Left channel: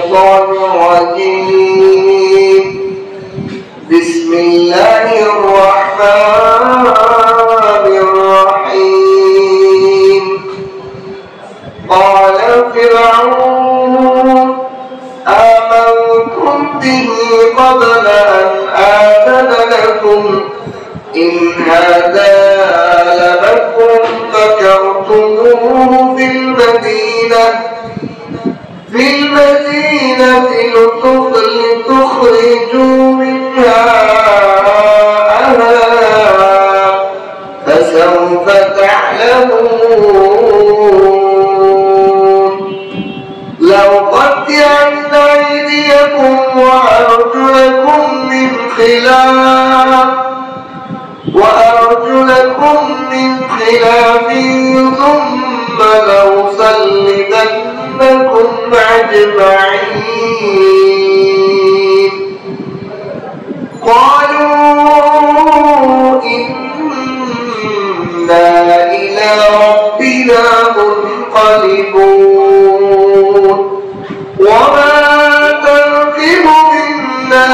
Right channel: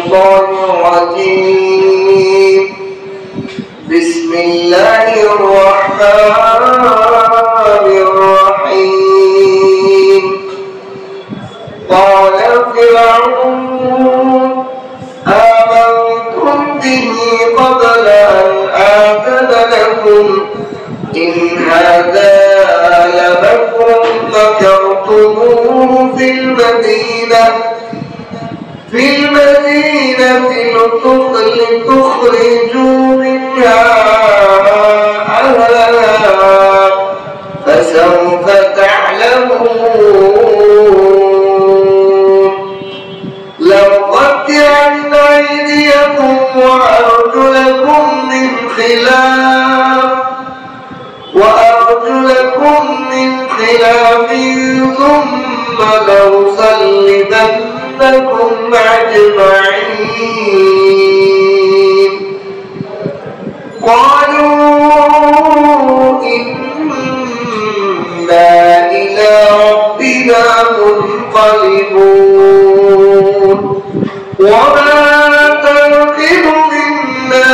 الشيطان الرجيم بسم الله الرحمن الرحيم قال فرعون آمنتم به قبل أن آذن لكم إن هذا لمكر مكرتموه في المدينة لتخرجوا منها أهلها فسوف تعلمون لأقطعن أيديكم وأرجلكم من خلاف ثم لأصلبنكم أجمعين قالوا إنا إلى ربنا منقلبون وما تنقم منا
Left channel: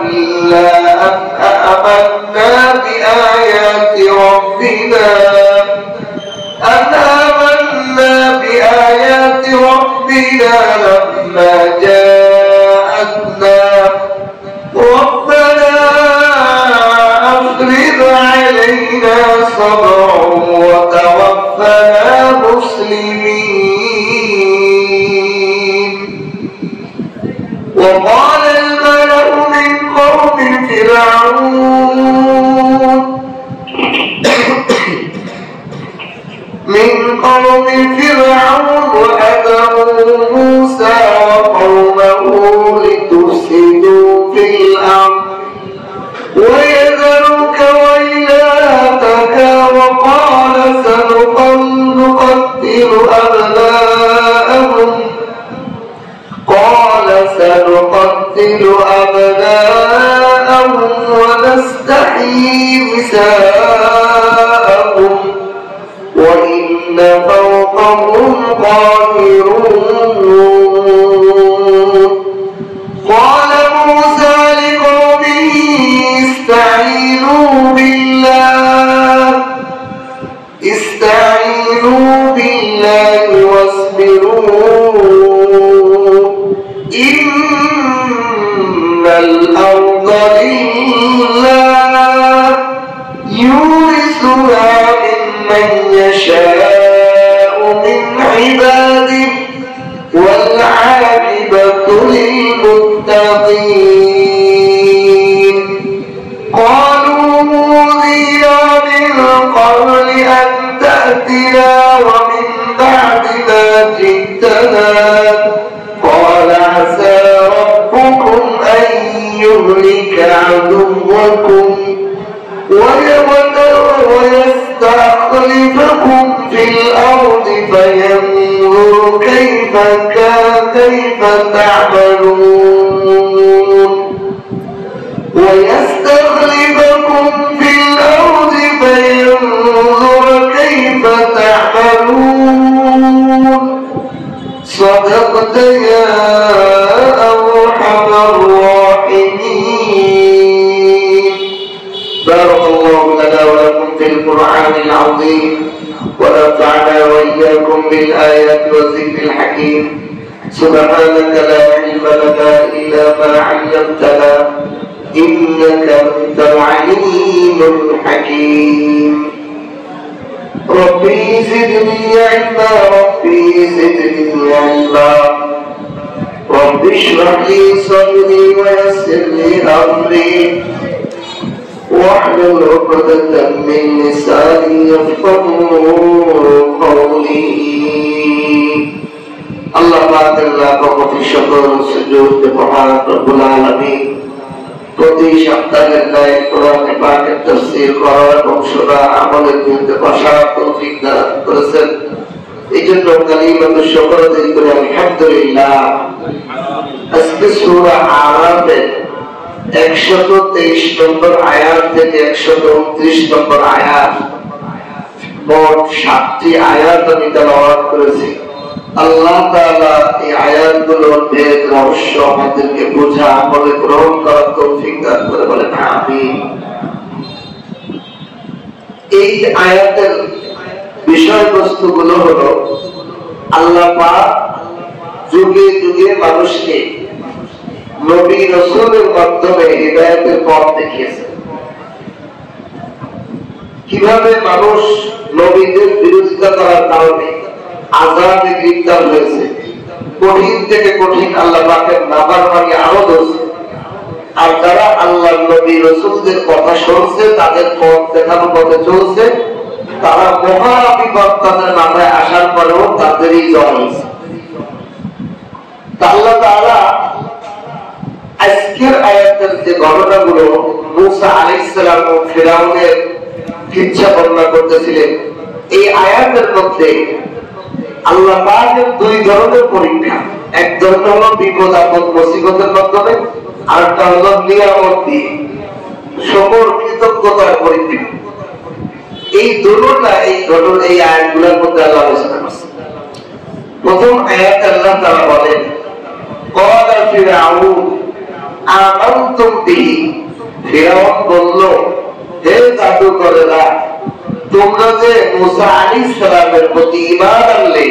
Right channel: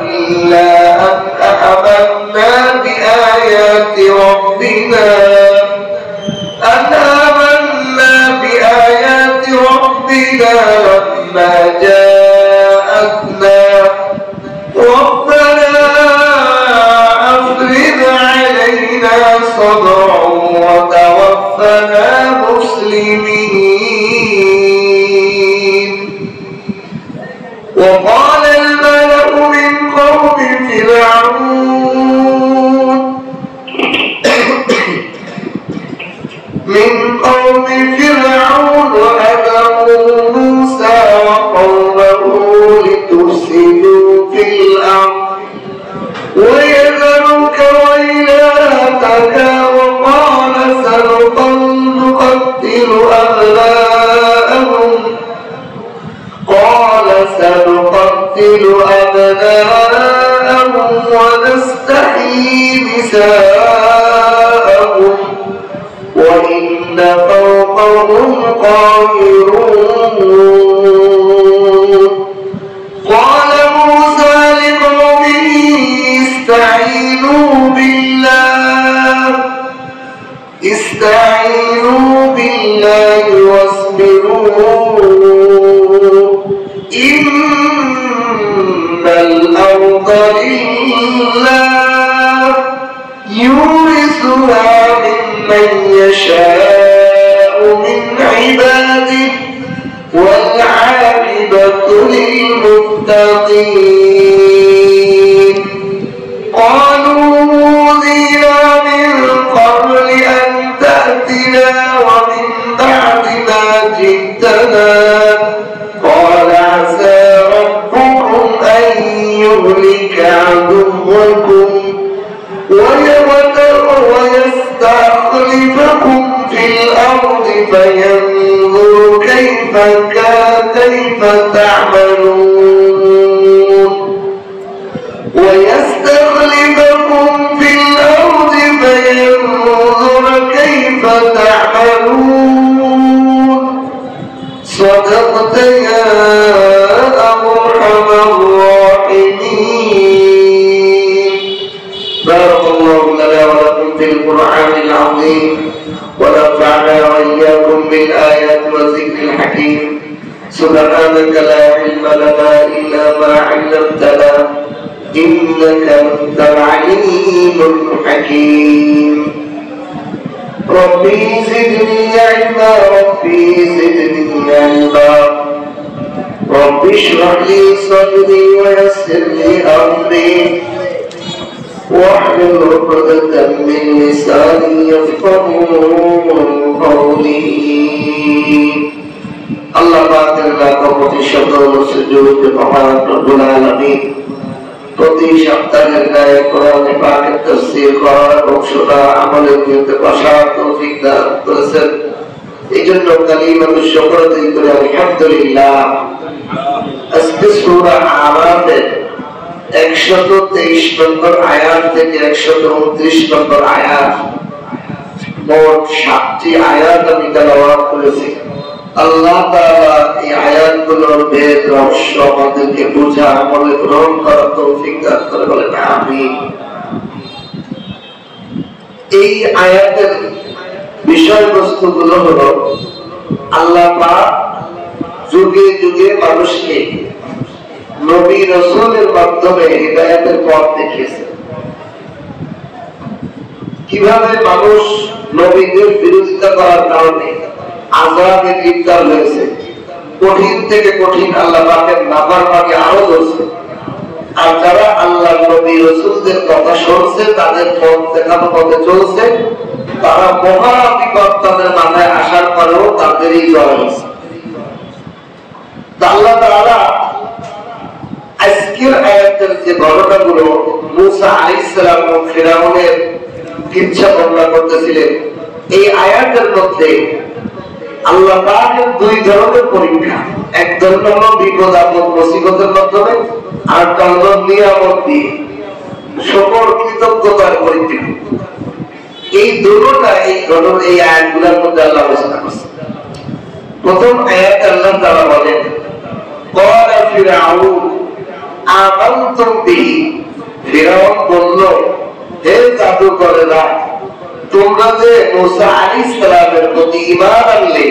إلا أن آمنا بآيات ربنا لما جاءتنا ربنا أفرغ علينا صبرا وتوفنا مسلمين وقال الملأ من قوم فرعون وأتوا موسى وقومه لتفسدوا في الأرض ويذرك وإلهك وقال سنقتل أبناءهم ونستحيي نساءهم وإن فوقهم قاهرون قال موسى لقومه استعينوا بالله واصبروا إن الأرض لله يورثها من يشاء من عباده والعاقبة للمتقين قالوا أوذينا من قبل أن تأتنا ومن بعد ما جئتنا قال عسى ربكم أن يهلك عدوكم ويستخلفكم في الأرض فينظر كيف تعملون صدقت يا أرحم الراحمين. بارك الله لنا ولكم في القرآن العظيم ونفعنا وإياكم بالآيات والذكر الحكيم. سبحانك لا علم لنا إلا ما علمتنا إنك أنت العليم الحكيم. ربي زدني علما رب اشرح لي صدري ويسر لي أمري واحلل عقدة من لساني يفقهوا قولي. الله পাক প্রতি সকল সুজুদ মহান রব্বুল আলামিন প্রতি সপ্তাহের ন্যায় কোরআন পাকের তাফসীর করার এবং শোনা আমলের মধ্যে বসার তৌফিক দান করেছেন। এই জন্য কালিমাতু শুকর দিল করে আলহামদুলিল্লাহ। আজকে সূরা আরাফের 123 নম্বর আয়াত থেকে 129 নম্বর আয়াত, মোট 7টি আয়াত আমি তেলাওয়াত করেছি। আল্লাহ তাআলা এই আয়াতগুলোর ভেদ রহস্য আমাদেরকে বোঝা আমলে গ্রহণ করার তৌফিক দান করে বলেন আমিন। এই আয়াতের বিষয়বস্তুগুলো হলো আল্লাহ পাক যুগে যুগে মানুষকে নবী রাসূলের মাধ্যমে হিদায়াতের পথ দেখিয়েছেন। কিভাবে মানুষ নবীদের বিরোধিতা করার কারণে আযাবে গ্রেফতার হয়েছে, কঠিন থেকে কঠিন আল্লাহ পাকের নাফরমানি আরো ধরছে, আর যারা আল্লাহর নবী রাসূলদের কথা শুনছে, তাদের পথ দেখানো পথে চলছে, তারা মহা বিপদ তাদের মাথায় আসার পরেও তাদেরই জয় হয়েছে। আল্লাহ তাআলা আজকের আয়াতের যে ঘটনাগুলো মূসা আলাইহিস সালাম ও ফিরআউনের কিচ্ছা বর্ণনা করতেছিলেন, এই আয়াতের মধ্যে আল্লাহ পাকের দুই ধরনের পরীক্ষা, এক ধরনের হলো বিপদ আপদ মুসিবতের মাধ্যমে, আর একটা হলো নিয়ামত দিয়ে সকল কৃতজ্ঞতার পরীক্ষা। এই দুটোটা এই আয়াতগুলোর মধ্যে আল্লাহ আলোচনা করছেন। প্রথম আয়াত আল্লাহ তাআলা বলেন, ক্বালা ফিরআউন আমানতুম বিহি, ফিরআউন বলল, হে জাদুকরেরা, তোমরা যে মূসা আলাইহিস সালামের প্রতি ঈমান আনলে,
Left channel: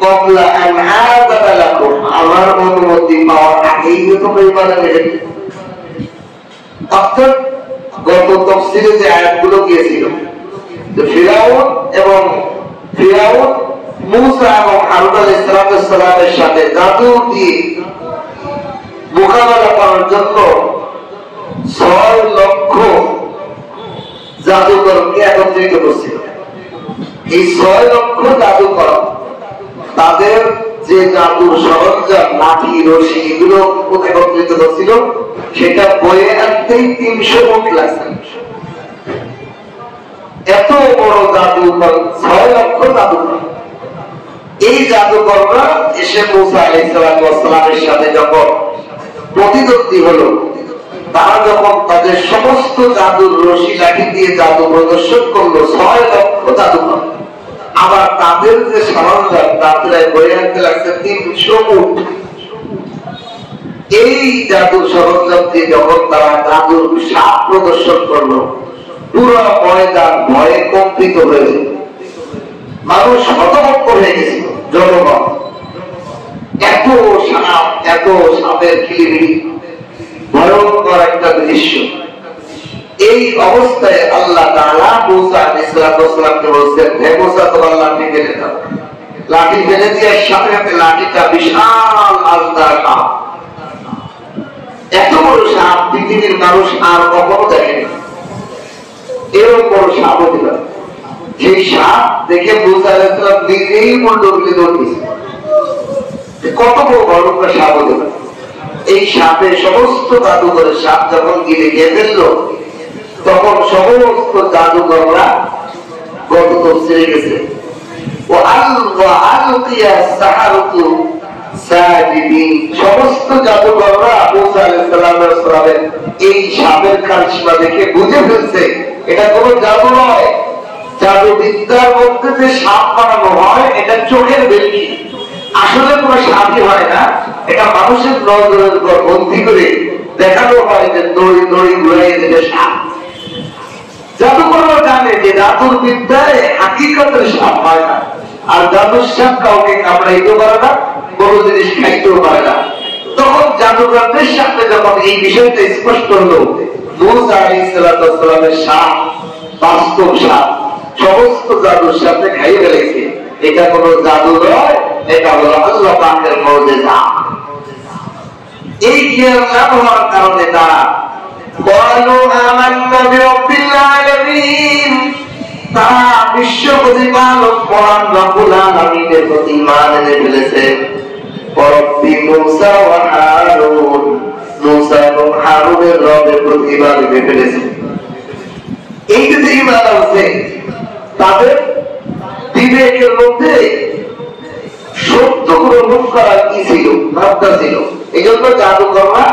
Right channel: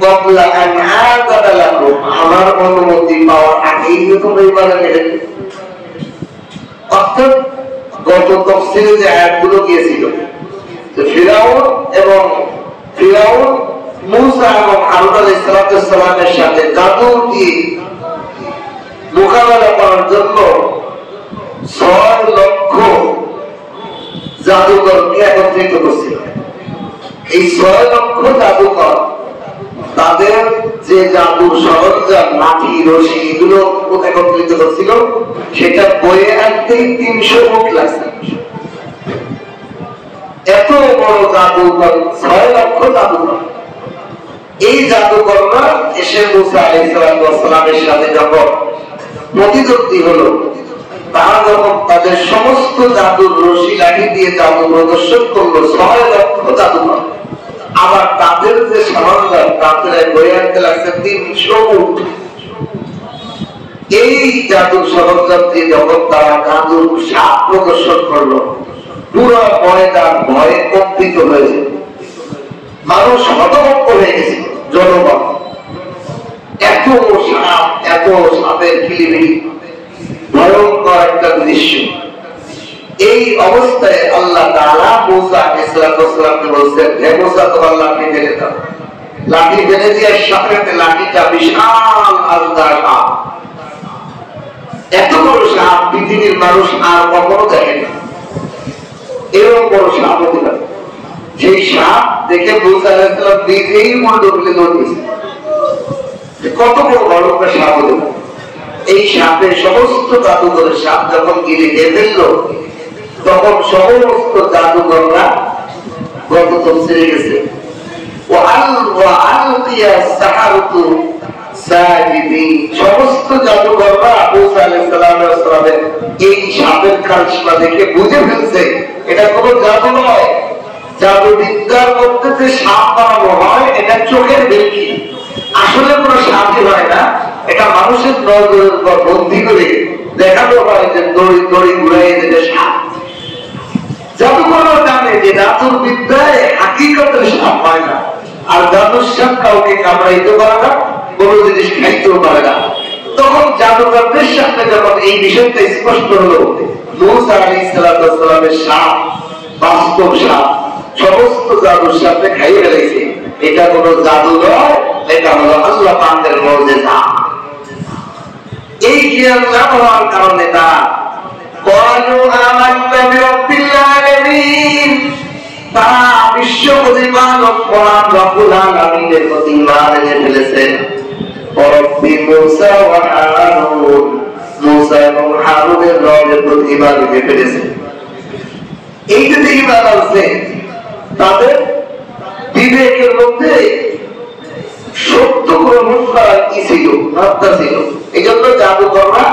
ক্বাবলা আন আযানা লাকুম, আমার অনুমতি পাওয়ার আগেই তোমরা ঈমান আনলে। অর্থাৎ গত তাফসীরে যে আয়াতগুলো গিয়েছিল, যে ফিরআউন মূসা এবং হারুন আলাইহিস সালামের সাথে জাদু দিয়ে মোকাবেলা করার জন্য 6 লক্ষ জাদুকরকে একত্রিত করছিল। এই 6 লক্ষ জাদুকর তাদের যে জাদুর সরঞ্জাম, লাঠি, রশি, এগুলো একত্রিত করছিল, সেটা বয়ে আনতেই 300 উট লাগছে। এত বড় জাদুকর, 6 লক্ষ জাদুকর। এই জাদুকররা এসে মূসা আলাইহিস সালামের সাথে যখন প্রতিদ্বন্দ্বী হলো, তারা যখন তাদের সমস্ত জাদুর রশি লাঠি দিয়ে জাদু প্রদর্শন করলো, 6 লক্ষ জাদুকর, আবার তাদের যে সরঞ্জাম যাত্রায় বয়ে আনতে লাগছে 300 উট। এই জাদুর সরঞ্জাম দিয়ে যখন তারা জাদুর সাপ প্রদর্শন করলো, পুরো ময়দান ভয়ে কম্পিত হয়েছে, মানুষ হতভম্ব হয়ে গেছে, জনগণ। এত সাপ, এত সাপের কিলিবিলি, ভয়ঙ্কর একটা দৃশ্য। এই অবস্থায় আল্লাহ তাআলা মূসা আলাইহিস সালামকে বলছেন, হে মূসা, তোমার লাঠি ফেলে দাও। লাঠি ফেলে দেওয়ার সাথে সাথে লাঠিটা বিশাল আজদার সাপ, এত বড় সাপ পৃথিবীর মানুষ আর কখনো দেখেনি। এরকম বড় সাপ হতে পারে। সেই সাপ দেখে মূসা আলাইহিস সালাম নিজেই মুন্ড তুলে দৌড়িয়েছে, কত বড় ভয়ঙ্কর সাপ হতে পারে। এই সাপের সমস্ত জাদুঘরের সাপ যখন গিলে খেয়ে ফেললো, তখন সমস্ত জাদুঘররা গত তফসিরে গেছে, সমস্ত জাদুঘররা মূসা আলাইহিস সালামের এই সাপের কারিশমা দেখে বুঝে ফেলছে এটা কোনো জাদু নয়। জাদুবিদ্যার মধ্যে যে সাপ বানানো হয়, এটা চোখের ভেলকি, আসলে কোনো সাপই হয় না। এটা মানুষের নজরের উপর বন্দী করে দেখানো হয় যে দড়ি দড়ি ঘুরে যেতে সাপ। জাদুকররা জানে যে জাদুর বিদ্যায় হাকিকতের সাপ হয় না, আর জাদুর সাপ কাউকে কামড়াইতে পারে না, কোনো জিনিস খাইতেও পারে না। তখন জাদুকরদের সামনে যখন এই বিষয়টা স্পষ্ট হলো, মূসা আলাইহিস সালামের সাপ বাস্তব সাপ সমস্ত জাদুর সাথে খাইয়ে ফেলেছে, এটা কোনো জাদু নয়, এটা হলো আল্লাহ পাকের মুজিজা। এই জ্ঞান না হওয়ার কারণে তারা ক্বালু আমান্না বিরাব্বিল আলামিন, তারা বিশ্ব প্রতিপালক মহান রব্বুল আলামিনের প্রতি ঈমান এনে ফেলেছে। রব্বি মূসা ওয়া হারুন, মূসা এবং হারুনের রবের প্রতি ঈমান এনে ফেলেছে। এই যে ঈমান আছে, তাদের বিবেকের মধ্যে সত্য গ্রহণ করার কি ছিল, ভাবনা ছিল। এই জন্য জাদুকররা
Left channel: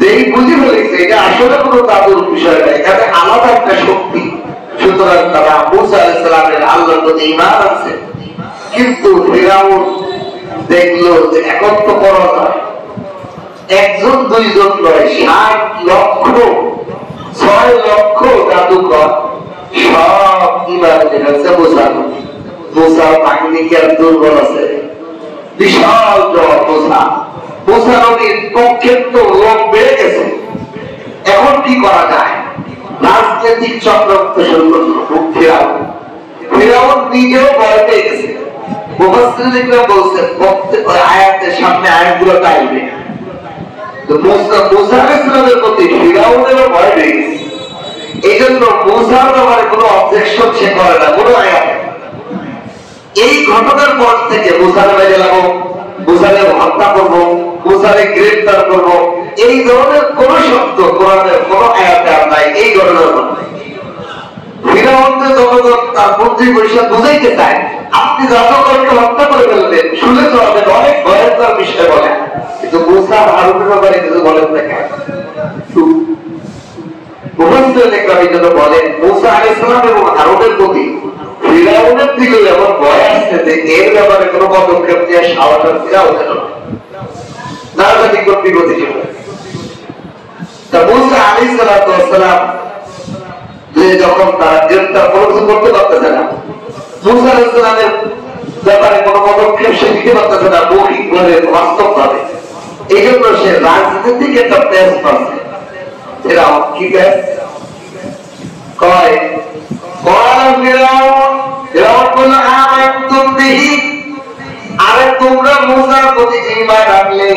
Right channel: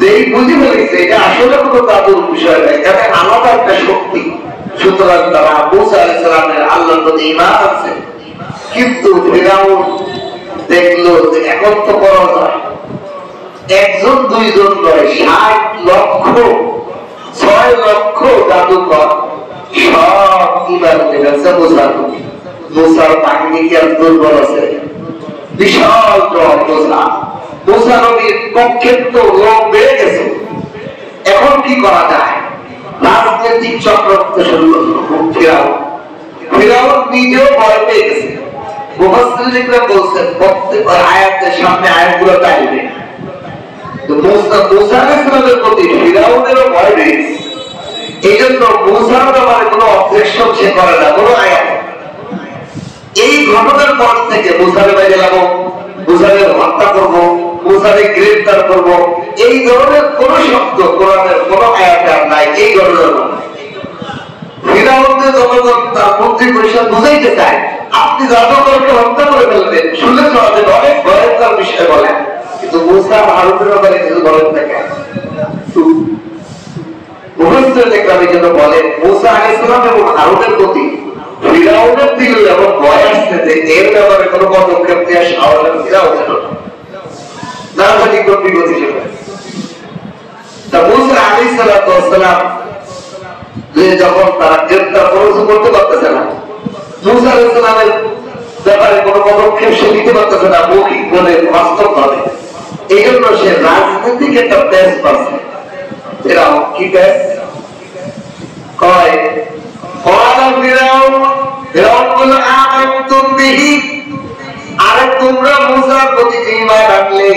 যেই বুঝে ফেলেছে এটা আসলে কোনো জাদুর বিষয় না, এখানে আলাদা একটা শক্তি। সুতরাং তারা মূসা আলাইহিস সালামের আল্লাহর প্রতি ঈমান আছে। কিন্তু ফিরাউন দেখলো যে এখন তো করা যায়, একজন দুইজন নয়, 7,6,00,000 জাদুকর সব ইমান এনেছে মুসার বাহিনীকে দুর্বল আছে, বিশাল দল মুসা নবীর পক্ষে তো লোক বেড়ে গেছে। এখন কি করা যায়? রাজনৈতিক চক্রান্ত শুরু করলো ফিরাউন নিজেও ভয় পেয়ে গেছে। মুফাসসিরিনরা বলছেন প্রত্যেক আয়াতের সামনে আয়াতগুলো টাইবে, তো মুসা আলাইহিস সালামের প্রতি ফিরাউনেরও ভয় পেয়ে গেছে। এই জন্য মুসার ব্যাপারে কোনো অবজেকশন সে করে না কোনো আয়াত। এই ঘটনার পর থেকে মুসারে বাইরে যাবো, মুসারে হত্যা করবো, মুসারে গ্রেফতার করবো, এই ধরনের কোন শব্দ কোরআনের কোন আয়াতে আর নাই। এই ধরনের ফিরাউনের জনগণ তার মন্ত্রী পরিষদ বুঝাইতে চায় আপনি জাদুকরকে হত্যা করে ফেলবেন, শুনে চলাবেন, অনেক ভয়ঙ্কর বিষয় বলেন, কিন্তু মুসা হারুনের ব্যাপারে কিছু বলেন না কেন? বলেন মুসা আলাইহিস সালাম এবং হারুনের প্রতি ফিরাউনের দিকে এমন ভয় আসছে যে এর ব্যাপারে কোনো পদক্ষেপ নেওয়ার সাহস ফিরাউনের না জানি কোটি গতি ছিল। তা মুসা আলাইহিস সালাম যে যখন তারা গ্রেফতার করতে পারতেছে না, মুসা আলাইহিস সালামের ব্যাপারে কোনো পদক্ষেপ সে নিতে পারতেছে না মৌখিক ভাবে, বাস্তব ভাবে, এই জন্য সে রাজনৈতিক একটা প্যাস পাচ্ছে। এরা কি প্যাস কয়? আরে তোমরা মুসার প্রতি ঈমান রাখলে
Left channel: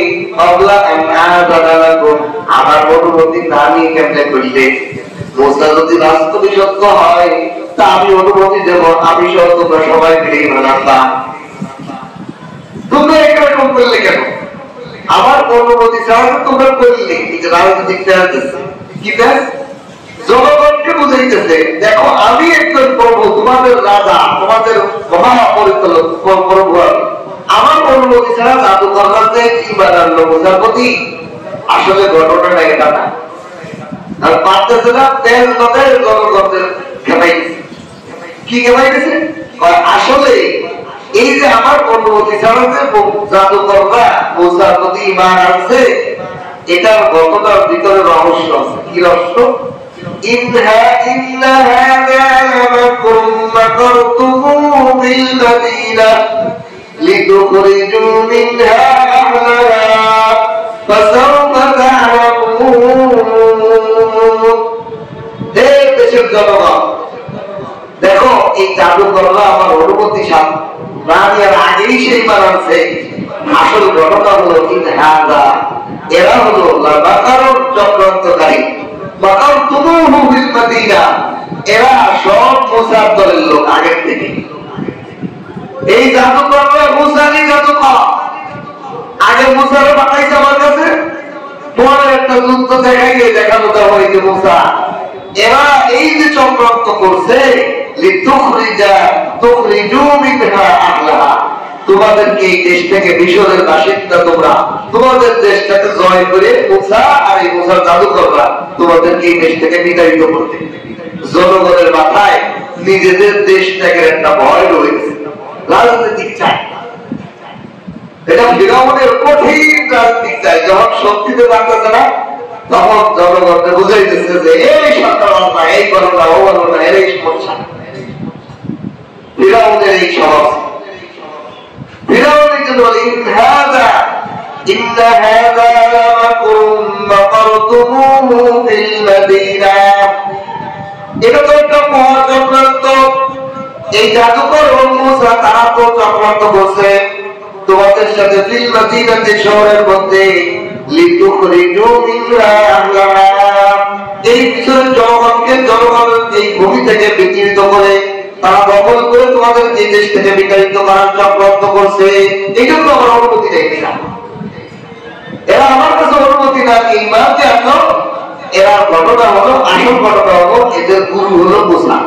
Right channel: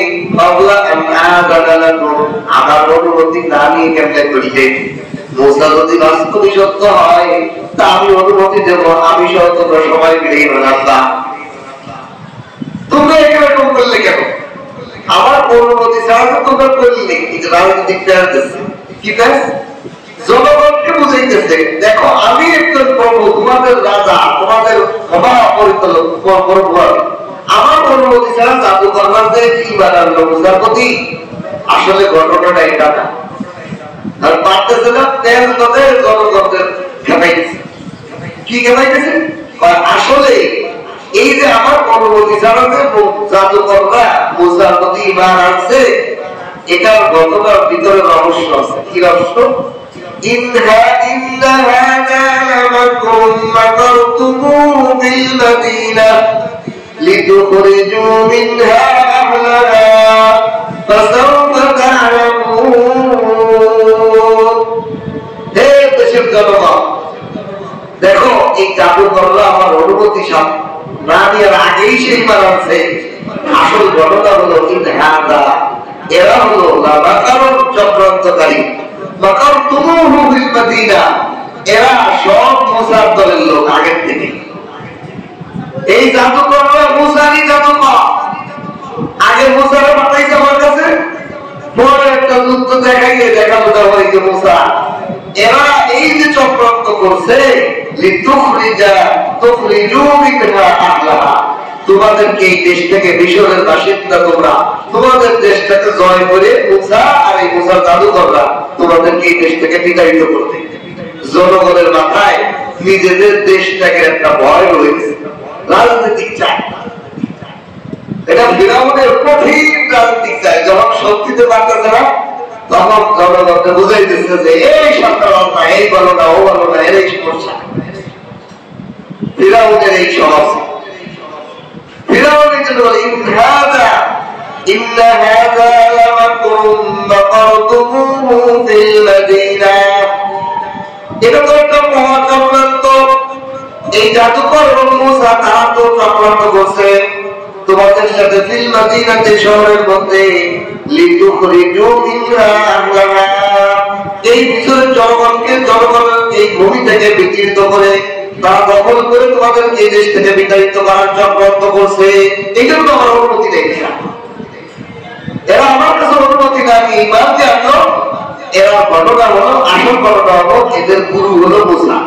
আমার অনুমতি না নিয়ে কেমনে করিলে? মুসা যদি বাস্তবে সত্য হয় তা আমি অনুমতি দেব, আমি সহ তোমরা সবাই মিলে ঈমান আনবা। তোমরা এরকম করলে কেন? আমার অনুমতি ছাড়া তোমরা করলে রাজনৈতিক কি ব্যাস জনগণকে বুঝাইতেছে দেখো আমি একজন প্রভু, তোমাদের রাজা, তোমাদের মহাপরিচালক প্রভু, আমার অনুমতি ছাড়া জাদুকররা যে কি বানালো মুসার প্রতি, আসলে ঘটনাটা এটা না। আর পারতেছে না তেল নদের জনগণদের খেপাইতেছে। কি খেপাইতেছে? আসলে এই যে আমার অনুমতি ছাড়া যে জাদুকররা মুসার প্রতি ঈমান আনছে, এটার ঘটনার ভিতরে রহস্য আছে। কি রহস্য? إن هذا لمكر مكرتموه بالمدينة لتخرجوا منها أهلها فسوف تعلمون। দেশের জনগণ দেখো, এই জাদুকররা আমার অনুমতি না দেওয়ার আগেই সেই মানছে। আসল ঘটনা হলো এরা হলো চক্রান্তকারী, এরা সব মুসার দলের লোক আগের থেকে। এই জাদুকররা মুসারই জাদুকর, আগে মুসারে পাঠাইছে আমার কাছে, পরে একটা যুদ্ধ দেখাইয়ে দেখানো দেওয়া হয়েছে মুসা। এরা এই যে চক্রান্ত করছে, তোমাদেরকে এই দেশ থেকে, মিশরের বাসিন্দা তোমরা, তোমাদের দেশটাকে জয় করে মুসা আর এই মুসার জাদুকররা তোমাদেরকে এই দেশ থেকে বিতাড়িত করবে। জনগণের মাথায় নিজেদের দেশটাকে একটা ভয় রয়েছে, রাজনৈতিক চাই। এটা ফিরাউনের কঠিন রাজনৈতিক চাই। যখন শক্তিতে পারতেছে না, তখন জনগণকে বুঝাইতেছে যে এই সরকার না, এই বলো না, ও বলো না, এর এই সমস্যা। ফিরাউনের এই সহজ ফিরাউনের জন্য এটা তো একটা মহা চক্রান্ত। এই জাদুকর মুসা তারা তো চক্রান্ত করছে তোমাদের সাথে ফিল মদিনাতে, শহরের মধ্যে, এই বিষয়ের জনগণের এই ভূমি থেকে বিচ্ছিন্ন করে তারা দখল করে তোমাদের এই দেশ থেকে বিতাড়িত করার চক্রান্ত করছে। এই জন্য আমার অনুমতি দেখি না, এরা আমার কাছে অনুমতি না নিয়ে ঈমান আনলো। এরা ঘটনা হলো, আসল ঘটনা হলো এদের গুরু হলো মুসা।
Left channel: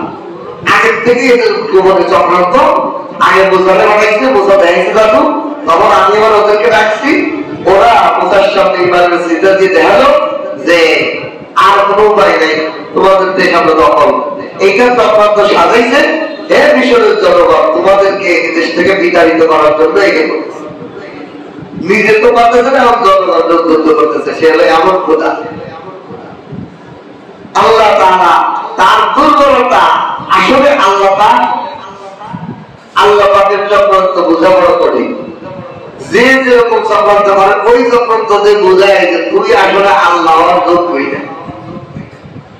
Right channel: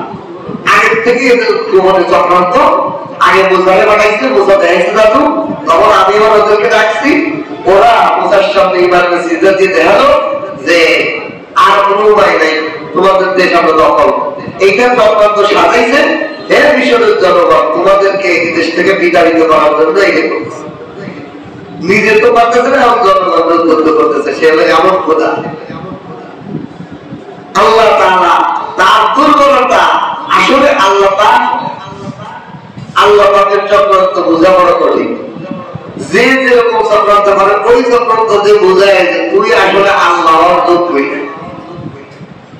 আগের থেকে এদের চক্রান্ত, আগে মুসারে বানাইছে, মুসা দেখাইছে জাদু, তখন আমি এবার ওদেরকে রাখছি, ওরা মুসার সামনে ঈমানের সিজদা দিয়ে দেখালো যে আর কোনো উপায় নেই, তোমাদের দেশ আমরা দখল। এইটা চক্রান্ত সাজাইছে, হে মিশরের জনগণ, তোমাদেরকে এই দেশ থেকে বিতাড়িত করার জন্য এগিয়ে করতেছে। নিজে তো পারতেছে না, আমার জনগণ করতেছে। সে হলো এমন খোদা। আল্লাহ তাআলা তার দুর্বলতা, আসলে আল্লাহ পাকের চক্রান্ত বোঝা বড় কঠিন। যে যেরকম চক্রান্ত করে ওই চক্রান্ত যে বোঝায় যে তুমি আসলে আল্লাহর যোগ্যই না।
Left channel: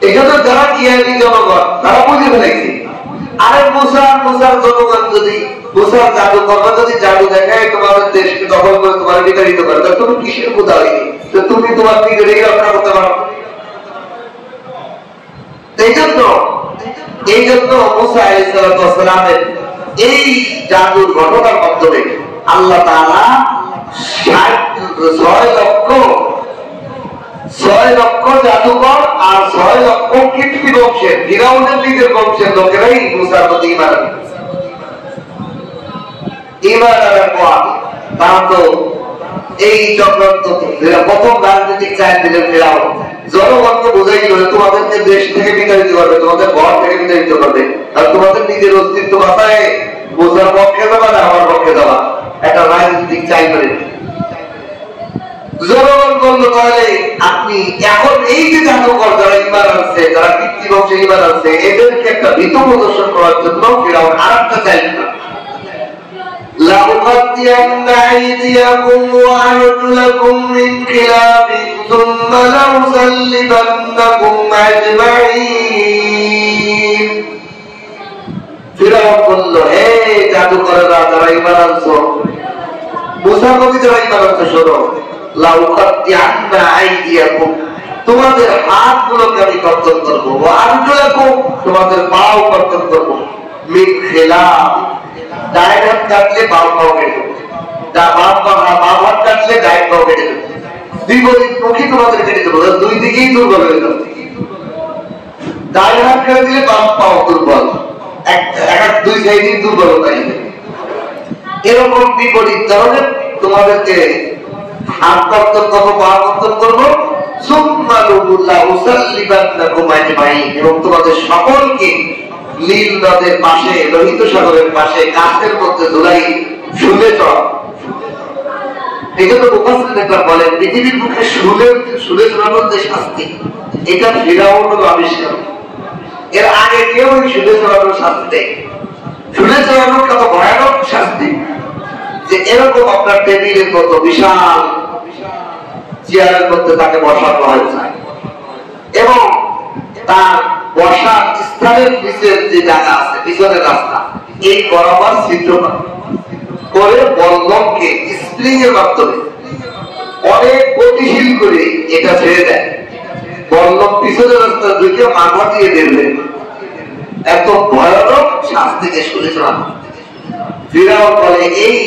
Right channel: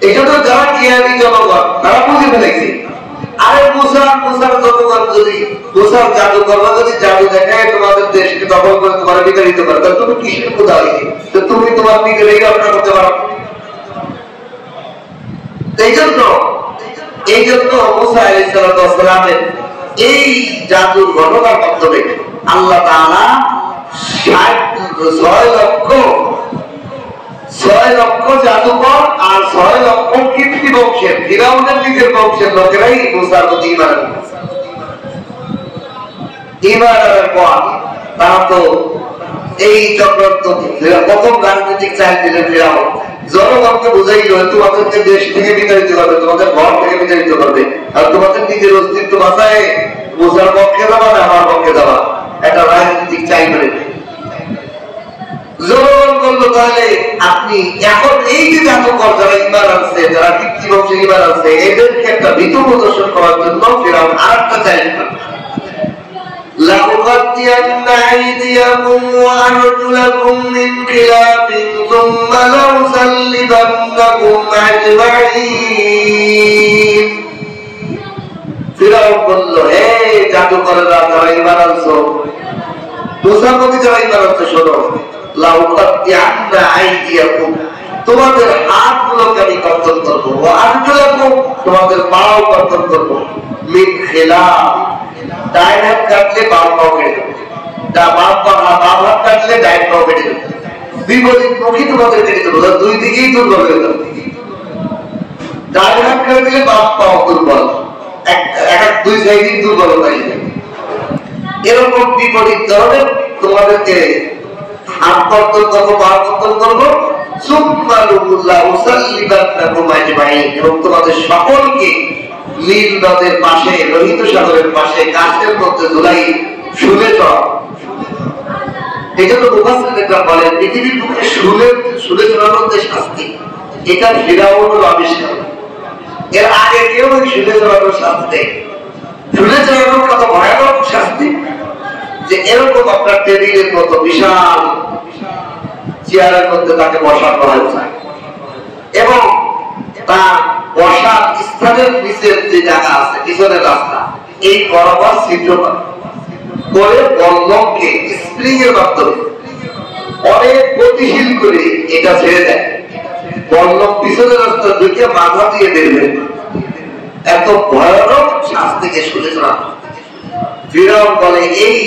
এটা তো যারা জ্ঞানী জনগণ তারা বুঝে ফেলেছে। আরে মুসার জনগণ যদি মুসার জাদুকররা যদি জাদু দেখায় তোমাদের দেশকে দখল করে তোমার বিতাড়িত করে, তাহলে তুমি কিসের খোদা হইলে? তো তুমি তোমার নিজেরই রক্ষা করতে পারো। এই জন্য মুসা আলাইহিস সালামের এই জাদুর ঘটনার মাধ্যমে আল্লাহ তাআলা 6 লক্ষ জাদুকর আর 6 লক্ষ কীর্তি বংশের ফিরাউনের নিজের বংশের লোকেরাই মুসার প্রতি ঈমান আনার পর তারা তো এই চক্রান্ত প্রথম রাজনৈতিক চাল দিলেন ফিরাউন। জনগণকে বুঝাইল তোমাদেরকে দেশ থেকে বিতাড়িত করবে, তোমাদের ঘর থেকে বিতাড়িত করবে, আর তোমাদের নিজের অস্তিত্ব বাঁচায় মুসার পক্ষে যাবা না আমার পক্ষে যাবা, একটা রাজনৈতিক চাল করে। জনগণ বলল তাহলে আপনি এখন এই যে জাদুকর যারা ঈমান আনছে, যারা কীর্তি বংশে ঈমান আনছে, এদেরকে একটা ভীতু প্রদর্শন করার জন্য ফিরাউন আরেকটা চাল দিল। لأقطعن أيديكم وأرجلكم من خلاف ثم لأصلبنكم أجمعين। ফিরাউন বলল, হে জাদুকররা যারা ঈমান আনছো, মুসার প্রতি যারা ঈমান আনছো, শোনো, لأقطعن أيديكم, তোমাদের হাতগুলোকে আমি কর্তন করবো, وأرجلكم, তোমাদের পাও কর্তন করবো, من خلاف, ডাইন হাত কাটলে বাম পাও কেটে দেবো, বাম হাত কাটলে ডাইন পাও কেটে দেবো, বিপরীত মুখী তোমাদের কেটে দেবো, দুই দিকেই দুর্বল হয়ে যাবে। ডাইন হাত কেটে দিলে বাম পাও দুর্বল, দুই সাইডে দুর্বলতা এরকম বিপরীত ধরনের তোমাদেরকে হাত কর্তন করবো, পা কর্তন করবো, এবং তোমাদের সকলকে নীল নদের পাশে, লোহিত সাগরের পাশে, গাছের মধ্যে ঝুলাই শুলে চড়া। এই জন্য মুফাসসিররা বলেন পৃথিবীর বুকে শুলে চড়ানোর যে শাস্তি, এটা ফিরাউনের আবিষ্কার। এর আগে কেউ শুলে চড়ানোর শাস্তি দেয়। শুলে চড়ানোর কত ভয়ানক শাস্তি যে এরকম আপনার টেবিলের মতো বিশাল চেয়ারের মধ্যে তাকে বসানো হয়েছে এবং তার বসার স্থানের নিচের যে জায়গা আছে, পিছনের রাস্তা, এই বরাবর ছিদ্র করে বল্লমকে স্প্রিং এর মাধ্যমে অনেক গতিশীল করে এটা ছেড়ে দেয়। বল্লম পিছনের রাস্তা ঢুকে মাথা দিয়ে বেরবে। এত ভয়ানক শাস্তিকে শুনে শোনা। ফিরাউন বলে, এই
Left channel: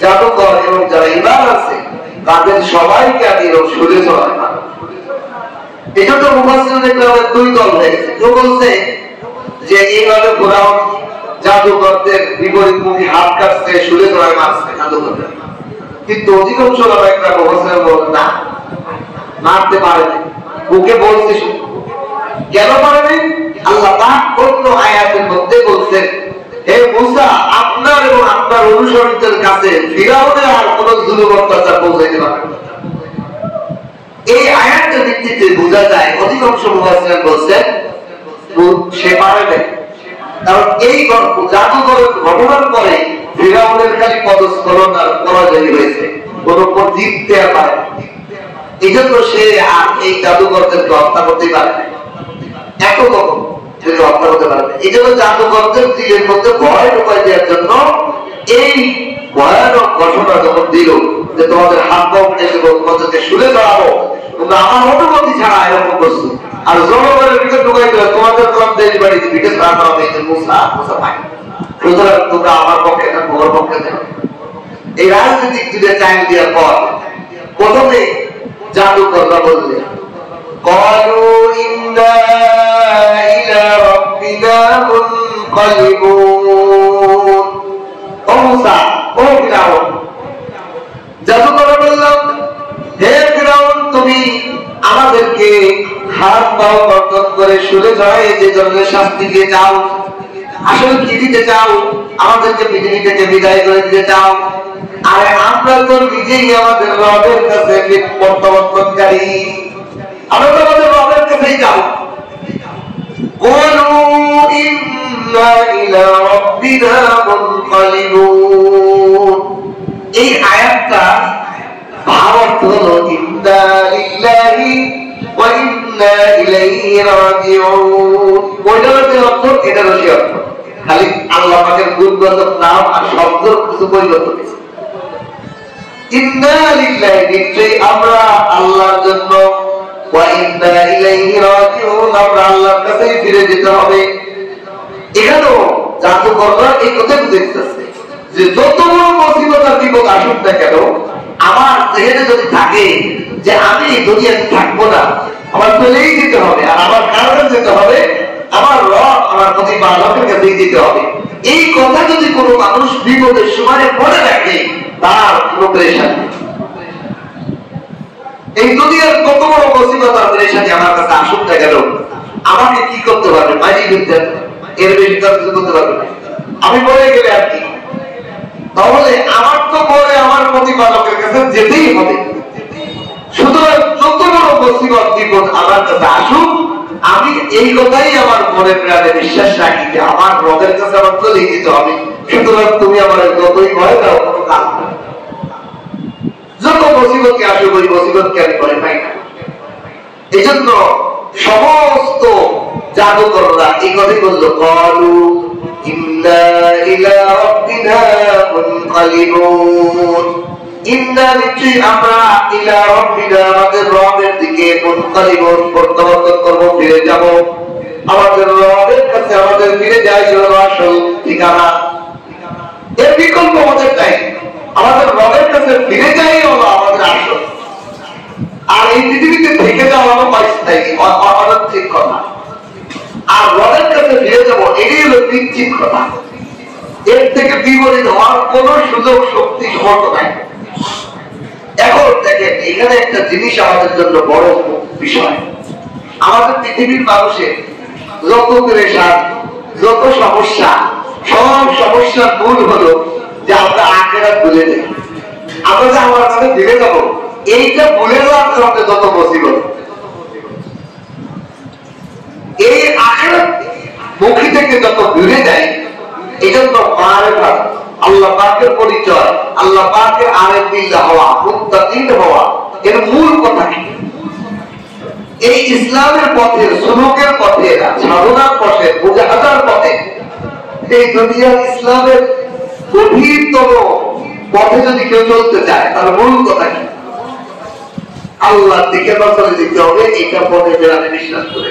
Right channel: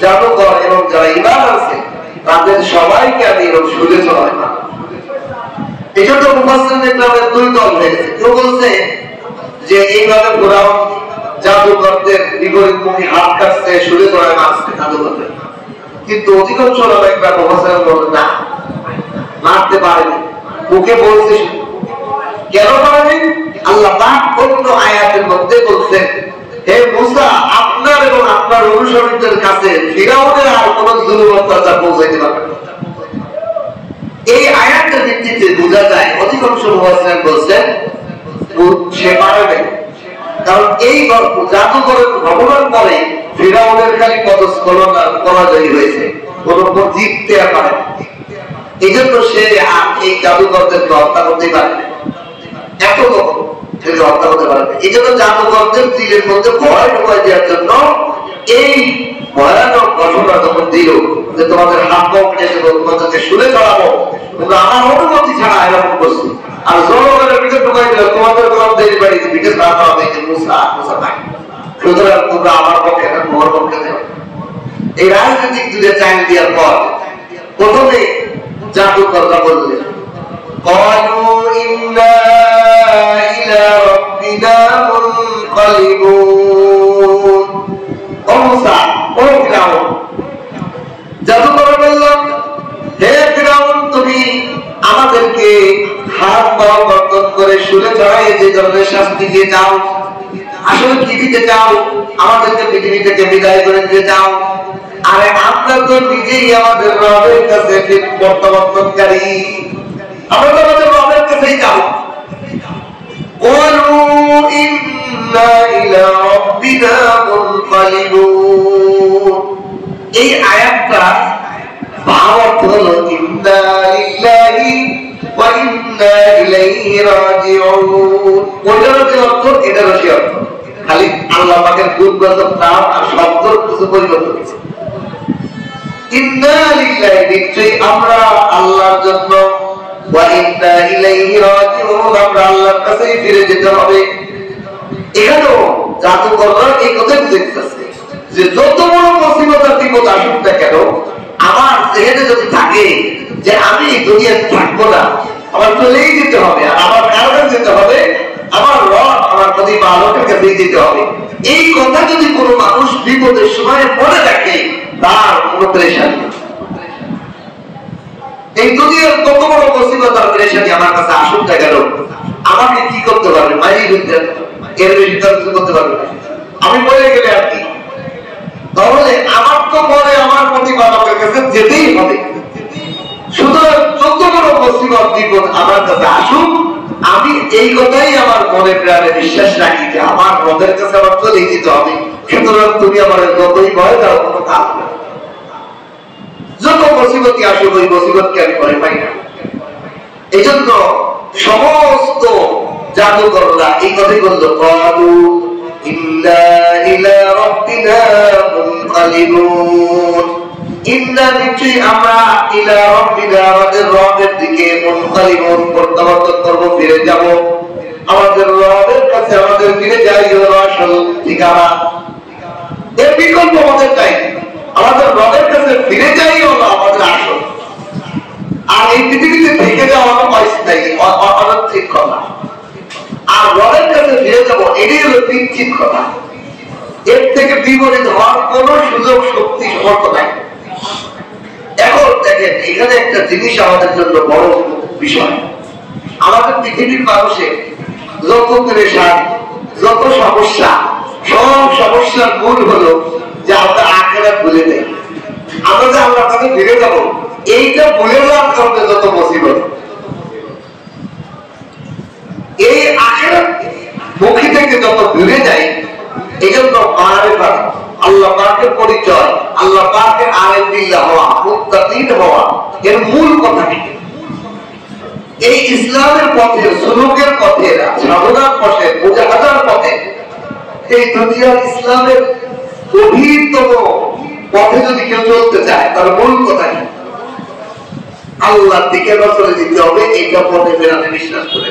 জাদুকর এবং যারা ঈমান আছে তাদের সবাইকে আমি এরকম শুনে চড়াই না। এটা তো মুফাসসিরদের দুই দল হয়েছে। কেউ বলছে যে এইভাবে ফিরাউন জাদুকরদের বিপরীতমুখী হাত কাটছে, শুলে চড়াই মারছে জাদুকরদের, কিন্তু অধিকাংশ একটা মুফাসসির বলেন না, মারতে পারেনি, মুখে বলছে। কেন পারেনি? আল্লাহ পাক অন্য আয়াতের মধ্যে বলছেন, হে মুসা, আপনার এবং আপনার অনুসারীদের কাছে ফিরাউনের আর কোন জুলুম অত্যাচার পৌঁছাইতে পারবে না। এই আয়াতের ভিত্তিতে বোঝা যায়, অধিকাংশ মুফাসসির বলছেন সে পারবে, কারণ এই জাদুকরের ঘটনার পরে ফিরাউনের খালি পদস্খলন আর পরাজয় হয়েছে, কোন জিততে পারে। এই জন্য সে আর এই জাদুকরদেরকে হত্যা করতে পারবে, এত তখন হত্যা করতে পারবে। এই জন্য জাদুকরদের দিলের মধ্যে ভয় ঢোকাই দেওয়ার জন্য এই ভয়ানক ঘটনা যখন দিল যে তোমাদের হাত পাও কেটে দেবো, তোমাদেরকে শুলে চড়াবো, তোমরা আমার অনুমতি ছাড়া এরকম করছি, আর জনগণের ভিতরে ঢুকাই দিল তোমাদের দেরি বাড়িতে ভিটে খারাপ হবে, মুসা ভাই, সুতরাং তোমরা আমার পক্ষে তোমার পক্ষে দেবে। এই রাজনৈতিক দুটো চাইল দেওয়ার পর প্রথমে জাদুকররা বললেন, قالوا إنا إلى ربنا منقلبون। ও মুসা, ও ফিরাউন, জাদুকর বললেন, হে ফিরাউন, তুমি আমাদেরকে হাত পা কর্তন করে শুলে চড়াই যে ধরনের শাস্তি দিয়ে যাও, আসলে কি দিতে চাও? আমাদেরকে পৃথিবী থেকে বিদায় করে দিতে চাও? আরে আমরা তো নিজেই আমাদের রবের কাছে প্রত্যাবর্তনকারী, আমরা তো আমাদের রবের কাছেই যাবো। এই আয়াতটা ভাব হলো ইন্না লিল্লাহি ওয়া ইন্না ইলাইহি রাজিউন। ওটার যে অর্থ এটারও সে অর্থ, খালি আল্লাহ পাকের গুণবাচক নাম আর শব্দের কিছু পরিবর্তন হয়েছে। ইন্না লিল্লাহি, নিশ্চয়ই আমরা আল্লাহর জন্য, ওয়া ইন্না ইলাইহি রাজিউন, আমরা আল্লাহর কাছেই ফিরে যেতে হবে। এখানেও জাদুকররা এই কথাই বুঝাইতেছে যে যত বড় মুসিবত আর বিপদ আসুক না কেন, আমার জেহেনে যদি থাকে যে আমি এই দুনিয়াতে থাকবো না, আমার চলেই যেতে হবে, আর আমার কারণে যেতে হবে, আমার রব আমার প্রতিপালকের কাছেই যেতে হবে, এই কথা যদি কোনো মানুষ বিপদের সময় মনে রাখে, তার কোনো পেরেশানি নেই। এই দুনিয়ার কত বড় মুসিবত আর পেরেশানি আমার কাছে আসুক না কেন, আমাকে কি করতে পারবে? মাইরি করতে, এর বেশি কিছু করতে পারবে না। আমি বলে গেলে আর কি, তাহলে আমার তো পরে আমার প্রতিপালকের কাছে যেতেই হবে। সুতরাং যত বড় মুসিবত বিপদ আমার কাছে আসুক, আমি এই কথাই আমার মনে প্রাণে বিশ্বাস রাখি যে আমার রবের কাছে আমার চলে যেতে হবে। সুতরাং তুমি আমার যতই ভয় দাও, কোনো কাজ নেই। যত মুসিবতই আসুক, ওই মুসিবতকে আমি ভয় পাই না। এই জন্য সমস্ত জাদুকররা এই কথাই বললো, ক্বালু ইন্না ইলা রাব্বিনা মুনকালিবুন। ইন্না, নিশ্চয়ই আমরা, ইলা রাব্বিনা, আমাদের রবের দিকে, মুনকালিবুন, প্রত্যাবর্তন করব, ফিরে যাব। আমাদের রবের কাছে আমাদের ফিরে যাই হলো আসল ঠিকানা। এর বিকল্প আমাদের চাই, আমাদের রবের কাছে ফিরে যাই হলো আমাদের আসল। আর এই পৃথিবীতে থেকে যাওয়ারও পাইস্থায়ী, অনৈতিক কথা। আর রবের কাছে ফিরে যাবো, এটাই হলো নিশ্চিত কথা। এর থেকে বিপরীত হওয়ার কোন সুযোগ শক্তি সমর্থ নাই। এখন দেখেন, এখানে একটা জিনিস আমাদের জন্য বড় বিষয়। আমাদের পৃথিবীর মানুষের যত পেরেশান, যত সমস্যা, সব সমস্যার মূল হলো যে আমরা আখিরাত ভুলে যাই। আমরা যে আল্লাহর কাছে ফিরে যাবো, এইটা ভুলে যাওয়ার কারণে যত মুসিবত। এই আখিরাত মুখী থেকে যত দূরে যায়, এই জন্য মারিফাত, আল্লাহ পাকের পরিচয়, আল্লাহ পাকের আরিফ বিল্লাহ হওয়া, মুত্তাকিন হওয়া, এর মূল কথা কি? এই ইসলামের পথে, সুলুকের পথে, সাধনার পথে, মুজাহাদার পথে, এই দুনিয়ার ইসলামের গভীরতম পথে যদি কেউ চলতে চায়, তার মূল কথা কি? আল্লাহর দিকে নজর দিতে হবে। এইটা পথে বেড়াতে বিশ্বাস করে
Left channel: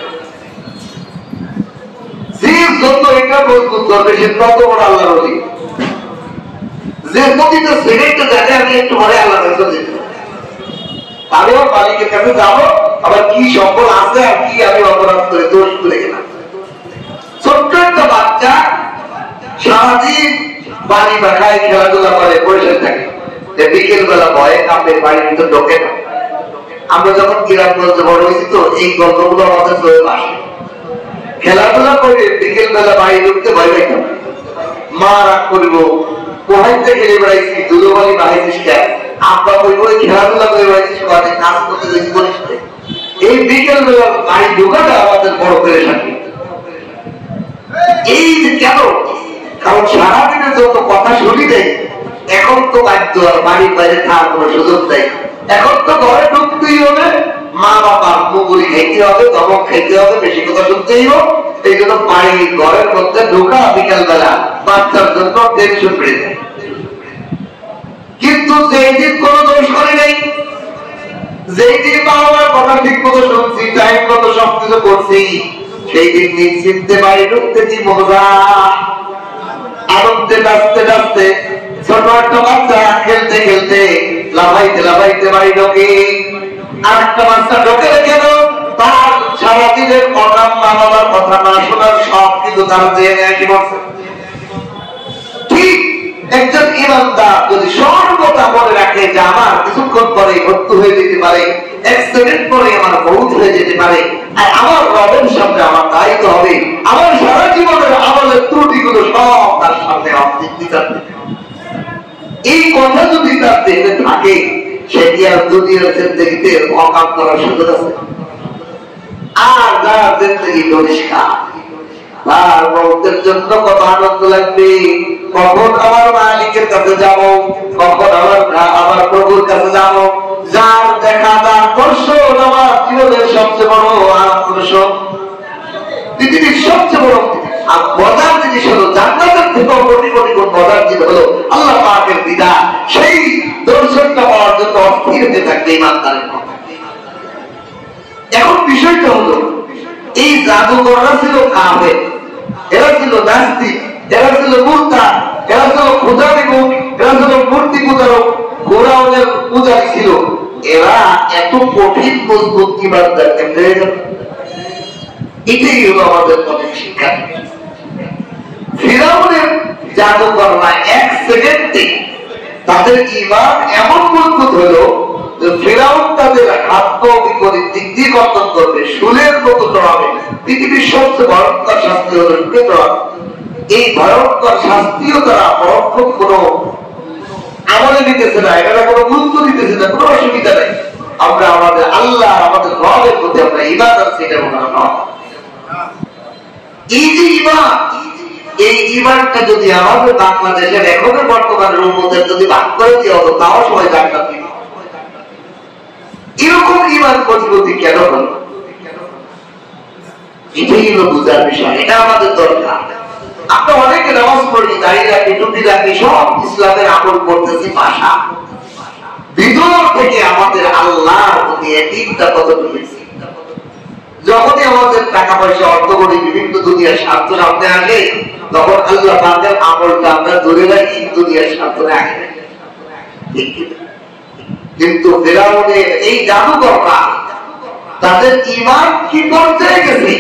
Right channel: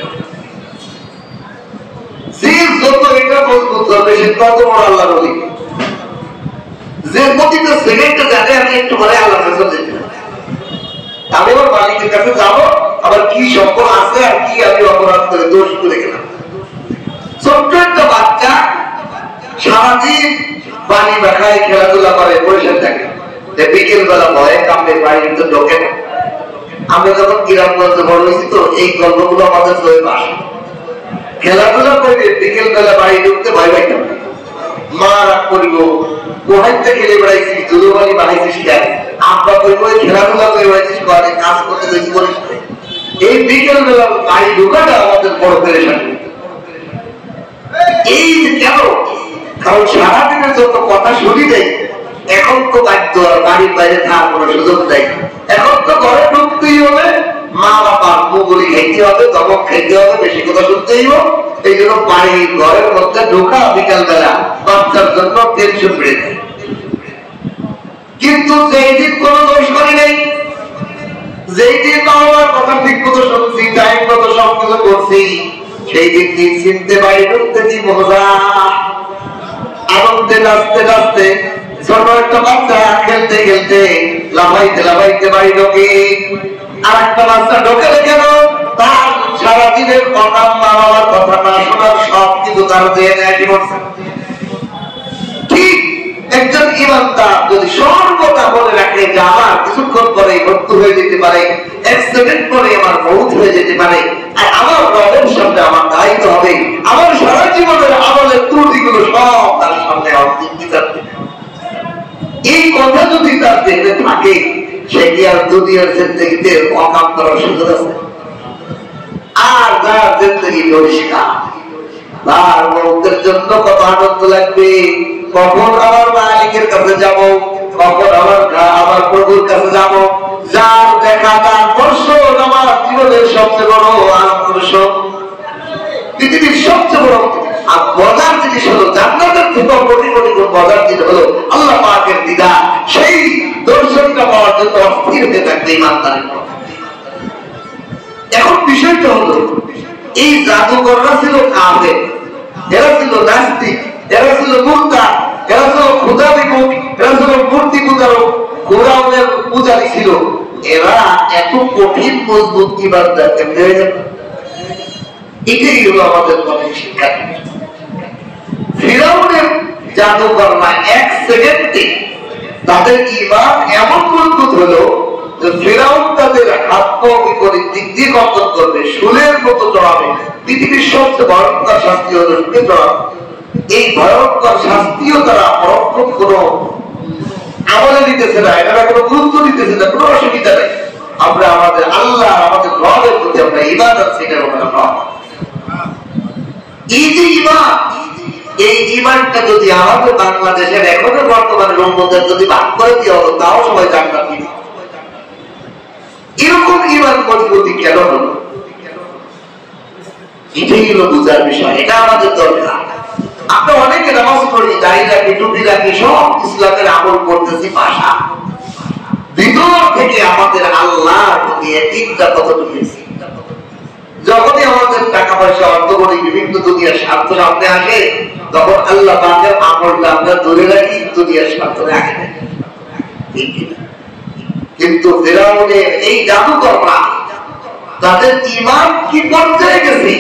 যে যত এটা মজবুত হবে, সে তত বড় আল্লাহর ওলি। যে প্রতিটা সেকেন্ডে জানে আমি একটু পরে আল্লাহর কাছে যেতে, আমি আমার মালিকের কাছে যাবো, আবার কি সম্পদ আছে আর কি আমি অপরাধ করে দোষ করে গেলাম। ছোট্ট একটা বাচ্চা সারাদিন বাড়ি বাখায় খেলাধুলা করে বসে থাকে, বিকেল বেলা ভয়ে কাঁপে, বাড়ির ভিতর ঢোকে না। আমরা যখন গ্রামগঞ্জে বড় হয়েছি, তো এই গল্পগুলো আমাদের চলে আসে। খেলাধুলা করে বিকেল বেলা বাড়ি ঢুকতে ভয় পাইতাম, মা রাগ করিব, কোহাইতে খেলে বেড়াইছি, দুধবাড়ি বাড়াইছিস কেন, আব্বা করিব খেলাধুলা করে বেড়াইছিস, বাড়ি কাজ করতে বেশি করিস। এই বিকেল বেলা বাড়ি ঢুকাটা আমাদের বড় পেরেশানি। এই কেন? কারণ সারাদিনের যত কথা শুনি দেয়, এখন তো বাধ্য আর বাড়ির বাইরে থাকার কোনো সুযোগ দেয়। এখন তো ঘরে ঢুকতেই হবে, মা বাবার মুগুলি খাইতে হবে, দমক খাইতে হবে, বেশি কথা শুনতেই হবে। এই জন্য বাড়ি ঘরের মধ্যে ঢোকা বিকাল বেলা বাচ্চার জন্য টেনশন বেড়ে যায়। কিন্তু যেই দিন কোনো দোষ করি নাই, যেই দিন বাবার কথা ঠিক মতো শুনছি, টাইম মতো সবকিছু করছি, সেই দিন নিশ্চিন্তে বাড়ি ঢুকতে কি মজা, আনন্দে নাচতে নাচতে। ছোট একটা বাচ্চা খেলতে খেলতে লাফাইতে লাফাইতে বাড়ি ঢোকে, আর একটা বাচ্চা ঢোকে কেন? তার সারাদিনের কথা, মা বাবার কথা না শোনার সব কিছু তার জেনে বলছে। ঠিক একজন ইমানদার যদি সর্বদা মনে রাখে যে আমার কিছুক্ষণ পরে মৃত্যু হয়ে যেতে পারে, এক সেকেন্ড পরে আমার মৌত হয়ে যেতে পারে, আর আমার রবের সামনে আমার দায়িত্ব হবে, আমার সারা জীবনের আমলের ত্রুটি সব তার সামনে বিচার দেবে। এই কথা যদি তার দেহে থাকে, সে কি আর দুনিয়ার জিন্দেগিতে অকাম করার সুযোগ আছে? আর তার জিন্দেগি পরিষ্কার, তার মৌতের জন্য কত আনন্দ লাগবে, কখন আমার মালিকের কাছে যাব, কখন আমার প্রভুর কাছে যাব, যার দেখা তার দর্শন আমার জীবনের সবচেয়ে বড় আকর্ষণ, পৃথিবীর সবচেয়ে বড় আর মজার জিনিস হলো, জান্নাতের থেকেও কোটি কোটি গুণ মজার জিনিস হলো আল্লাহ পাকের দিদার। সেই দর্শনটা পাওয়ার জন্য অস্থির হয়ে থাকবে ইমানদারের। এখন বিষয়টা হলো, এই জাদুঘররা ছিল কাফের, এরা ছিল নাস্তিক, এরা ছিল মুরতাদ, এরা ছিল খোদা বিমুখ, এরা ছিল মূর্তি পূজারক, ফিরআউনের পূজারী ছিল। এরা এত কঠিন মজবুত ইবাদত কেমনে হয়ে গেল? এটাই হলো আমাদের অনেক শিক্ষা। ফিরআউনের জাদুঘররা এক সেকেন্ডে তাদের ঈমান এমন মজবুত হলো যে ফিরআউন তাদের হাত পা বিপরীত দিক দিয়ে বন্ধন করবে, শুলের মতো জড়াবে। পৃথিবীর সবচেয়ে ভয়ঙ্কর শাস্তি হলো শুলে জড়ানো। এই ভয়ঙ্কর শাস্তিও তারা পরোক্ষ কোনো আমলে নিতেছে না, এটা কোনো গুরুত্ব দিতেছে না, কোনো অসুবিধা নেই। আমরা আমাদের আল্লাহ, আমাদের রবের প্রতি আমরা ঈমান আছে, এটা আমরা নয়। এই যে ঈমান, এই ঈমানটা যদি আমাদের বাংলাদেশের এখনের বর্তমানের উম্মতের যদি ভাগ করে দেওয়া হতো, তাও সবাই জান্নাত দিত। এরকম ঈমান মজবুতি কেন হলো? এটাই হলো বুঝার বিষয়, এটা আমাদের দরকার। আমরা অনেকে নামাজ পড়ি, দাঁড়িয়ে রাখি, টুপি রাখি, সব ইসলামের আমল করতেছি ভাষা, ভিতর থেকে আমাদের আল্লাহর প্রতি একদিনটা কত ঢুকেছি। যখনই আমাদের টাকা পয়সা অর্থ করি, বিভিন্ন দুনিয়ার স্বার্থ সামনে আসে, তখন আল্লাহ পাকের আমলটা আমরা ধরে রাখি, দুনিয়ার স্বার্থ রাখি। কিন্তু ফিরআউনের এই জাদুকররা, তাদের ঈমান কি পর্যায়ে গেছে?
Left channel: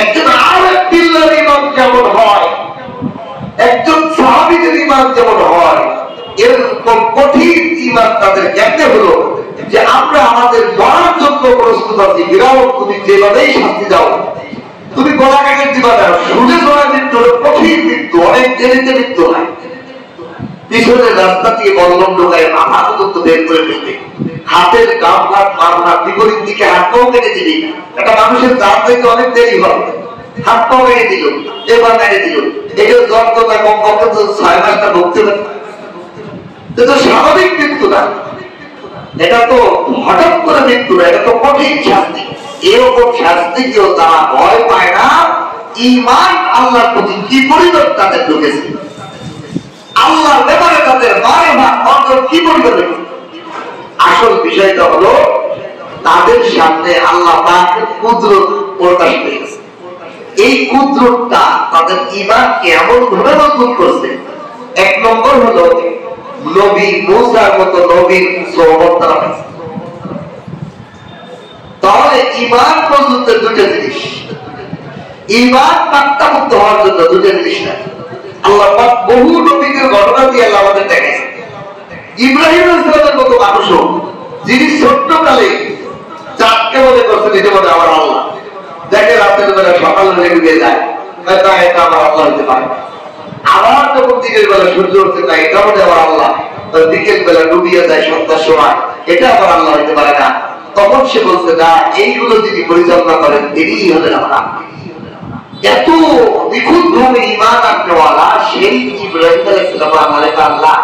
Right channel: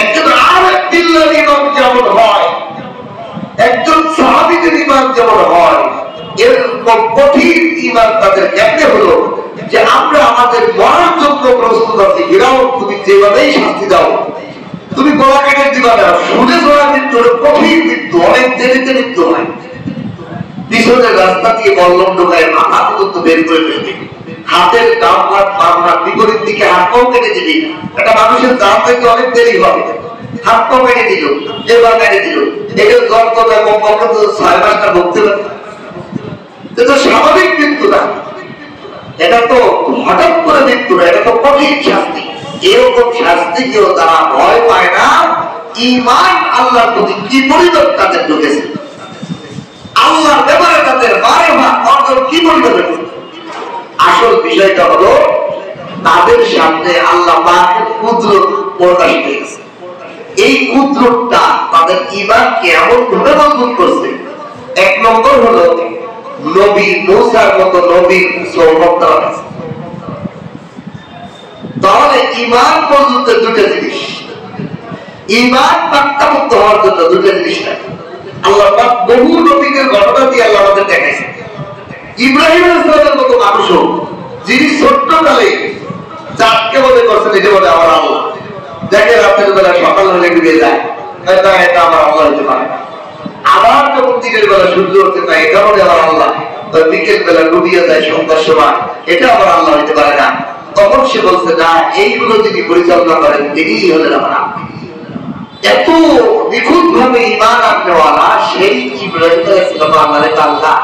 একজন আরেক বিল্লাহর ঈমান যেমন হয়, একজন সাহাবীদের ঈমান যেমন হয়, এরকম কঠিন ঈমান তাদের কেমনে হলো যে আমরা আমাদের মরার জন্য প্রস্তুত আছি। ফিরআউন, তুমি যেভাবেই শাস্তি দাও, তুমি গলা কেটে দিবা না, শুনে যাওয়া মৃত্যু হলো কঠিন মৃত্যু, অনেক দেরিতে মৃত্যু হয়। পিছনের রাস্তা থেকে বল্লম ঢোকায় মাথা পর্যন্ত বের করে ফেলবে, হাতের ডান হাত বাম হাত বিপরীত দিকে হাত পাও কেটে দিবি। একটা মানুষের দাঁত হইতে অনেক দেরি হবে, হাত পাও কেটে দিল, এবার কেটে দিল, এগুলো যন্ত্রণা কমপক্ষে তো 6 মাসটা ভুগতে পারে। এটা তো স্বাভাবিক মৃত্যু না, এটা তো হঠাৎ করে মৃত্যু না, এটা তো কঠিন শাস্তি। এরকম শাস্তি কেউ তারা ভয় পায় না। ঈমান আল্লাহর প্রতি কি পরিমাণ তাদের ঢুকেছে, আল্লাহর ব্যাপারে তাদের বারে ভাগ কি বলবে। আসল বিষয়টা হলো তাদের সামনে আল্লাহ পাকের কুদরত প্রকাশ পেয়েছে। এই কুদরতটা তাদের ঈমানকে এমন ভাবে মজবুত করছে। এক নম্বর হলো নবী মুসার মতো নবীর সোহবত তারা পেয়েছে। তাহলে ঈমান পর্যন্ত দুটো জিনিস, ঈমান পাক্তামুক্ত হওয়ার জন্য দুটো জিনিস লাগে। আল্লাহ পাক বহু নবীদের ঘটনা দিয়ে আল্লাহ আমাদের দেখাইছে। ইব্রাহিম আলাইহিসসালামের মতো মানুষও, যিনি ছোট্টকালে চাঁদকে মনে করছেন এটা বলে আমার আল্লাহ, দেখে রাতের বেলা সকাল হয়ে ডুবে যায়, এটা আমার আল্লাহ হতে পারে। আবার যখন দিনের বেলা সূর্য উঠতে যায়, এটা বলে আমার আল্লাহ, বিকেল বেলা ডুবিয়ে যায় সন্ধ্যার সময়, এটা আমার আল্লাহ হতে পারে না। তখন সে বলছে না, এইগুলো যিনি পরিচালনা করেন তিনিই হলেন আমার আল্লাহ। এত নিখুঁত ভাবে ঈমান আননেওয়ালা সেই ইব্রাহিম আলাইহিসসালাম আমাদের আল্লাহ,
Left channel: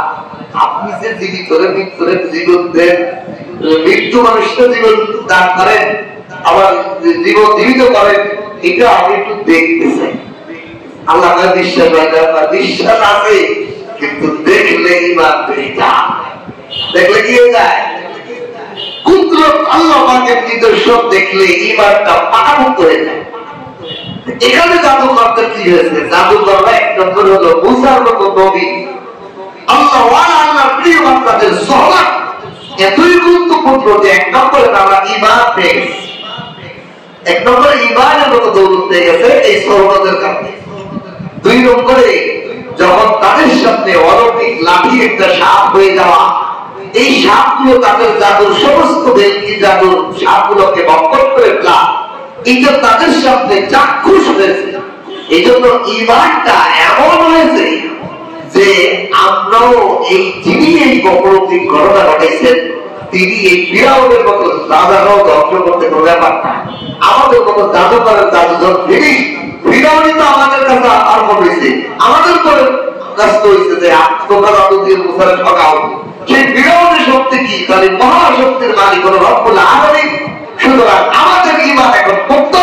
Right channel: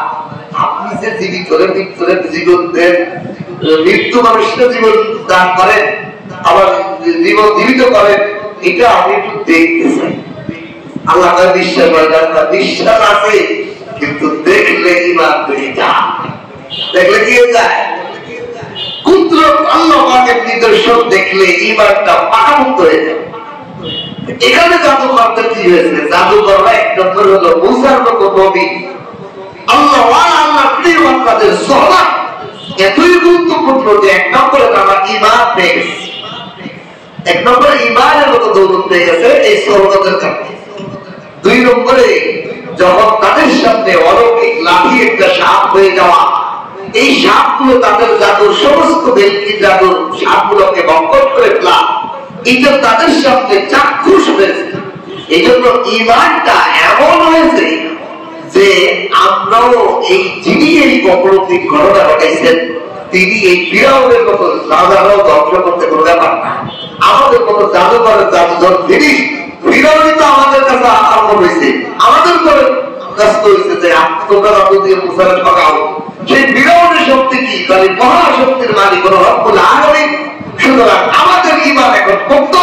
আপনি যে জীবিত করে মৃত্যুরে জীবন দেন, মৃত্যু মানুষকে জীবন দান করেন, আবার জীবন জীবিত করেন, এটা আমি একটু দেখতে চাই। আল্লাহ বিশ্বাস হয় না, বিশ্বাস আছে, কিন্তু দেখলে ঈমান বেড়ে যায়। দেখলে কি হয়ে যায়? কুদরত আল্লাহ পাকের নিদর্শন দেখলে ঈমানটা পাকাপোক্ত হয়ে যায়। এখানে জাদুকরদের কি হয়েছে? জাদুকররা এক নম্বর হলো মুসার মতো নবী, আল্লাহ আল্লাহ প্রিয় বান্দাদের সোহবত এতই গুরুত্বপূর্ণ যে এক নম্বরে তারা ঈমান পেয়ে গেছে। এক নম্বরে ঈমানের মতো দৌলত পেয়ে গেছে এই সোহবতের কারণে। 2 নম্বরে যখন তাদের সামনে অলৌকিক লাঠি একটা সাপ হয়ে যাওয়া, এই সাপগুলো তাদের জাদুর সমস্ত ব্যক্তি জাদুর সাপগুলোকে বক্ষণ করে ফেলা, এটা তাদের সামনে চাক্ষুষ হয়েছে এই জন্য ইমানটা এমন হয়েছে যে আমরাও এই যিনি এই কপরতিক ঘটনা ঘটাইছেন তিনি এই ফিরাউনের মতো রাজারাও ধ্বংস করতে কোনো ব্যাপার না। আমাদের মতো জাদুকরের জাদুঘর জিনিস ফিরাউনই তো আমাদের কাছে আরম্ভ হয়েছে, আমাদের তো কাছে হয়েছে যে তোমরা জাদু দিয়ে মুসারে ঠকাও। সেই ফিরাউনের শক্তি কি? তাহলে মহাশক্তির মালিক হলো রব্বুল আলামিন। সুতরাং আমাদের ঈমান এখন মুক্ত,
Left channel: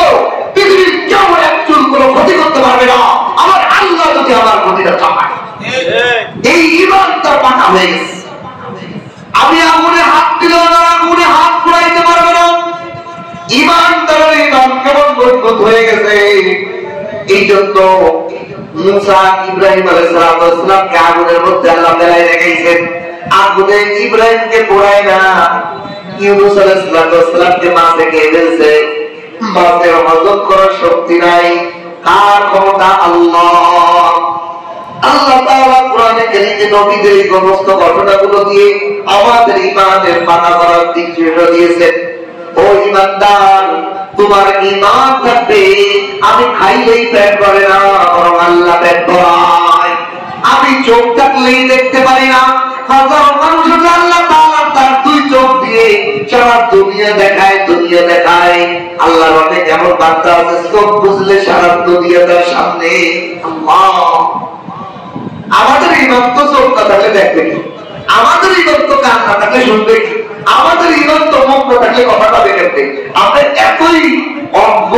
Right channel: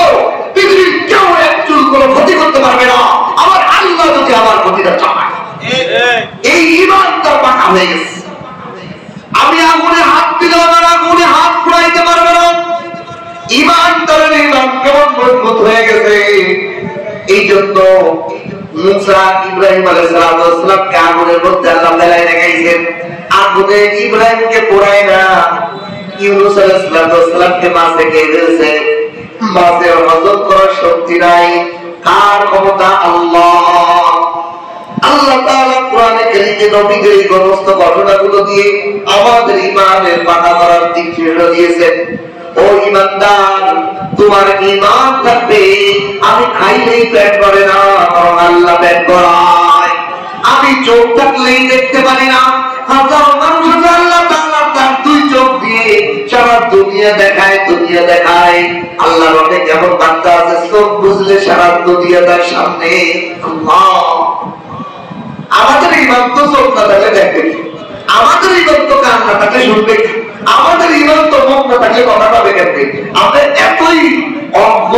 পৃথিবীর কেউ এক চুল কোনো ক্ষতি করতে পারবে না আমার আল্লাহ যদি আমার ক্ষতিটা চায়। এই ঈমান তার পাকা হয়ে গেছে। আমি আগুনে হাত দিলে আমার আগুনে হাত পুড়াইতে পারবে না। ঈমান তার ঈমান কেমন মজবুত হয়ে গেছে। এই জন্য মুসা ইব্রাহিম আলাইহিস সালামকে আগুনের মধ্যে আল্লাহ ফেলাই রেখেছেন। আগুনে ইব্রাহিমকে পোড়ায় না, ইউনূস আলাইহিস সালামকে মাছে খেয়ে ফেলছে। মাছের হজম করার শক্তি নাই, কার ক্ষমতা? আল্লাহ। আল্লাহ তাআলা কোরআনে কারীমে নবীদের এই সমস্ত ঘটনাগুলো দিয়ে আমাদের ঈমানের পাকা করার দিক নির্দেশ দিয়েছেন। ও ঈমানদার, তোমার ঈমান থাকবে আমি খাইলেই পেট ভরে না, বরং আল্লাহ পেট ভরায়। আমি চোখ থাকলেই দেখতে পারি না, হাজারো মানুষকে আল্লাহ তাআলা তার দুই চোখ দিয়ে সারা দুনিয়া দেখায়। আল্লাহ রবে যেমন বান্দা আছে, চোখ বুঝলে সারা দুনিয়া তার সামনে। আল্লাহ, আমাদের ঈমান তো চোখ না থাকলে দেখবে কি? আমাদের ঈমান তো কান না থাকলে শুনবে কি? আমাদের ঈমান তো মুখ না থাকলে কথা পাবে কেমনে? আমরা এতই অজ্ঞ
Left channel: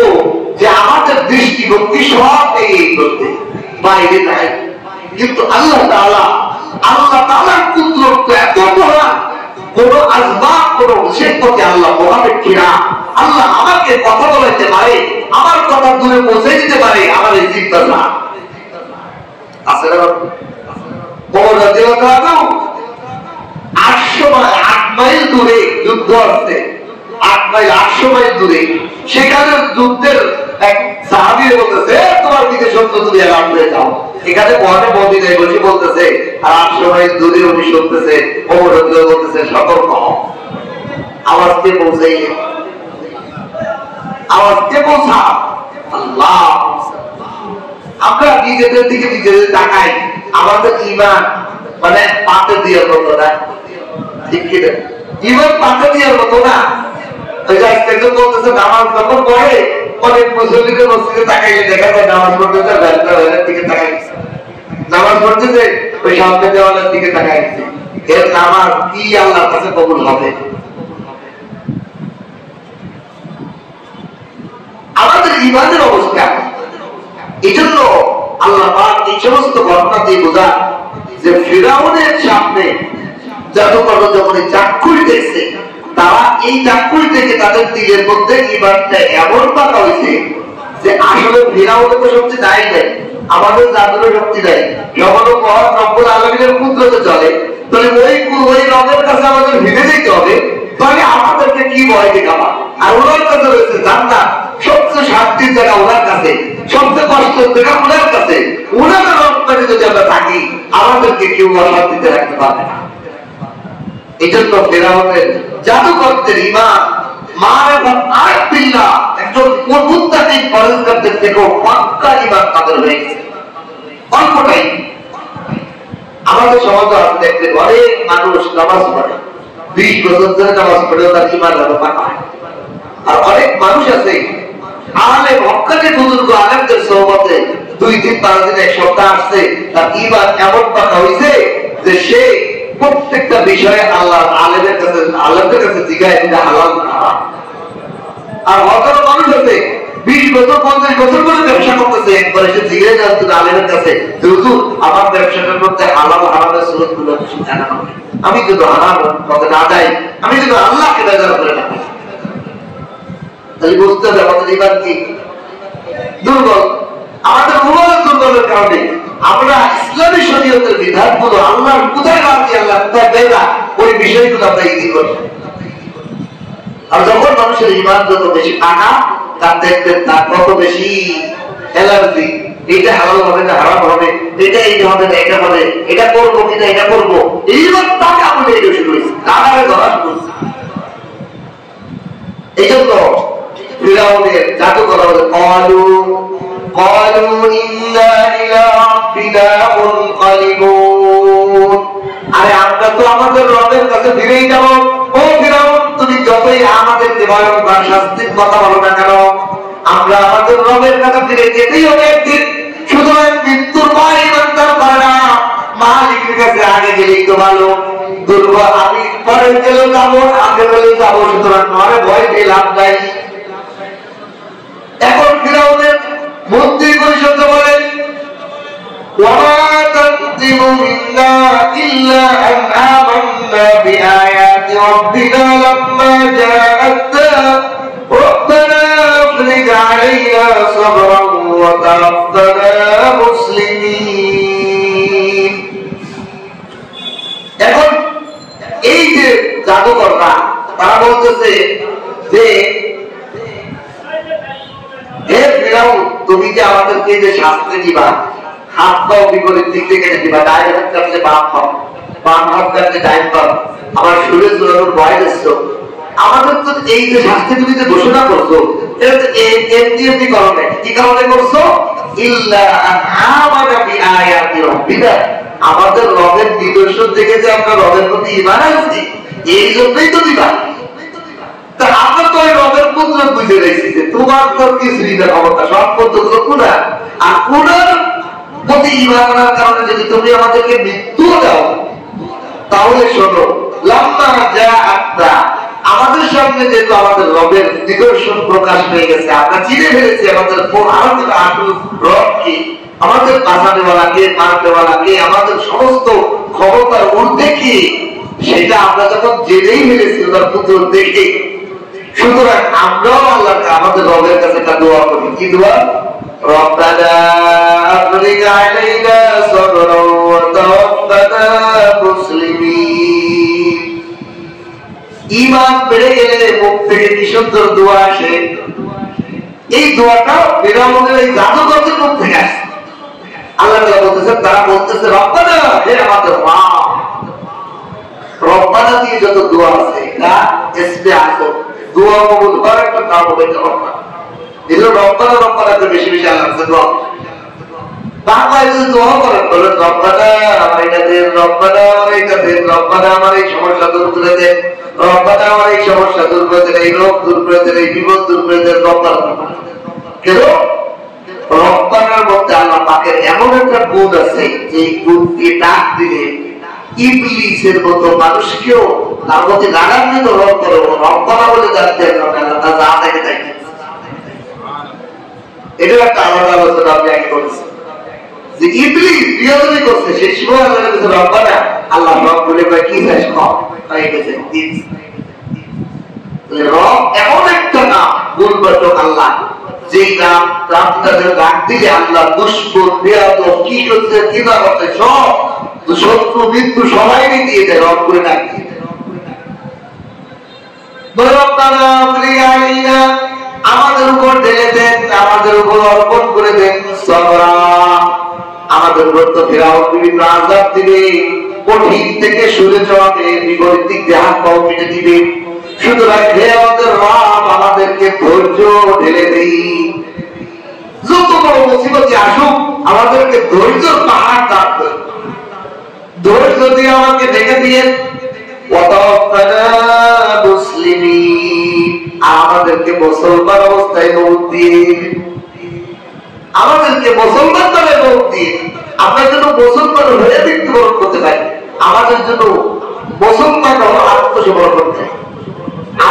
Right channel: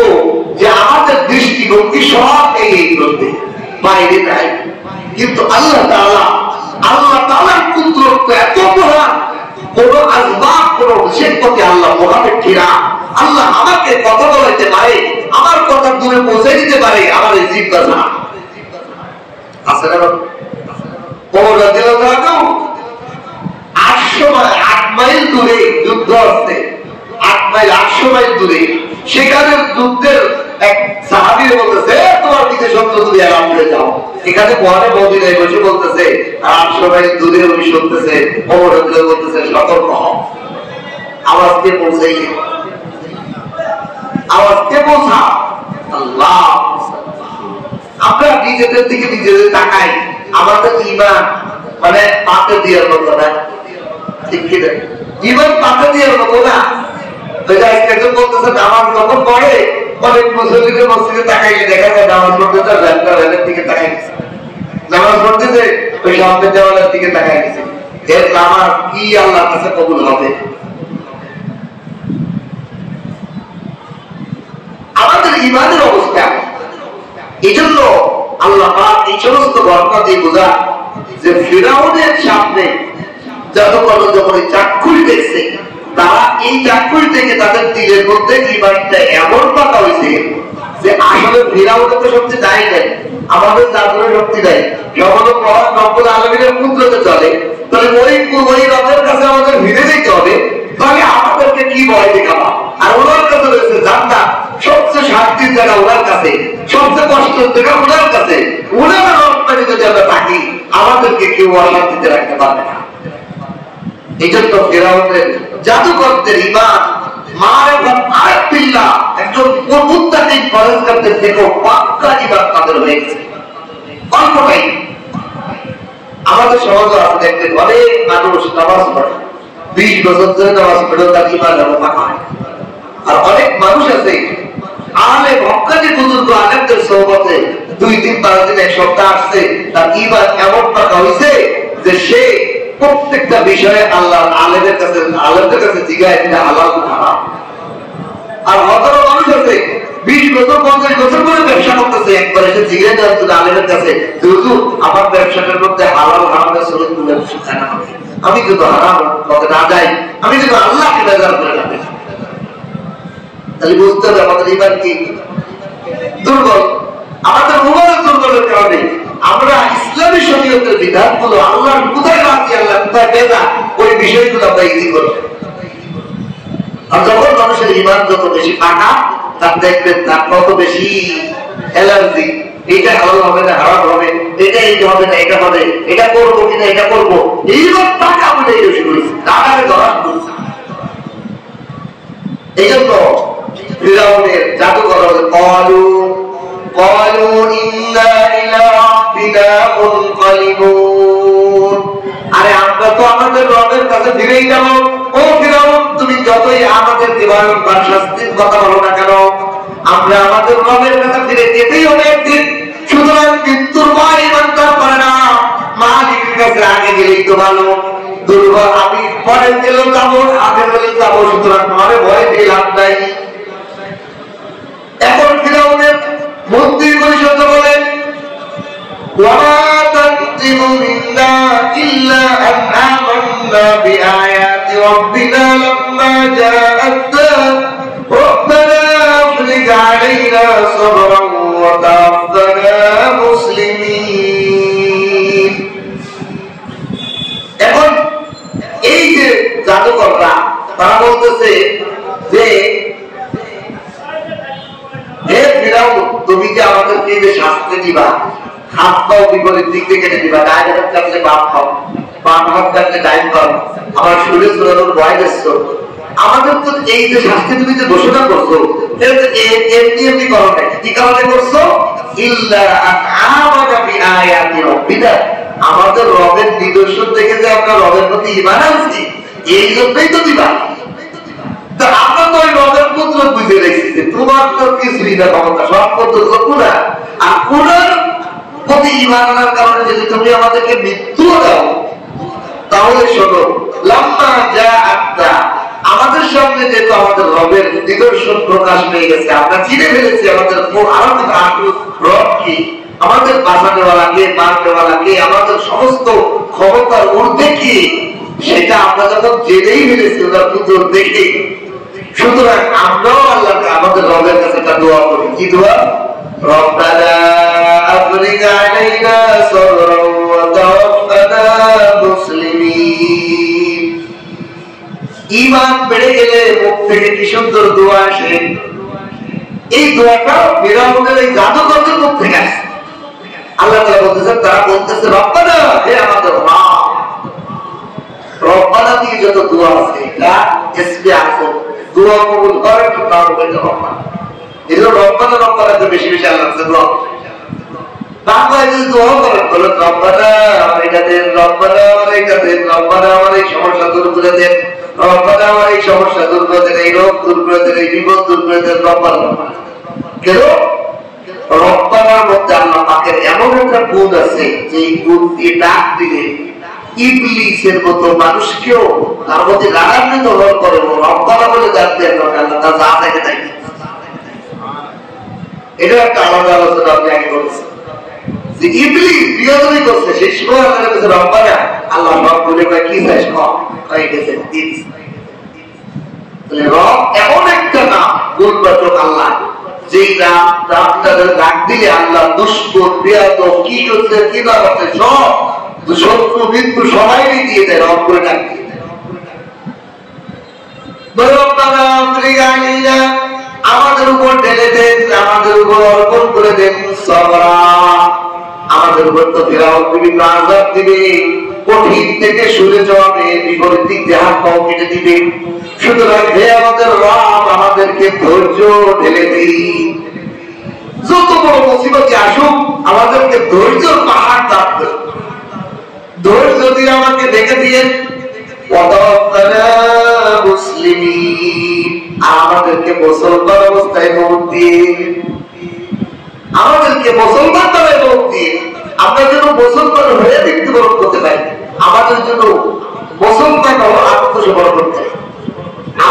যে আমাদের দৃষ্টিভঙ্গি সব এই করতে বাইরে নাই। কিন্তু আল্লাহ তাআলার কুদরত এত মহান, কোন আসবাব কোন শিল্পকে আল্লাহ মহানের কিনা। আল্লাহ আমাকে কথা বলাইতে পারে, আমার কথা দূরে পৌঁছে দিতে পারে, আমার এই জিজ্ঞাসা আছে না? 8 মাইল দূরে যুদ্ধ আছে, 800 মাইল দূরে। সেখানে যুদ্ধের এক সাহাবী বলতেছে, তোমার পিছে সত্য, তুমি আরাম করে যাও। এখানে পরে মদিনায় বসে বলতেছে, আর 800 মাইল দূরে উনি শুনতেছে, ওমর রাদিয়াল্লাহু বলতেছে, সতর্ক হও, আওয়াজকে পৌঁছাই, আওয়াজকে পৌঁছা। আল্লাহ, আমরা নিজেদের দিকে নিজেদের তাকাই, আমাদের ঈমান মানে পাতে দেওয়ার মতো না, ঠিক কি না? ঈমান পাতে দেওয়ার মতো না। নামাজ যখন পড়ে অনেক মুসল্লিদের মসজিদে তাকাইলে দেখা যায় নামাজ পড়তে ভ্যানের দিকে তাকাইছে, নামাজ পড়তেছে ওই সামনে দেওয়ালের দিকে তাকাইছে। এর নামাজ কি আল্লাহর কাছে কবুল হবে? আমাদের ঈমানের অবস্থা। এই জন্য আল্লাহ পাক এই সমস্ত ঘটনা দিয়ে বোঝায় যে ফিরাউনের সামনে জাদুকর যখন চাক্ষুষ দেখছে, তারা এই চাক্ষুষ থেকে তাদের দিলের মধ্যে ঈমানটা এমন পাকা হয়েছে যে আসলে ফিরাউনের তো শক্তি নাই, আমাদের জাদুর শক্তি নাই। যখন রব্বুল আলামিনের কুদরতে চলে, তাহলে ওই রবের কাছে আমাদের ভিড়ে যেতে হবে। তাহলে আমাদেরকে কি ভয় দেখাবা? আর ওনার কাছে রয়েছে জান্নাত, সবচেয়ে শান্তির জায়গা ওনার কাছে, সবচেয়ে কষ্টের জায়গা ওনার কাছে। ওনার রপ্তানি যদি আমরা থাকি, আমাদেরকে কেউ অশান্তিতে রাখতে পারবে না। এই জন্য ফেরাউনের জাদুকরদের ঈমান মারিফাত আর বিল্লাহ, একজন মুত্তাকিন পরহেজগারদের থেকেও পাক্কা ঈমান তাদের হয়ে গেছে। অল্পটাই আমাদের সমাজে আছে, দেখবেন অনেক মানুষ নামাজ পড়ে, 20 বছর ধরে নামাজ পড়েও তার ঈমান পাকা হয়। আর অনেক মানুষ আছে আলে মক্কাতে বুজুর্গ আলেমদের সোহবতে 2 দিন 5 দিন 1 সপ্তাহ আসছে, তার ঈমান এমন পাকা হইছে যে সে প্রত্যেকটা বিষয়ে আল্লাহ আলেমের কাছে জিজ্ঞাসা এটা হালাল না হারাম। আর হাজারো মানুষ আছে 20 বছর 50 বছর ধরে ব্যবসা করতেছে, একবার এসে জিজ্ঞাসা করে আলেমের কাছে, হুজুর আমার ব্যবসাটার মধ্যে হালাল হারামের সুন্নাতগুলো জানা হবে, আমি যদি হারাম পথে না যাই, আমি যদি আল্লাহকে বেজার করে রাখি, তাহলে বুঝতে হবে আমাদের ঈমান কি দুর্বল। আমাদের মোবাইল দুর্বলের কারণে আমরা ইসলামী শরীয়তের বিধানগুলো আল্লাহর কোথায় রাখি, আল্লাহ কোথায় বেদা, ওই বিষয়গুলো আমরা ইজি করব। আর যখন মানুষের ঈমান যত বেশি পাকা, তার দেখবেন তার কত বেশি অ্যালার্জি, এটা হালাল হবে না হারাম হবে, এটা হবে না এটা হবে, এটা করবো কিনা এটা করবো, ঈমান পাকা বলে এটা শুরু হয়েছে, কাটারে ধরা করছে। এই জন্য ফিরাউনের জাদুকর قالوا إنا إلى ربنا منقلبون আরে আমরা তো আমাদের রবের কাছে ফিরেই যাব। ও ফিরাউন, তুমি যতই আমাদের ভয়ঙ্কর শাস্তির কথা বলো না কেন, আমরা আমাদের রবের কাছে ফিরে যেতেই হবে একদিন। সুতরাং মৃত্যুর ভয় ইমানদার করে না, মালিকের কাছে আগে গেলেই তো ভালো। দুর্বল আমি পরে গেলেও যাবো, আগে গেলেও যাবো, সুতরাং তোমার ভয় পেয়ে লাভ নাই। এখন ফিরাউনের মন্ত্রী পরিষদ বলেন وما تنقم منا إلا أن آمنا بآيات ربنا لما جاءتنا ربنا أفرج علينا صبرا وتوفنا مسلمين। এখন এই যে জাদুকররা তারা বলতেছে যে হে ফিরাউন, তুমি যে আমাদেরকে যে শাস্তি দিবা, হাত পাও বিপরীত দিক থেকে কেটে দিবা, ডাইন হাত কাটলে বাম খাও, বাম হাত কাটলে ডাইন খাও, আমার শরীর জোরানোর ভয় দিচ্ছ। আমাদের তো এই যে শাস্তি তুমি যে ঘোষণা করছো, এটা তো এমনি এমনি করো না। কি কারণে করছো? ইল্লা আন আমানা বিআয়াতি রাব্বিনা, আমাদের রবের নিদর্শন থেকে যে আমরা রবের প্রতি ঈমান আনছি, এই জন্যই তো দিবা। তা আমরা তো ওই রবের পুত্র বুঝে রেখেছি যে তোমার তো কিছুই না ক্ষমতা, সব পদ্ধতি পুরা। আর পুরার প্রতি ঈমান আনার কারণে যদি তুমি আমাদেরকে মৃত্যু দাও, তাহলে শোনো লাম্মা জাআতনা, আমাদের সামনে যেহেতু আমাদের রবের নিদর্শন প্রকাশ পেয়ে গেছে, আমরা চিনে ফেলেছি আমাদের রব কি, আমাদের বাঁচানেওয়ালা কে, মারনেওয়ালা কে, আমাদের সমস্ত ক্ষমতার ঊর্ধ্বে কি, সেটা আমরা যখন জেনেই ফেলেছি ওনার পুত্র দেখে, সুতরাং আমরাও আল্লাহ আমাদের রবের কাছে একটা দোয়া করি। কি দোয়া? রব্বানা আফরিজ আলাইনা সাবরান ওয়া তাওফানা মুসলিমিন। ঈমান বেড়ে গেলে মুখ থেকে কি সুন্দর দোয়া আসে। এই দোয়াটা ফিরাউনের এই জাদুকরদের মুখ থেকে আসে। আল্লাহ তাআলা বলতেছেন, তারা বলতেছে রব্বানা, হে আমাদের রব। রব্বানা দিয়ে যত দোয়া আছে এটা ইসমে আযম, দোয়া কবুল করার একটা নাম হলো রব্বানা। এগুলো রব্বানা রব্বানাতে বেশি বেশি আল্লাহর কাছে দোয়া। বাংলায় যদি দোয়া করেন বলে রব্বানা আমার এটা দেন, রব্বানা আমার এটা দেন, রব্বানা আমার এই সমস্যা দূর করে দেন, রব্বানা আমার এই সমস্যা দূর করে দেন, এই রোগ দূর করে দেন, এই বিপদ দূর করে দেন, রব্বানা। কেন? রব্বানার মধ্যে আল্লাহ পাকের এমন একটা গুণ আছে যে এই গুণ দিয়ে ডাক দিলে ইবলিসের মতো মানুষকেও তার মধ্যে রাগান্বিত হওয়ার পরে রব্বানা বলে ডাকতে তা যা দেখে থাকে। এটা একটা আলাদা আলোচনা আমি আগে করেছি যে ইবলিস বিরোধী করছে, সেই সময় আল্লাহ কাছে রব্বানা, আল্লাহ রব বলে কয় কি চাস কম, কয় গেছে দিন। রব এমন একটা নাম, গুণবাচক আল্লাহ, যেই নামটাকে ডাক দিলে আল্লাহ দুষ্কর বেয়াদব কি করছে কি না করছে সব শত্রু মৃত্যু সবাই দিয়ে দেয় রব করে ডাক দিয়ে। রব্বানা আফরিজ আলাইনা, আমাদের উপর ঢেলে দেন, আমাদের উপর অর্পণ করে দেন সবরা, আমাদের উপর তো ফিরাউন বিভিন্ন আযাব দিবে, কঠিন থেকে সরে যাওয়াবে, বিপরীত দিক দিয়ে হাত পাও কেটে দিবে। সুতরাং হে আমাদের রব, আমাদেরকে ধৈর্য ঢেলে দেই, যত বড় মুসিবত আসুক আমাদেরকে ধৈর্যের পাহাড় দান করুন, ধৈর্য দিয়ে আমাকে দেখে দিয়ে মুসলিমিন, আমাদেরকে মুসলমান অবস্থায় মৌত দিয়ে, আমাদেরকে মুসলমান দ্বারা মৌত দিয়ে আমরা যেন মুসলমান হয়ে মৃত্যুবরণ করতে পারি। আমাদের জন্য মুসলমান আত্মসমর্পণ করতে,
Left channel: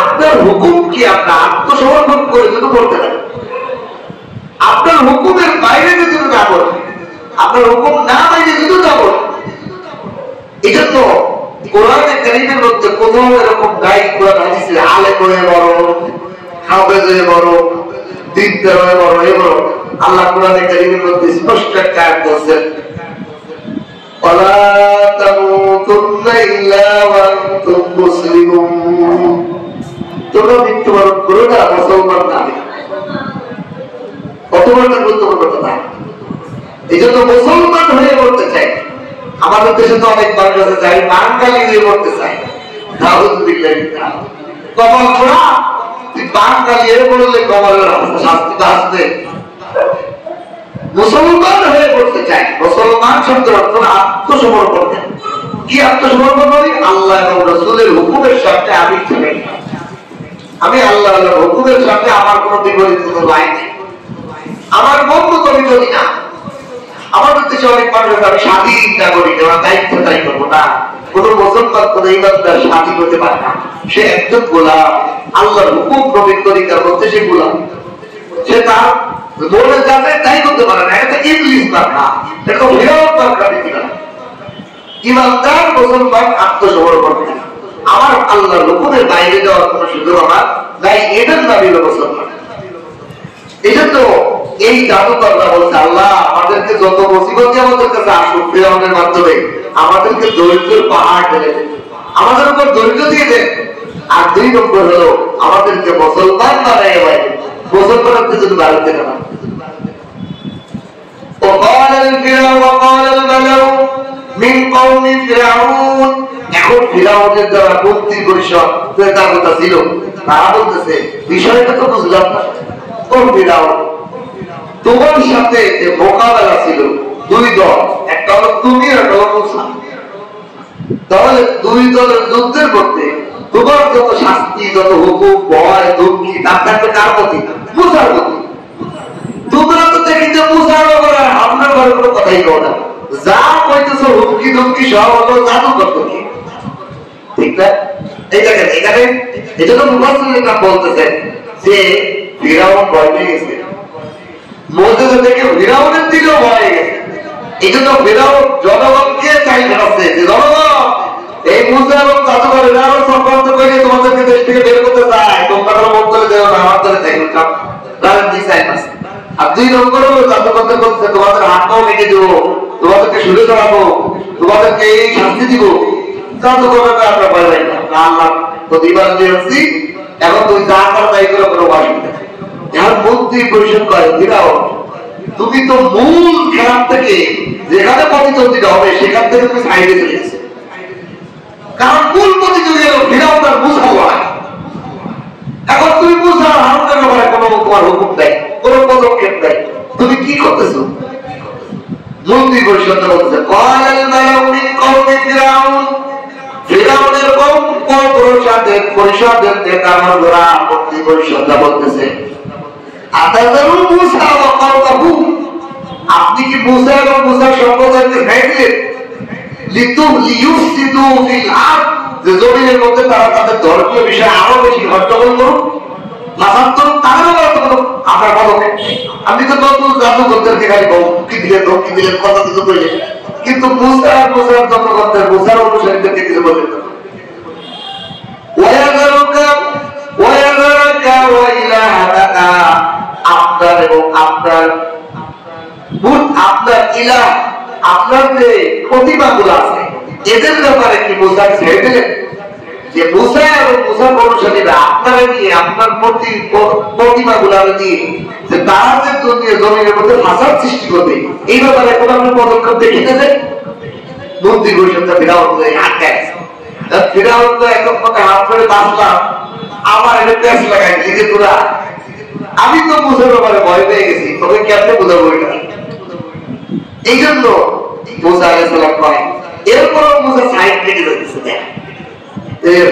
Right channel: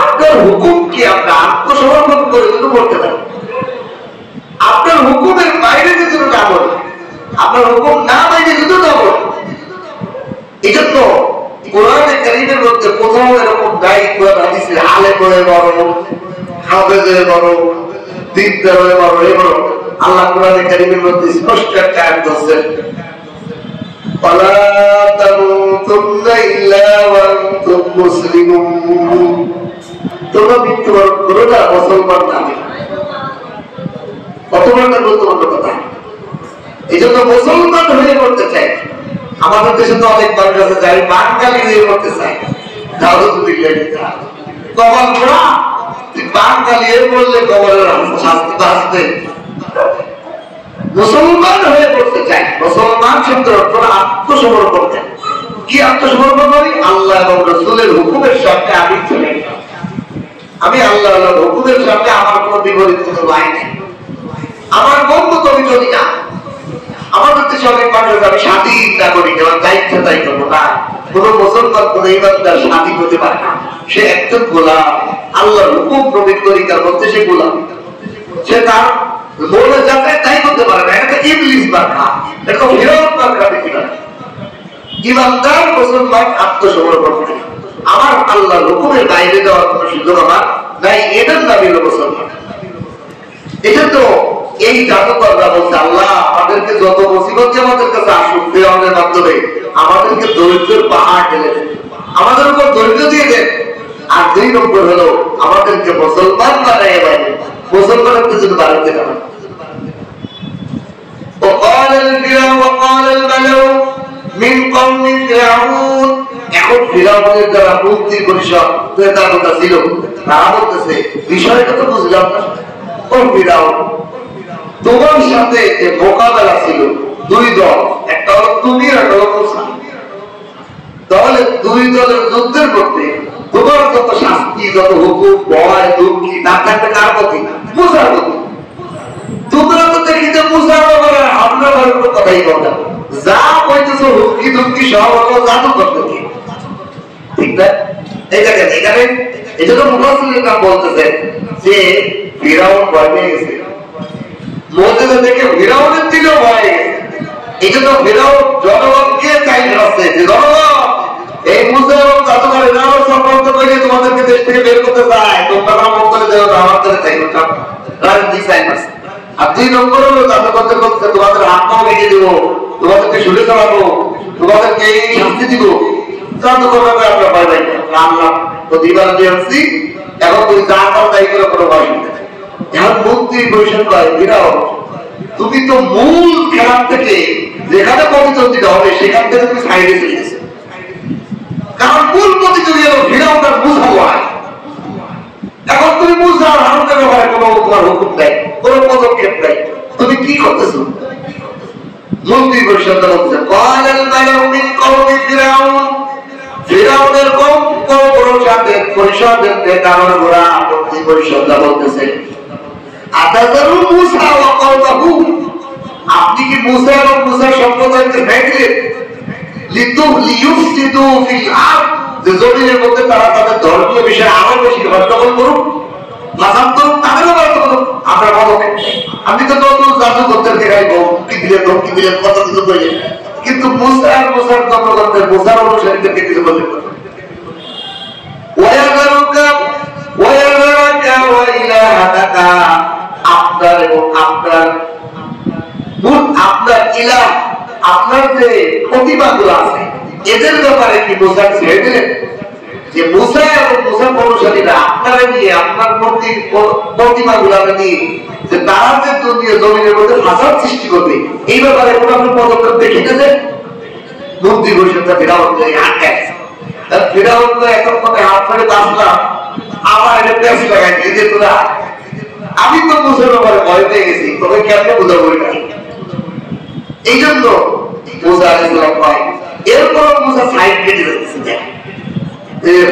আপনার হুকুম কি আমরা আত্মসমর্পণ করে যদি করতে পারি, আপনার হুকুমের বাইরে যদি না বলি, আপনার হুকুম না বাইরে যদি না বলি। এটা তো কোরআনে কারীমের মধ্যে কোথাও এরকম নাই। কোরআন হাদিসের আলেম হয়ে বড়, হাফেজ হয়ে বড়, দিনদার হয়ে বড়, এ বড়, আল্লাহ কোরআনে কারীমের মধ্যে স্পষ্ট একটা আয়াত বলেছেন, ওয়ালা তামুতুন্না ইল্লা ওয়া আনতুম মুসলিমুন, তোমরা মৃত্যুবরণ করো না মুসলমান নামে। কত বড় গুরুত্বপূর্ণ কথা। এই জন্য মুসলমান হয়ে মরতে চাই। আমাদের দেশে তো অনেক মানুষ আছে যাই বাঙালি হয়ে মরতে চায়, কমল ঘোড়া তুই বাঙালি হয়ে বললে কমলের শাস্তি বাঁচবে। মুসলমান হয়ে পড়তে চাই। মুসলমান শব্দের অর্থ আত্মসমর্পণ দেন। কি আত্মসমর্পণ করি? আল্লাহ এবং রাসূলের হুকুমের সামনে আমি চলে গেলাম। আমি আল্লাহ হুকুমের সামনে আমার কোন বিপরীত কোনো লাই নেই। আমার বন্ধু তুমি যদি না, আমাদের দেশে অনেক মানুষ আমি স্বাধীন নাগরিক, আমার দায়িত্ব দায়ী করবো না। কোন মুসলমান কোন ইমানদার স্বাধীন হতে পারে না। সে একজন গোলাম, আল্লাহর হুকুম প্রবীণ তরিকার মধ্যে সে গোলাম। সে তার মনে যাতে তাই করতে পারে না। এটা ইবলিস বার্তা, এটা ফিরাউন বার্তা দিতে পারে। ইমানদার মুসলমান আত্মসমর্পণ করে আমার আল্লাহর হুকুমের বাইরে যাওয়ার কোন সুযোগ আমার নাই, এদের দাবি হলো মুসলমান। এটা তো এই জাদুকররা বলছে আল্লাহ আমাদেরকে যত মুসিবত আমাদের কাছে আসুক ফিরাউনের মাধ্যমে আমাদেরকে দরিদ্রের পাহাড় ঢেলে দেন, আমাদের উপর দরিদ্র দিয়ে দেন। আর 2 নম্বর হলো আমাদেরকে মুসলমান বানায় এবার মুসলমানদের জন্য দাঁড়াতে দেন। وقال الفرعون وقال الملأ من قوم فرعون, এখন ফিরাউনের যারা মন্ত্রী পরিষদ নেতা ছিল তারা বলতেছে বিষয়টা তো বুঝলাম না। ও ফিরাউন, তোমার সাথে যে মোকাবেলা ছিল 2 দল, একটা হলো তুমি আর একটা হলো মূসা, তাহলে 2 দলের যুদ্ধের মধ্যে তোমার যত শাস্তি, যত হুকুম, ভয়, ধমকি তার থাকবে কার প্রতি? মূসার প্রতি। তোমরা তো দেখি যে মূসার ব্যাপারে হামলা করার কোনো কথাই কও না, যা কইতেছো হুমকি ধমকি সব হলো জাদু করতে কি, ঠিক না? এই দেখেন এখানে এজন্য মুফাসসিররা বলতেছে যে ফিরাউন ভয় পেয়ে গেছে, মুজিজা দেখে ফিরাউনের দিলেও ভয় গেছে। এই জন্য ফিরাউন জনগণকে চাই ধরাচ্ছে যে জনগণ এই মুসা এবং জাদুঘর এরা সম্পর্ক করে তোমাদেরকে দেশ থেকে বের করতে চায়, তোমরা মন্তরে দেও না, আমার ধরে চাই না, রাজনীতি চাই না। আর 2 নম্বর হলো জাদুঘরদের বলছে তোমাদের হাত পাও ভেঙে দেবো, তোমাদেরকে শুলে চালাবো, তোমাদেরকে এই শাস্তি দিব। জাদুঘরের আমরা পারবেন না, আল্লাহ তো দিবার দিয়েছি, এখন তুই যা কর তাই করে কোনো অসুবিধা নেই। এখন মন্ত্রী পরিষদ করে ফিরাউন, তুমি তো মূল খেলার থেকে যেখানে প্রতিদ্বন্দ্বিতা হবে সেখান থেকে তুমি সাইডে চলে গেছো, কারণ মূল প্রতিযোগী হলো ফিরাউন আর মূসা লড়াই। এখন তুমি মূসা আর হারুনের ব্যাপারে কোনো তোমার হুকুম দেয়, কোনো পদক্ষেপ দেয়, তুমি কি করতেছো? মন্ত্রী পরিষদ বলছে ক্বালাল মালাউ মিন কওমি ফিরাউন, ফিরাউনের কওম পরিষদের নেতারা মন্ত্রী পরিষদ বলতেছে আতাযারু মূসা ওয়া কওমাহু, আপনি কি মূসা এবং মূসার সম্প্রদায়কে ছেড়ে দিলেন লিইফসিদু ফিল আরদ, যে জমিনের মধ্যে তারা তাদের ধর্মীয় বিষয়ে আরো বেশি গন্ডগোল করুক, ফাসাদ করুক, তাদেরও ব্যবস্থা করুক। আমরা পদক্ষেপ, আপনি তো কত জাদুকরদেরকে খালি ধমকি দিলেন কথা কিছু বললেন, কিন্তু মূসা আর মূসার জনগণদের মূসার অনুসারীদেরকে কিছু বললেন না। আপনার এবং আপনার ইলাহ, আপনার যে প্রতিমাগুলো আছে এদের ব্যাপারে কি মূসা ছেড়ে দিলেন? যে মূসা এবং মূসার অনুসারীরা আপনারা নিয়ে আপনার প্রতিমাগুলো নিয়ে যে তারা যে জমিনের মধ্যে ফাসাদ সৃষ্টি করবে এই ব্যাপারে কোনো আপনি পদক্ষেপ দেখিতেছে? মন্ত্রী পরিষদটা ফিরাউন আটকায়, ফিরাউন তো এক কথা হাত ধরে বাঁচলাম, আমার এটা প্যাস লাগাই যে তোরা, আমি তো মূসার ব্যাপারে ভয় পেয়ে গেছি, তোকে কেমনে বোঝাবো এটা? এই জন্য মূসা আলাইহিস সালাম কয়, এরপর মূসা সাইড কেটে দিতেছে,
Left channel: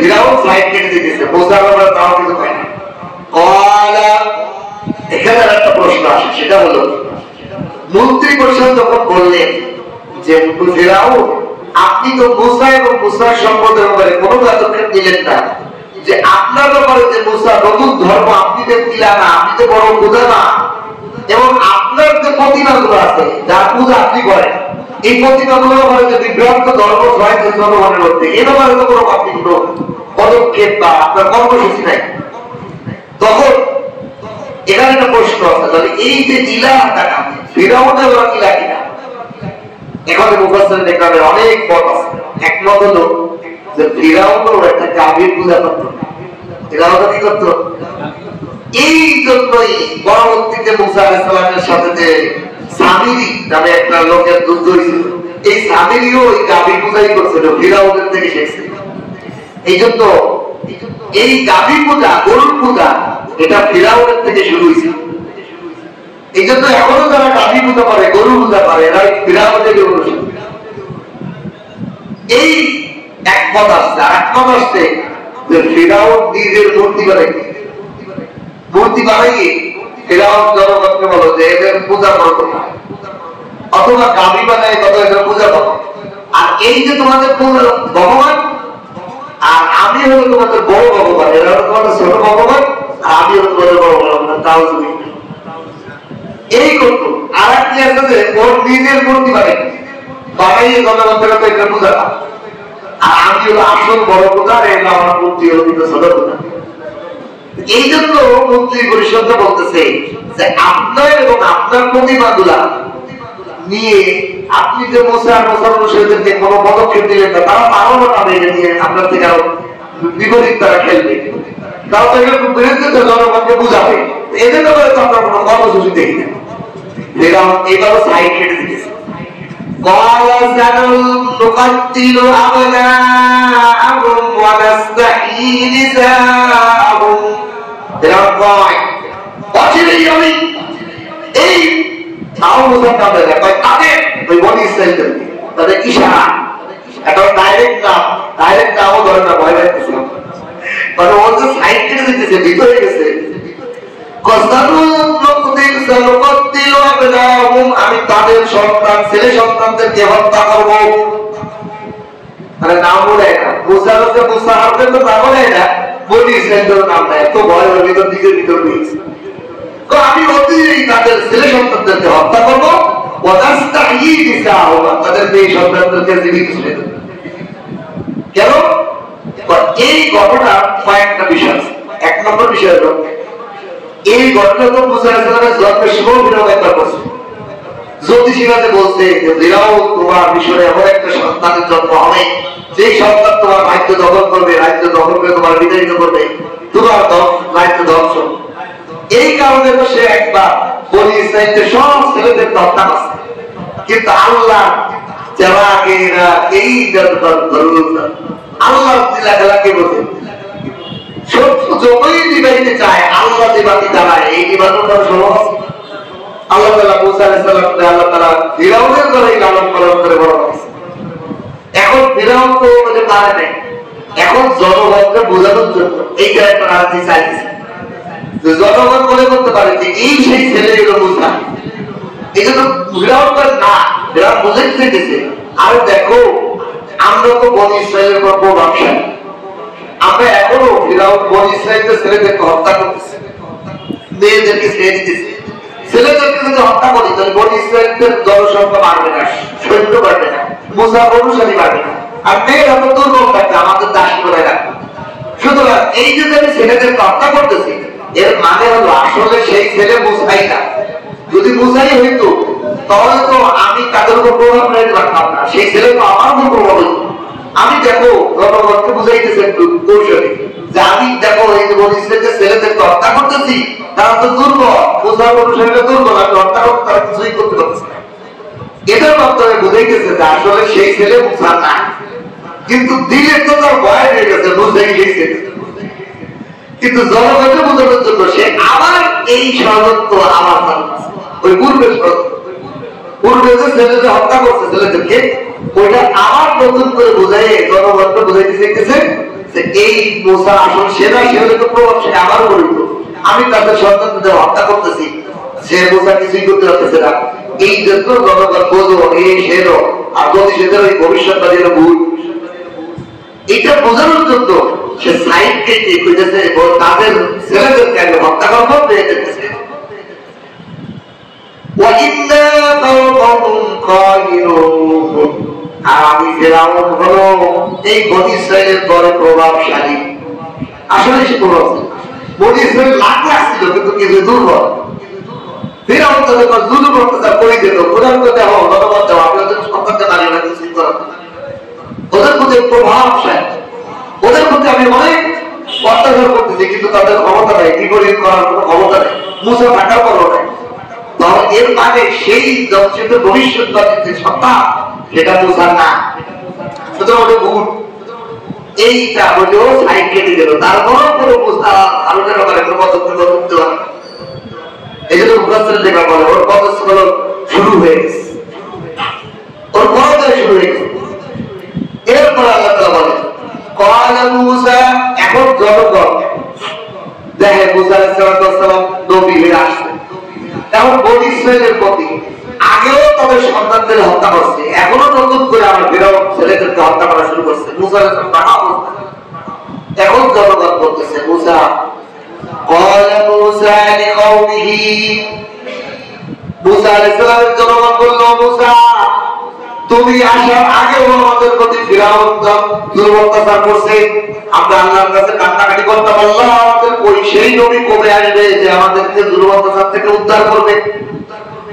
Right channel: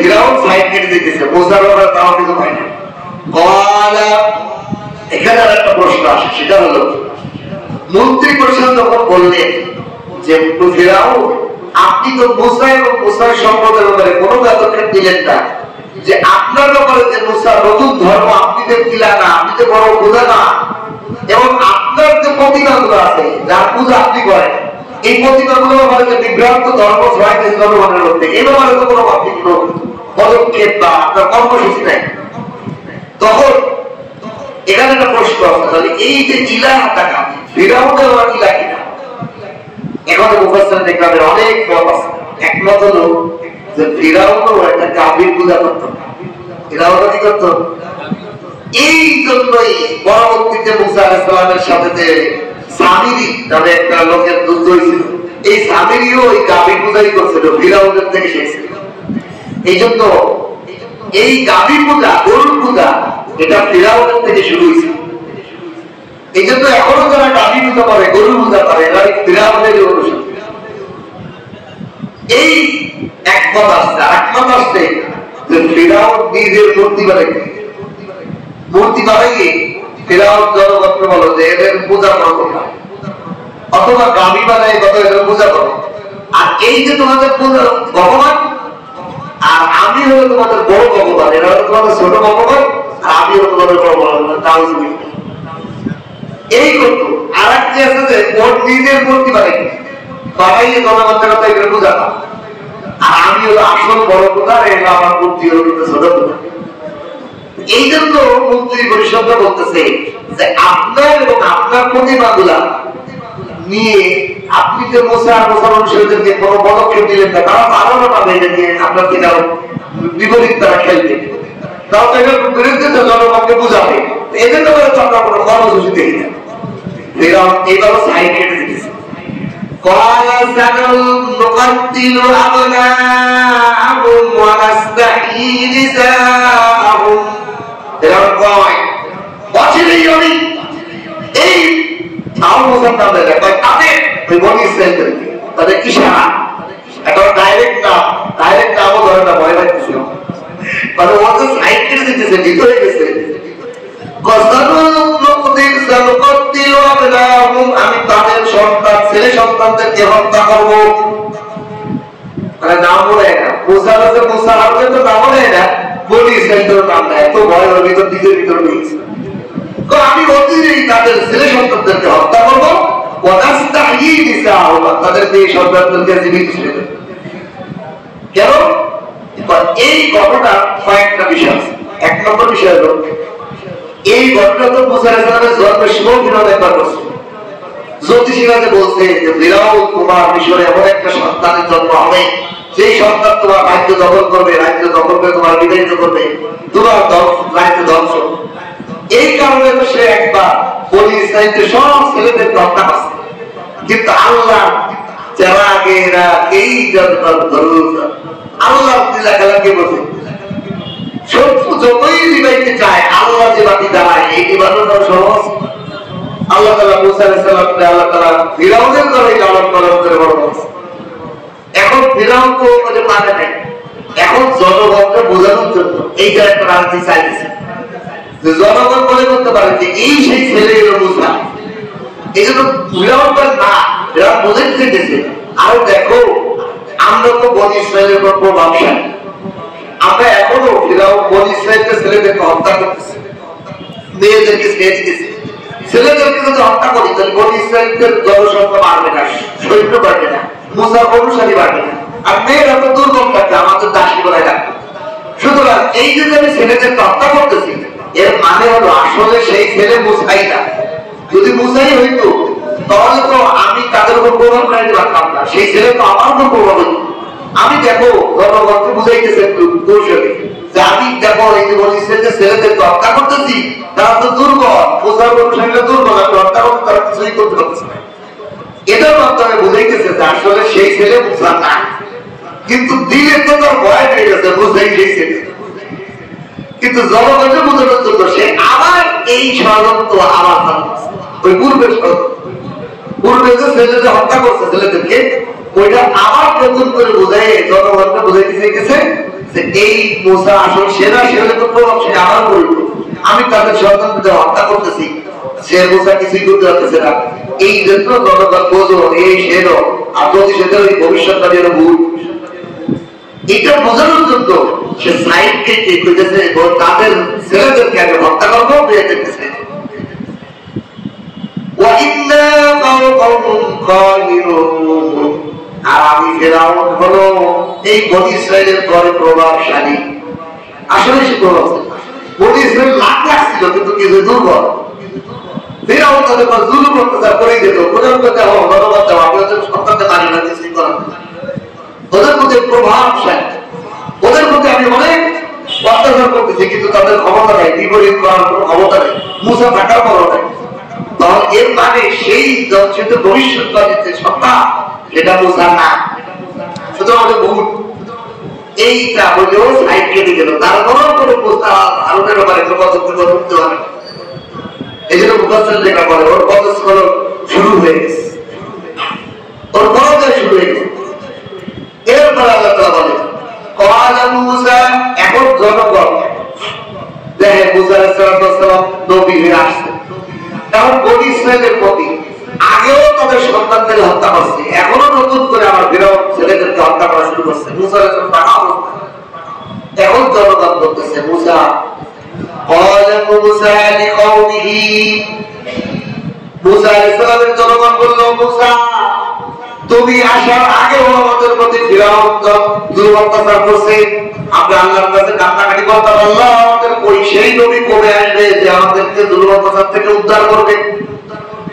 ফিরাউন সাইড কেটে দিতেছে, মূসার ব্যাপারে তাও কিছু হয় না। কলা, এখানে একটা প্রশ্ন আসে, সেটা হলো মন্ত্রী পরিষদ যখন বললেন যে ফিরাউন আপনি তো মূসা এবং মূসার সম্পদের ব্যাপারে কোনো পদক্ষেপ দিলেন না, যে আপনার ব্যাপারে যে মূসা নতুন ধর্ম আপনি তো দিলেন না, আপনি তো বড় পূজা না, এবং আপনার যে প্রতিমাগুলো আছে যার পূজা আপনি করেন এই প্রতিমাগুলো ব্যাপারে যে বিভ্রান্ত ধর্ম ছড়াইছে জনগণের মধ্যে, এই ব্যাপারে তো কোনো আপনি কোনো পদক্ষেপ বা আপনার কর্মসূচি নেই। তখন এখানে একটা প্রশ্ন আছে, এই যে ইলাহটা ফিরাউনের ইলাহ কিনা? এখানে মুফাসসির দেখলামের অনেক মত আছে। একমত হলো যে ফিরাউনও একটা কাবির পূজা করত, ফিরাউন কি করত? এই জন্যই পরবর্তীতে মূসা আলাইহিস সালামের সাথে যে সামিরি নামে একটা লোকের যুদ্ধ হয়েছিল, এই সামিরিও এই কাবির পূজাই করছিল, ফিরাউনের থেকে শিখছিল। এই জন্য এই কাবির পূজা, গরুর পূজা, এটা ফিরাউনের থেকে শুরু হয়েছিল। এই জন্য এখনো যারা গাভী পূজা করে, গরু পূজা করে, এরা ফিরাউনের অনুসারী। এই একমত আসছে। আর একমত আসছে যে ফিরাউন নিজের মূর্তি বানাই, মূর্তি বানাইয়ে ফিরাউন জনগণকে বলো যে এদের পূজা করো না, অথবা গাভী বানাই কত এদের পূজা করো। আর এই যে তোমাদের ভগবান, আর আমি হলো তোমাদের বড় ভগবান, এরা হলো তোমাদের ছোট ভগবান, আর আমি হলো তোমাদের বড় ভগবান। তাও তুমি এই করতো। আর কি আছে যে ওর নিজের মূর্তি বানাইয়ে জনগণের কাছে এটা পূজা না, আর আমি হলো আসল বড় পূজা, এগুলো আমার মূর্তি হলো ছোট পূজা। এই জন্য মন্ত্রী পরিষদ বলতেছে যে আপনার এবং আপনার প্রতিমাগুলা নিয়ে আপনি যে মুসলমানদেরকে কোন পদক্ষেপ দিলেন না, তারা আরো পাবে এটা নিয়ে আপনার থেকে আরো বিপরীত তারা খেলবে, তারা তো এটার বিরুদ্ধে জনগণকে বুঝাবে। এই জন্য তো আমরা কোনো কর্মসূচি দেখি না। এইভাবে সাইড কেটে দিয়েছে। এই তাদের ইশারা, একটা ডাইরেক্ট নাম, ডাইরেক্ট নামও ধরে না, ভয় লাগতেছে, মানে ও তো সাইড কেটে দিতেছে, ভিতরে গেছে। আমি তাদের সন্তান, ছেলে সন্তানদেরকে হত্যা করবো, মানে নাম বলে না, মুসা হচ্ছে মুসা, আপনার তো নাম বলে না, বলি সেন্টার নাম নেয়, এত ভয় হবে ভিতর দিকের ভিতর রয়েছে। আমি অতিরিক্ত তাদের ছেলে সন্তানদেরকে হত্যা করবো, তাদের মেয়ে সন্তানদেরকে জীবিত ছেড়ে দেবো। কেন? এই ঘটনা কয়েকটা বিষয় আছে। এক নম্বর বিষয় হলো এই ঘটনা তো মুসা আলাইহিস সালামের জন্মের সময় ফিরাউন একবার করছে। জ্যোতিষীরা যে বলছে যে ফিরাউন তোমার মিশরে এমন একটা সন্তানের জন্ম হবে, সেই সন্তান তোমার রাজ্য দখল করবে, রাজ্য দখল করে তোমার বিতাড়িত করবে, তোমার রাজ্য ধ্বংস। এই কারণে তো সে একবার বনি ইসরাইলদের সব ছেলেদের হত্যা করছে। কিন্তু আল্লাহ যারা আগে এরা এই আল্লাহ খেলাকে বলছে শত্রু যতই নিবাইতে চায়, আল্লাহ যে বাতি দাঁড়ায়, এই নিবানোটা সহজ। আল্লাহ তাআলা মুসা আলাইহিস সালামকে আল্লাহ তাআলা ফিরাউনের ঘরে লালন পালন করে বড় করেছে। এখন ফিরাউন তো ওদের পারে নাই, এখন জনগণকে বোঝানোর জন্য এইটা একটা রাজনীতি চাইছে যে জনগণ মনে করতে পারে যে এই সেই ছেলে এলো মুসা। এই জন্য ফিরাউনটার না, এরা বোঝাইতে চেয়েছে আর দেখো আমরা তো বনি ইসরাইলের উপর প্রভাবশালী, আমরা এখনো ফিরাউন বনি ইসরাইলের ছেলেদেরকে হত্যা করতেছি, মেয়েদেরকে ছেড়ে দিতেছি। ছেলেদেরকে যদি হত্যা করি তাহলে বনি ইসরাইলের জনসংখ্যা বাড়বে না, সৈন্য বাড়বে না, মুসার অনুসারী বাড়বে না, আর মেয়েরা তো দুর্বল থাকবে, আমাদের দাসী করে রাখবে। সুতরাং এই যে আমি ছেলেদেরকে হত্যা করতেছি, এর মানে হলো আসলে সেই ছেলে মুসাই না। যদি মুসাই হইতো তাহলে তো আমি তাদের উপর প্রভাব ফেলতে পারতাম না, সেই ছেলে তো আমার উপর প্রভাব হইত। আমি দেখো জনগণকে বুঝাইতেছে কৌশলে যে আমি দেখো এই যে বলছে যে ছেলেদেরকে হত্যা করতেছি, তারা তো দুর্বল, মুসার অনুসারীরা দুর্বল, আমি হত্যা করতে তারা কিছুই করতে পারতেছে না। এটার মাধ্যমে বুঝাইতেছে যে আসলে সেই ছেলে মুসা না, কিন্তু দিলে তো তার ভয় হয়ে গেছে, বুঝাই গেছে। কিন্তু জনগণকে বোঝানোর জন্য সে আবার এই ষড়যন্ত্র আবার ওই পূর্বের পূর্বে যে ছেলেদের হত্যা করছে ছেলেদেরকে, ওইটা আবার নতুন করে বোঝাই জনগণকে বোঝাইতে চাইতেছে যে এই মুসা আসল সেনা, সেটা তো প্রভাব সে আবার বলিত, আমি তাদের সন্তানদের হত্যা করতেছি, সে মুসা কিছুই করতে পারতেছে না। এই জন্য জনগণ বোঝো এই সেরো, আর যদি সেটা ওই ভবিষ্যৎটা যেন ভুল, এটা বোঝানোর জন্য সে সাইড কেটে খুঁজেছে তাদের ছেলেদেরকে আগে হত্যা করবো, পেয়েছে। আর আমি ফেরাউন হলো এই বনি ইসরাইলের পরে প্রভাবশালী। আসলে সে প্রভাব বনি ইসরাইল লাখ আসছিল, কিন্তু কিছু দুর্বল। ফেরাউন তাদের জুলুম অত্যাচার করে দিত, প্রধানকে দেওয়া, ধন্যবাদ দেওয়া, আপনাদের সন্তানকে দাঁড়িয়ে না কিছুই করা, ওদের মধ্যে প্রভাবশালী, ওদের মধ্যে আমি অনেক অত্যাচার করতেছি, কিন্তু তাদের ক্ষমতা নেই, বিপরীত করার কোনো ক্ষমতা নেই, মুসা থাকার পরও নেই। তখন এর মানে সেই ভবিষ্যৎবাদী যে সত্তা, সেটা মুসা না, সুতরাং ভুল। এইটা বলেও সাইড কেটে গেল, তারপরও কোনো মুসা হারুনের ব্যাপারে কোনো পদক্ষেপ করতে পারে। এই জন্য মুফাসসির লেখা বলে ওর কলেজ শুরু হয়ে গেছে, ওর কলেজ শুরু হয়ে গেছে। এরপর আল্লাহ তাআলা বলে ক্বালা মূসা, এখন জনগণ দেখে মূসা আলাইহিস সালাম নবী হয়ে আসছে। এখন বনী ইসরাইলের প্রতি আগেও তাদের সন্তানদের হত্যা করছে, এখনো নতুন করে আমার ফিরআউন ছেলেদেরকে হত্যা করা শুরু করছে। মূসা আলাইহিস সালাম এখন জনগণ বলতেছে মূসা قال موسى لقومه, মূসা আলাইহিস সালামের জনগণ বলল মূসা তুমি আসার আগেও আমাদের প্রতি ফিরআউন দুর্বৃত্তাচার করছে, আমরা আল্লাহর কাছে কান্নাকাটি করতে আল্লাহ আমাদের ওই সেই নবী কবে আসবে যে আমাদেরকে দুর্বৃত্তাচার থেকে উদ্ধার করবে,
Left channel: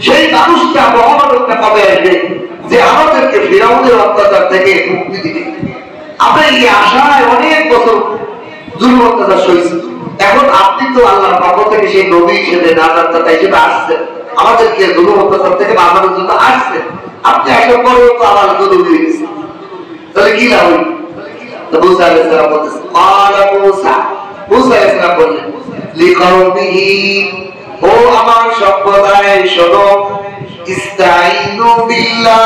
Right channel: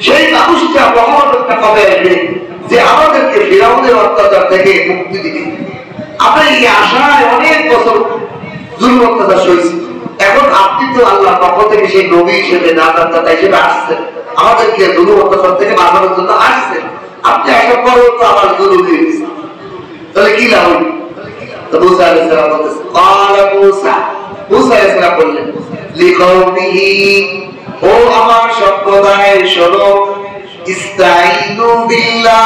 সেই মানুষটা মহামানবটা কবে আসবে যে আমাদেরকে ফিরআউনের অত্যাচার থেকে মুক্তি দিবে। আমরা এই আশায় অনেক বছর দুর্বৃত্তাচার সইছি, এখন আপনি তো আল্লাহর পক্ষ থেকে সেই নবী হিসেবে নাজাতদাতা হিসেবে আসছেন, আমাদেরকে দুর্বৃত্তাচার থেকে বাঁচানোর জন্য আসছেন, আপনি একটা বড় তো আমার জরুরি দিয়েছেন, তাহলে কি লাভ? তো মূসা আলাইহিস সালাম বলতেছে ক্বালা মূসা, মূসা আলাইহিস সালাম বললেন লিকাওমিহি, ও আমার সম্প্রদায় শোনো, ইস্তাঈনু বিল্লাহ,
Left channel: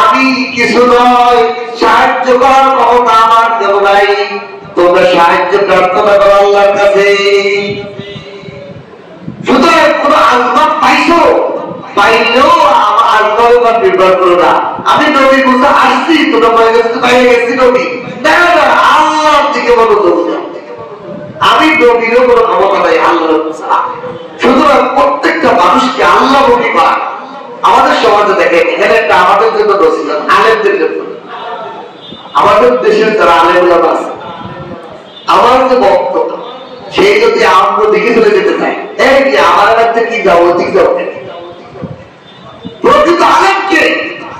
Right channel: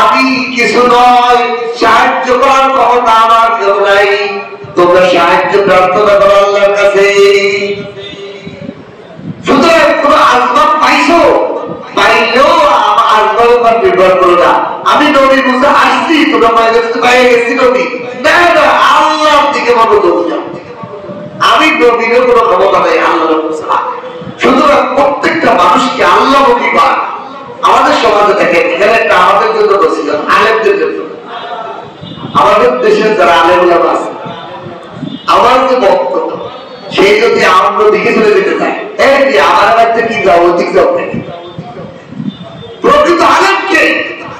আমি কিছু নয়, সাহায্য করার ক্ষমতা আমার কেউ নাই, তোমরা সাহায্য প্রার্থনা করো আল্লাহর কাছে। সুতরাং কোন আসবাব পাইছো, পাইলেও আমার আসবাবের উপর নির্ভর করো না। আমি নবী মূসা আসছি, তোমরা বাইরে গেছি নবী, না না আল্লাহর দিকে মনোযোগ দাও, আমি নবীরও কোনো ক্ষমতা নাই, আল্লাহর মূসা। সুতরাং প্রত্যেকটা মানুষকে আল্লাহ নবী পান। আমাদের সমাজে দেখেন এখানে একটা আমাদের জন্য বলছিল আলেমদের জন্য, আমাদের দেশের যারা আলেমরা আছে আমার যে বক্তব্য সেই যদি আমরা দিকে চলে যেতে চাই, আমার কাছে কি যাও ঠিক যাও, প্রকৃত আলেমকে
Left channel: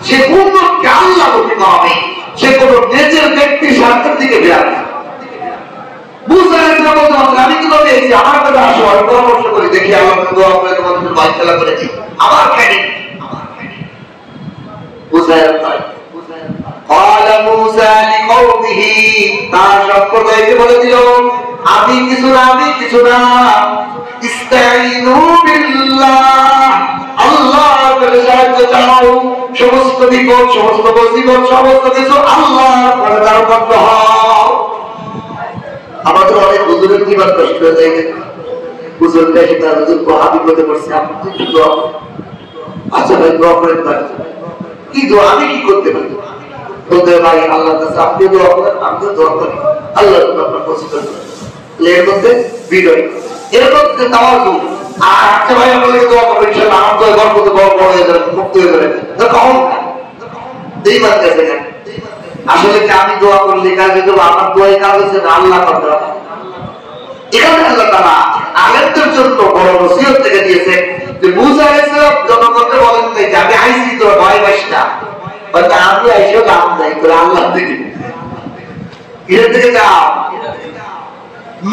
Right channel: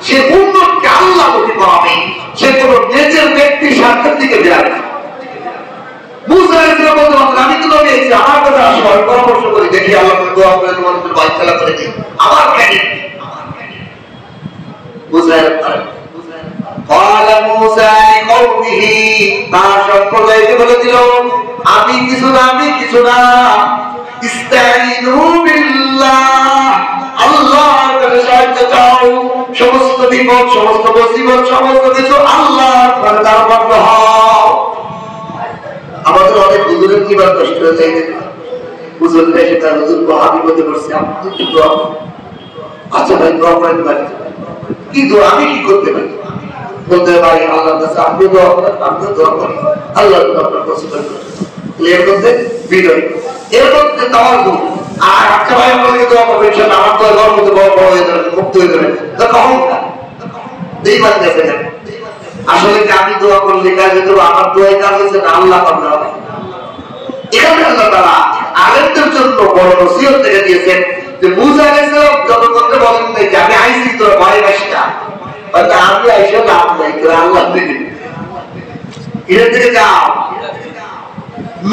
সে পূর্ণকে আল্লাহ নবী পাবে, সে কোন নিজের ব্যক্তির স্বার্থের দিকে বেড়াবে না। মূসা আলাইহিস সালাম বললেন আমি তো নবী আইছি, আমার কথা আসো, আমি পরামর্শ করি, দেখি আল্লাহ দোয়া করে তোমাদের বাইতলা করে দিই, আমার ক্রেডিট। ক্বালা মূসা লিকাওমিহি, তার সম্প্রদায়কে বলে দিল আমি কিছু না, আমি কিছু না, ইস্তাঈনু বিল্লাহ, আল্লাহর কাছে সাহায্য চাও, সমস্ত বিপদ সমস্ত মুসিবত সমস্ত কিছু আল্লাহর কাছে হও। আমাদের অনেক হুজুরের কি বার কষ্ট হয়ে যায়, হুজুর দেখে তার হুজুর আমি বলতে পারছি আপনি একটু দোয়া, আচ্ছা ভাই দোয়া করেন, কি দোয়া আমি কি করতে পারি, বলতে ভাই আল্লাহর কাছে আপনি দোয়া করেন, আপনি দোয়া করেন, আল্লাহ আপনার পছন্দ করেন। এর মধ্যে বিনয়, এর মধ্যে তাওয়াজু, আর আচ্ছা ভাই আপনাকে দোয়া করবেন, সেটা আমার দোয়া করার মতো বড় বড় হয়ে যাবে, মুক্ত হয়ে যাবে, তো কখন এই বাদ গেছে না। আসলে কি আমি দোয়া করলে কাজে দেবো, আমার দোয়াই কাজ হচ্ছে না, আল্লাহ পাবনা। এখানে আল্লাহ তাআলা আলেমদের জন্য বড় নসিহত থেকে দিয়েছে যে মূসা আলাইহিস সালাম জনগণকে বলেন যে আমি আইছি তোরা ভয় পাইস না, মানে আমি আইসা লাভ নাই, তোরা আল্লাহ দিবি, এর থেকে যাও।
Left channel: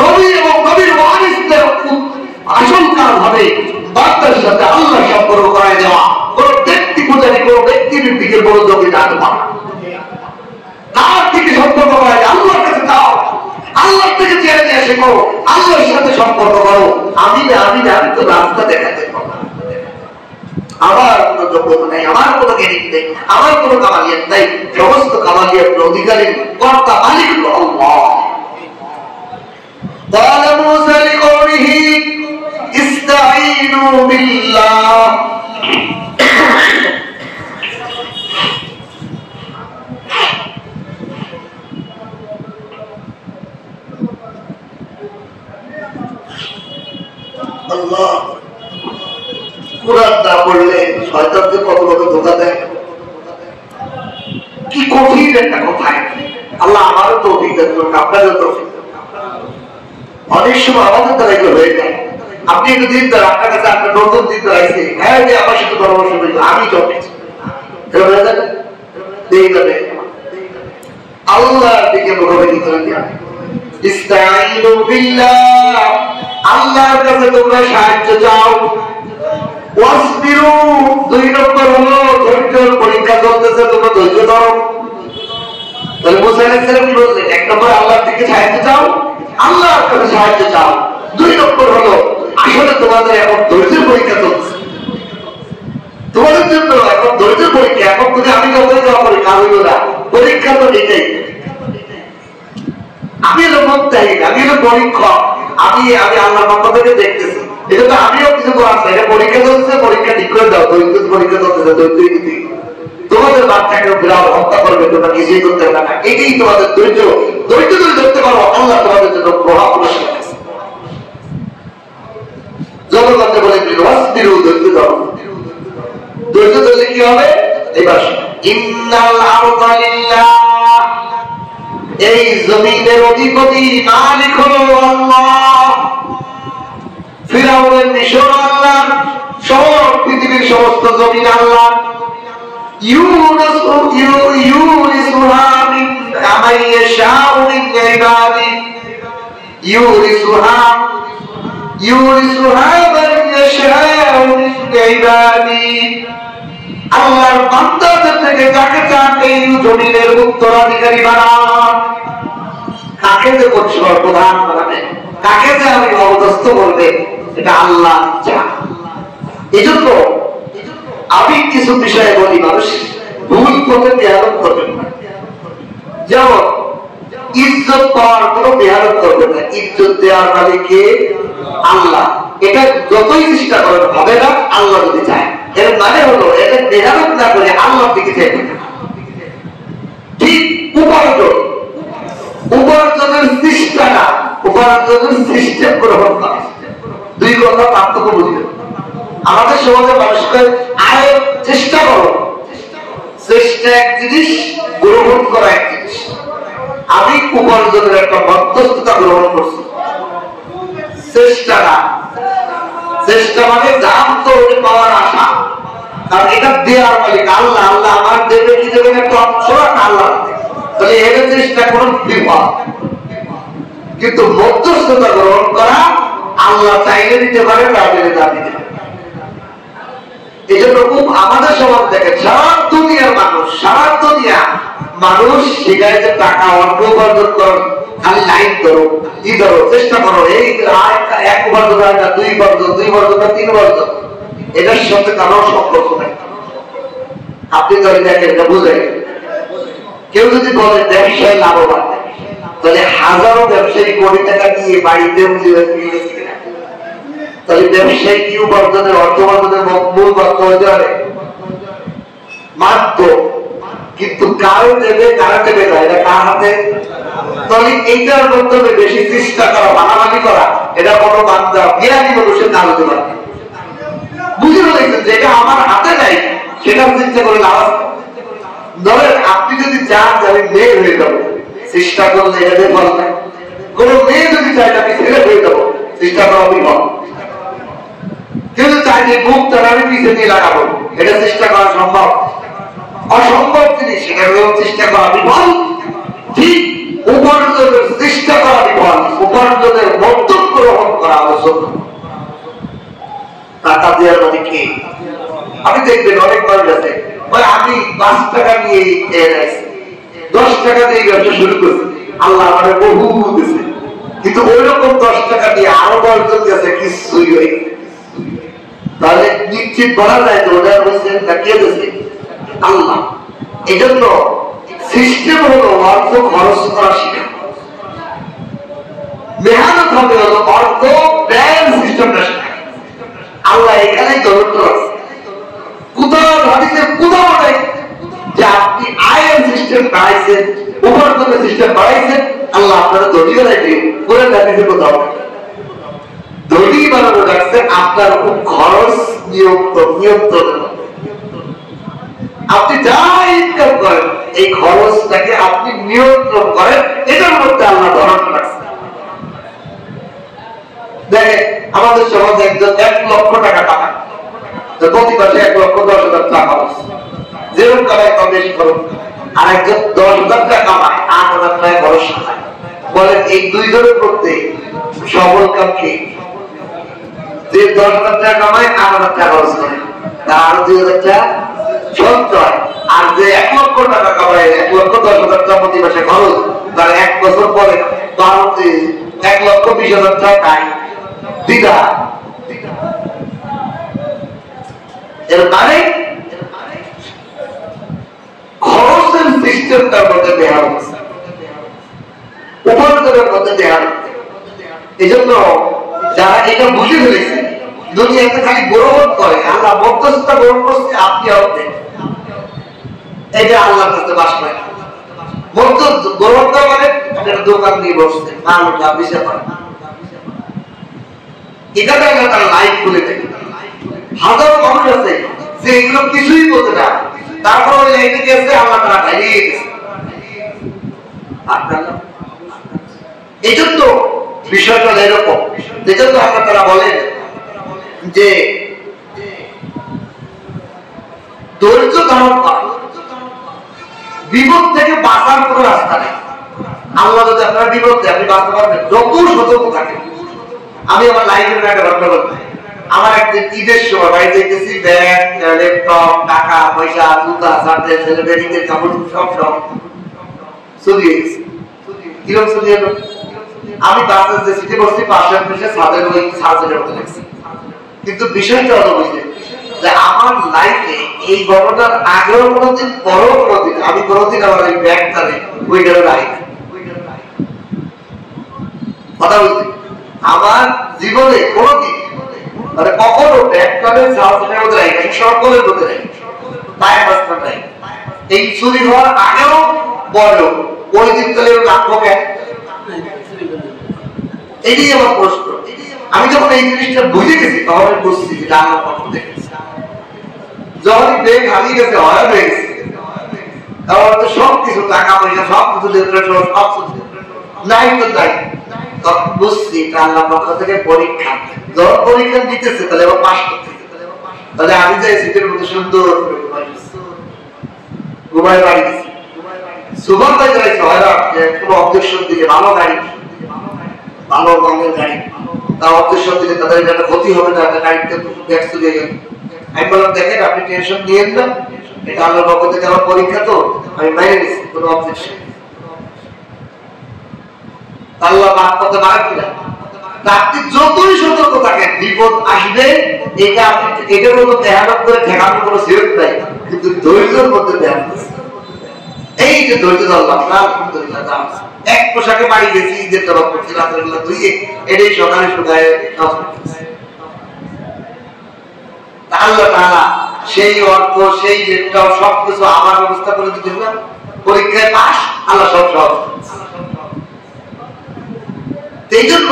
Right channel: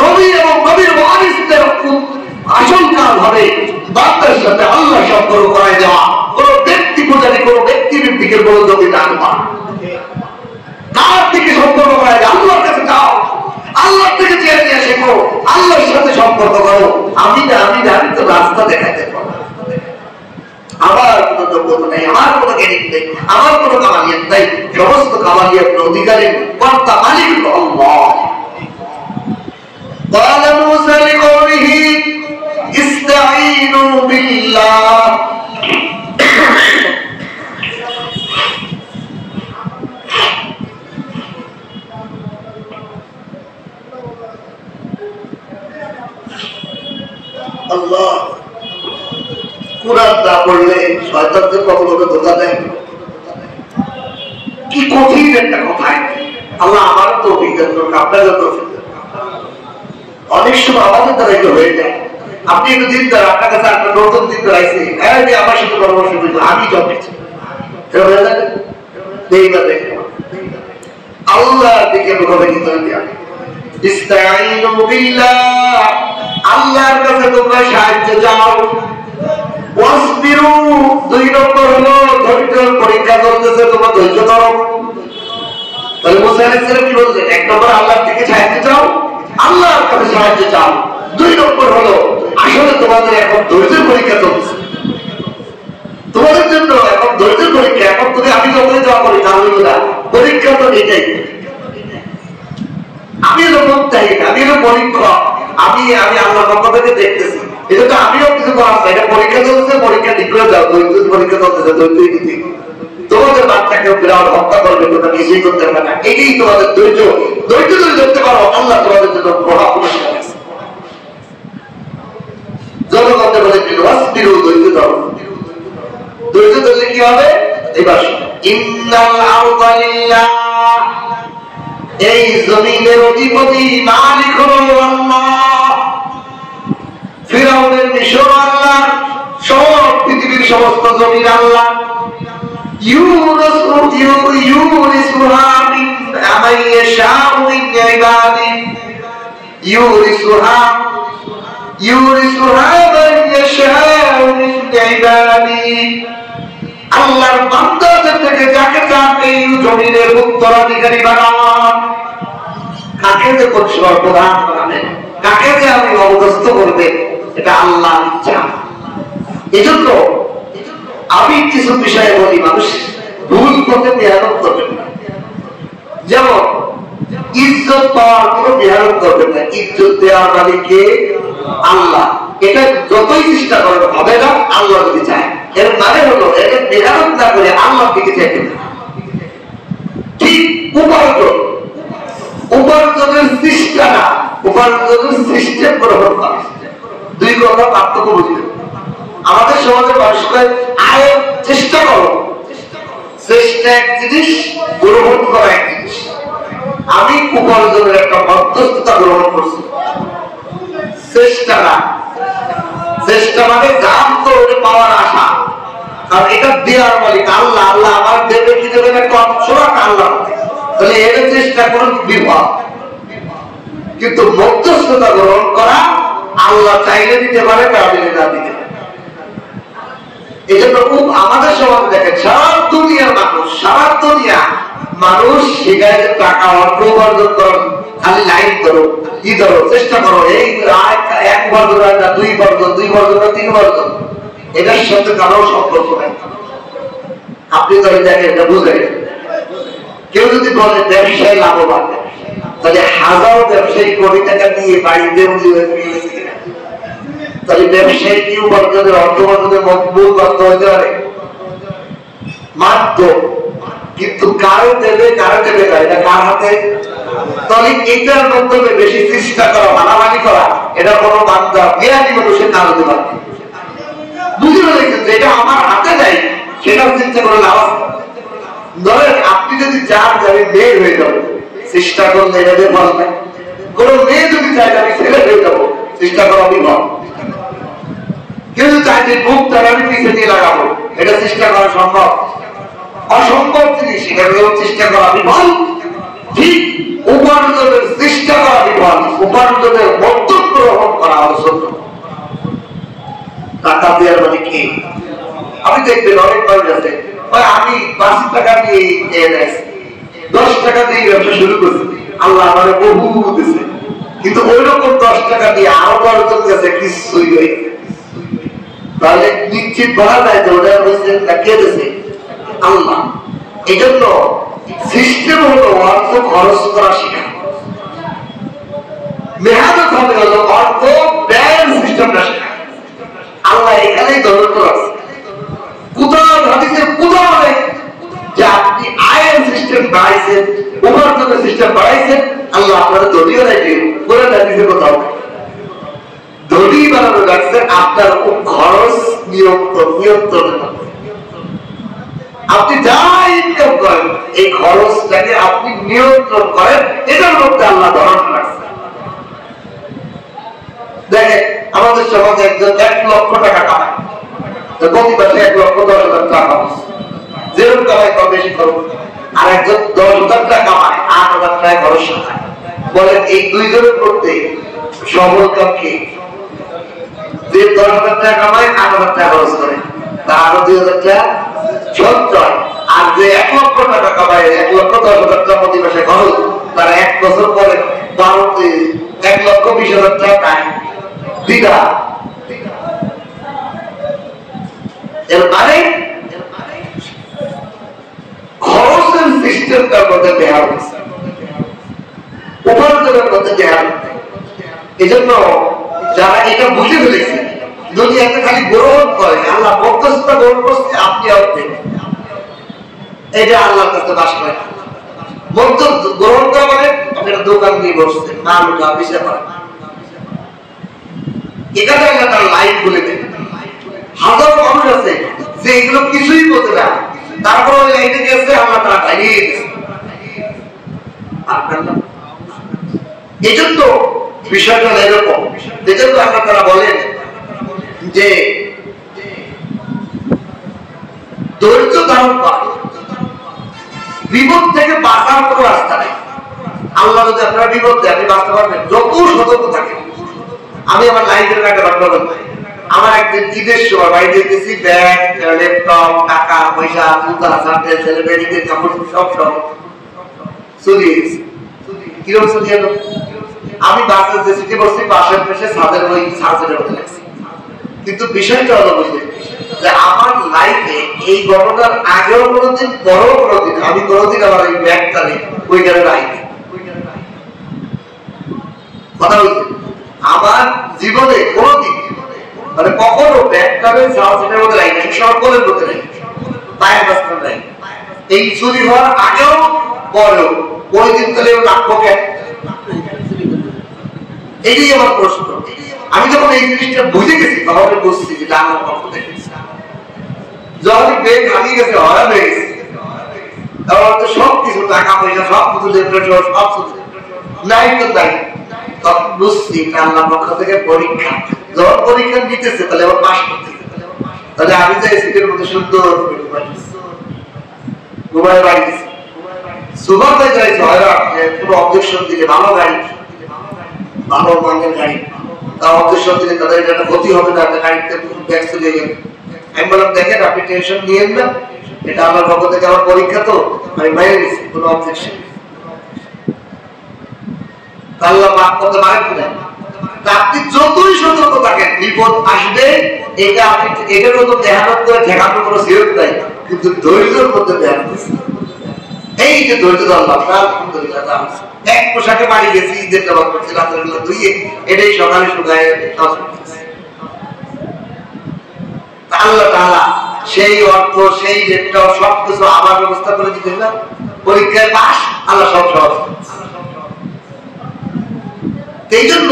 নবী এবং নবীর ওয়ারিসদের আসল কাজ হবে বান্দার সাথে আল্লাহ সম্পর্ক করায় দেওয়া, কোন ব্যক্তি পূজারী কোন ব্যক্তির দিকে মনোযোগী না দেওয়া, কার দিকে সম্পর্ক করায় দেওয়া, আল্লাহর কাছে যাও, আল্লাহ থেকে চেয়ে নিয়ে শেখো, আল্লাহর সাথে সম্পর্ক করো। আমি না আমি তো রাস্তা দেখাতে পারবো, আমার কোন যোগ্যতা নেই, আমার কোন জ্ঞানী নেই, আমার কোন কামালিয়াত নেই, সমস্ত কামালিয়াতের অধিকারী কর্তা মালিক আল্লাহ। قال موسى لقومه استعينوا بالله, আল্লাহ কুরআন না পড়লে শয়তানদের কত বড় ধোঁকা দেয়, কি কঠিন একটা কথা। আল্লাহ আমারও তৌফিক দান করুন, আপনারও তৌফিক দান। অনেক সময় আমাদের দ্বারা এগুলো হয়ে যায়, আপনি একটু দিন দ্বারা আপনার কাছে আপনার নতুন দিন দ্বারা আইসে হ্যাঁ যে আমার সাথে পরামর্শ করলো আমি চলতেছি, এইভাবে আল্লাহর দিকে মুখাপেক্ষি করে দেওয়া। ইস্তাঈনু বিল্লাহ, আল্লাহর কাছে তোমরা সাহায্য চাও। ওয়াসবিরু, 2 নম্বর হলো ধৈর্যের পরীক্ষা চলতেছে, তোমরা ধৈর্য ধরো। তাহলে মুসা আলাইহিস সালাম কি বললেন? 1 নম্বর আল্লাহর দিকে সাহায্য চাও, আল্লাহর কাছে সাহায্য চাও, দুই নম্বর হলো আসলে তোমাদের এখন ধৈর্যের পরীক্ষা চলছে, তোমাদের জন্য এখন ধৈর্যের পরীক্ষা। এখন তুমি আমি যতই দেওয়া করি তা হইল না, পরীক্ষা তো এটাই। আমি হলো মুক্তাহী, আমি হলো পরীক্ষক, আমি আল্লাহর পক্ষ থেকে দেখতেছি। এটা তো আমিও কিছু করার চাই, পরীক্ষা চলছে, পরীক্ষা ঠিক করে দাও। দৈত্য পরীক্ষা চলতেছে, দৈত্যই নীতি। তোমাদের বাচ্চাকে বিরাট হত্যা করবে, তোমরা কিছুই করতে পারবে না। এটাই তোমাদের ধৈর্য। ধৈর্য যদি ধরতে পারো, আল্লাহ তোমাদের জন্য প্রভাব পুরস্কার দিয়েছে। জনগণকে বলে দিল অস্থির ধৈর্য ধরো। ধৈর্য ধরলে কি হবে? এবার ইন্নাল আরদা লিল্লাহ, এই জমিনের অধিপতি মালিক হলো আল্লাহ। ফিরআউনের মিশর আল্লাহ, সব পৃথিবীর সমস্ত জমিন আল্লাহ। ইউরিসুহা মিন মান ইয়াশাউ মিন ইবাদি, ইউরিসুহা মান ইয়াশাউ মিন ইবাদি। আল্লাহর বান্দাদের থেকে যাকে চান এই জমিনের উত্তরাধিকারী বানান। কাকে যে প্রধান বানাবেন, কাকে যে আপনি অবদস্থ করবেন, এটা আল্লাহ চান। এই জন্য আমি কিছু বিষয়ে বলি, মানুষ ভুল পথে মেহনত করবেন না। যেমন ইজ্জত পাওয়ার কোনো মেহনত করবেন না, ইজ্জত দেওয়ার মালিককে আল্লাহ। এটা যতই চেষ্টা করেন হবে না, আল্লাহ যদি চায়। এর মানে হলো এটা মেহনত না করে আল্লাহর দিকে চাইবে না। ঠিক উপার্জনের চেষ্টা না, উপার্জনের সিস্টেম গ্রহণ করা, দুই কথা পার্থক্য বুঝবে। আমাদের সমাজে মানুষকে আয়ের চেষ্টা করো, চেষ্টা এক জিনিস, গ্রহণ করা এক জিনিস। আমি উপার্জনের একটা মধ্যস্থতা গ্রহণ করছি, চেষ্টা না। চেষ্টা মানে দাম তো পাওয়ার আশা, কারণ এটা দেওয়ার মালিক আল্লাহ। আল্লাহ আমার দেবে কি দেবেন একটা অংশ আল্লাহ, তাহলে এর চেষ্টা কোন বিপদ। কিন্তু মধ্যস্থতা গ্রহণ করা, আল্লাহ চাইলে দিতে পারে, না দিলে না দিতে পারে। এই জন্য আমাদের সমাজ দেখেন, সারা দুনিয়ার মানুষ শিখায় যে টাকা অর্থ উপার্জন করো, খালি লাইন ধরো, কি ধরো, চেষ্টা করো। এই এক উপার্জন হয় না, দুই উপার্জন না, তিন উপার্জন, এটার সাথে কারো সম্পর্ক নাই। আপনি যদি দেখেন, এটা বুঝেন। কেউ যদি বলে ব্যবসায় লাভবান, তাহলে হাজারো ব্যবসায়ী কোটি টাকা নিয়ে বাড়িতে তাহলে ব্যবসায়ী কি উপার্জনের অর্থ উপার্জনের মূল বাধ্য হতে পারে মাত্র। কিন্তু কারো দেবে কারো দেবে না, এটা কার হাতে? তাহলে এইটার মাধ্যমে বেশি চেষ্টা করা, মানামানি করা, এটা কোনো বান্দা জ্ঞানী মানুষের কাজ হতে পারে। বুঝে ফেলেছেন যে এটা আমার হাতে নেই, সেটা চিন্তা করে লাভ। ধরেন আপনি যদি চান যে আমি মেয়ে হয়ে যাবো, চেষ্টা করলে এটা ফল নাই। কোন মেয়ে যদি চায় আমি ছেলে হয়ে যাবো, চেষ্টা করা বিফল। কেউ যদি চায় যে মুখ তার আমি পিছিয়ে দিয়ে লাগাবো, এটা চেষ্টা করা সম্ভব? অসম্ভব জিনিস, সেটা চেষ্টা করা বিফল। ঠিক উপার্জনের চেষ্টা করা বিফল, উপার্জনের মধ্যম গ্রহণ করা আলোচনা। টাকা দেওয়ার মানে কি? আমি দেখবেন অনেক মানুষ আছে, আমি 5 টাকা দিয়ে 10 টাকা দিয়ে ব্যবসা শুরু করছি, আল্লাহ আমার বহু দিয়েছে, কিন্তু ওই রকম 10 টাকা দিয়ে আরো 10 জন গেছে, কিছুই হয়ে। তাহলে নিশ্চিত বলা যায় যে ওটা হচ্ছে কে দিয়েছে? আল্লাহ। এই জন্য সিস্টেম হলো অর্থ খরচ করা শিখা, মেহনত হবে হলো অর্থ ব্যয় সিস্টেমটা শেখা। আল্লাহ এখানেই দৌলত আছে। কোথাও ভাবিতে কোথাও বলে যে আপনি আয়ের সিস্টেম বাড়াইছেন, উপার্জনের সিস্টেম বাড়াইছেন, আল্লাহ আপনারা দলীয় রাখি করে রাখি কোথাও দড়ি বানানো রাখছেন আপনার খরচ নিয়ন্ত্রণ। আপনি যা ইনকাম করেন এই খরচটাকে আপনি নিয়ন্ত্রণ করেন, এটার মধ্যে আল্লাহ ধরন রাখছেন। দেখেন আমাদের সমাজে একজন 1 লক্ষ টাকা কামায়, প্রতি মাসে 1,10,000 টাকা যেরকম কামায় কম বেশি খরচ। আর একজন 10,000 টাকা কামায়, 8,000 টাকা খরচ সাজায়। বলেন এই দুইজনের করতে সফল কাম কি? যে 10,000 টাকা কামায় 8,000 টাকা খরচ করে, তার আরো 2,000 টাকা সঞ্চয়। আর যে 1 লক্ষ টাকা কামায় 1,10,000 টাকা প্রতি মাসে খরচ, তার 1 বছর পরে 1,20,000 টাকা দ্বিধা। এর মানে খরচের সিস্টেমটার মধ্যে দেয়া হচ্ছে, উপার্জনের মধ্যে দেয়া হচ্ছে। এই জন্য যারা এটা বুঝে ফেলেছে, দুনিয়াতে খালি গ্রহণ করে, আল্লাহ মধ্যস্থতা গ্রহণ করছে, আপনি অর্ধেক, এটা আল্লাহর কাছে বাস করে। মধ্য গ্রহণ করা মানে একটা দোকান দিয়ে বসছে, মাল উঠা বিষয় করা, এটা আল্লাহ তার লাইফ বলে দেয়। হাজারো মানুষ আছে যে এগুলো কিছুই বলতে না, তারপর ওই লাইনে গেছে, আল্লাহ তারা খাইয়ে গেছে। আপনার না, এই জন্য বিষয়টা এরকম। এই জন্য আল্লাহ তারা বলেন যে ধৈর্য ধারণ করা, বিপদ থেকে বাঁচার কোনো রাস্তা নেই। আল্লাহ যদি আপনারা বিপদ দেয়, আপনি বাঁচতে পারবেন যত সতর্ক থাকেন। আমি আমার লাইব্রেরির একটা ঘটনা বলতে, আমার একদিন ঈদের সময় বাড়ি দেখতেছি ব্যাগ, ল্যাপটপ, টাকা পয়সা, জুতা, সাথে ছেলে মেয়েদের কাপড় সব চলিয়ে গেছে। কিরকম চলিয়ে গেল? আমি বাসের যে সিটি বসছি, পাশের পাশে ছাদের ওই সার্জেনের মতো লাগছে। কিন্তু বিষয়টা হলো বুঝলেন যে আমার লাইফে এই ঘটনার আগেও কোনোদিন, পরেও কোনোদিন, আমি কোনোদিন আমার এই ব্যাগটা ওই গেলে নাই। কথা বলছি, আমার জীবনে কোনোদিন মানে কখনো ব্যাগটাকে সার্জেনের মধ্যে নাই, সকলের মধ্যে নাই, পায়ের মাঝখানে নাই। এই চুরি হওয়ার আগেও পরেও ওই দিন তাহলে রাখবো কেন? এটাই আমার প্রশ্ন। আমি যখন এই জিনিসটা বুঝে গেছি, তখন বুঝছি যে আল্লাহর পক্ষ থেকে। যখন ব্যাগ হারিয়ে গেছে, হয়রান হয়ে গেছে, কারণ সবকিছু টাকা পয়সা সবকিছু সবকিছু নাই তো নাই, তখন বুঝছি আল্লাহর পক্ষ থেকে পরীক্ষা। যখন পরীক্ষা নিতেছে, তাহলে আবার পাস করতেছে। তাহলে আমি যাই সিটের মধ্যে সুন্দর ঘুমায় বাড়ি দিচ্ছি, সুপার পাই যাইছে হয়রান, কোনো অবজেকশন দিলে ভালো গাড়ি, ভালো মানের গাড়ি, তার অবজেকশন দিলে তাদের একটা ক্ষতি হবে না, একটা গাড়িতে ব্যাগ চলে গেল। আমি বললাম দেখেন, আপনি টেনশন নিয়েন না, এটা আল্লাহর পক্ষ থেকে আমার পরীক্ষা, তো আমি মাইনে নিচ্ছি, কোনো অবজেকশন। আল্লাহ মাফ করতে পারেন কিনা? আপনি যতই সতর্ক থাকেন, বিপদ আসবে, এটা আপনি এটার মতো মেহনত করে ঠেকানোর কোনো সিরত নাই, কিন্তু ধৈর্যের মধ্যে ধ্যান দিচ্ছি। এই যে ধৈর্য ধরলাম, আলহামদুলিল্লাহ, এক পোশাকে বাড়ি গেছি, ঈদের জবাব করছি, রাতের বেলা ধুইয়ে এটাই সকালে শুকায় আল্লাহ তাআলা সেই অর্থ, সেই লেপটপ সবকিছু আমার ব্যবস্থা করে দিতে না। পরীক্ষায় পাস, আল্লাহ সব সহজ। এই জন্য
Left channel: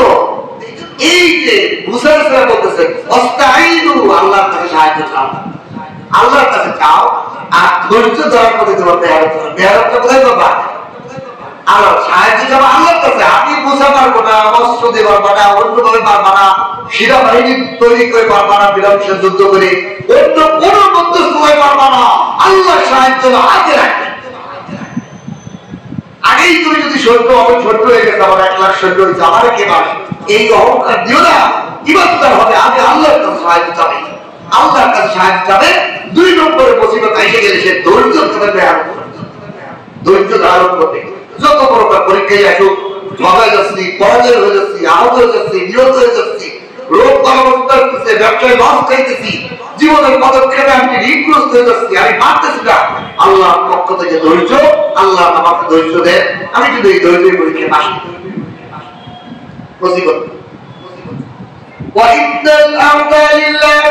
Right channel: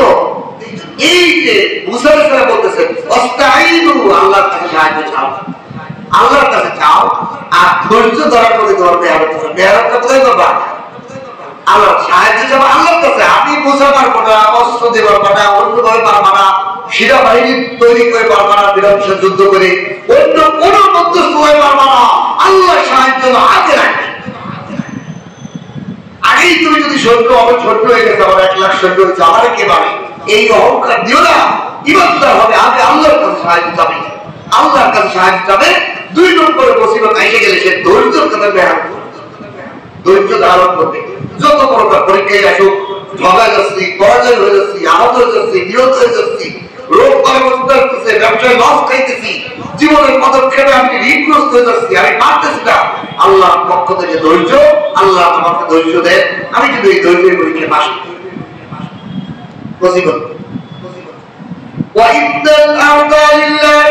এই যে মুসা আলাইহিস সালাম বলতেছেন, আস্তাঈনু, আল্লাহর কাছে সাহায্য চাও, আল্লাহর কাছে চাও, আর ধৈর্য ধরার মধ্যে তোমার মেহনতটা কোথায় পাবা? আল্লাহ সাহায্য চাও আল্লাহর কাছে। আমি মুসা পারবো না, অস্ত্র দিয়ে পারবো না, অন্যভাবে পারবো না, সেনাবাহিনী তৈরি করে পারবো না, বিরামসে যুদ্ধ করে অন্য কোন মধ্যস্থ হয়ে পারবো না। আল্লাহ সাহায্য আগে রাখবে। আগেই তুমি যদি সৈন্য, আমার ছোট হয়ে গেছে, আমার 1 লাখ সৈন্য হয়েছে, আমার কে পারে, এই অহংকার দিও না। ইমানদার হবে, আগে আল্লাহর কাছে সাহায্য চাবে, আল্লাহর কাছে সাহায্য চাবে। 2 নম্বরে মুসিবত এসে গেলে সে ধৈর্যের কথা ধ্যান করবে, ধৈর্য ধারণ করবে। যত বড় পরীক্ষায় আসুক, ঝগড়া যাচ্ছি, পরাজয় হয়ে যাচ্ছি, আহত হয়ে যাচ্ছি, নিহত হয়ে যাচ্ছি, রোগ পরামর্শ আসতেছে, ব্যবসায় লস খাইতেছি, জীবনের পদক্ষেপে আমি ঋণগ্রস্ত হয়ে যাচ্ছি, আমি পারতেছি না, আল্লাহর পক্ষ থেকে ধৈর্য, আল্লাহ আমাকে ধৈর্য দেন। আমি যদি এই ধৈর্যের পরীক্ষায় পাস করি,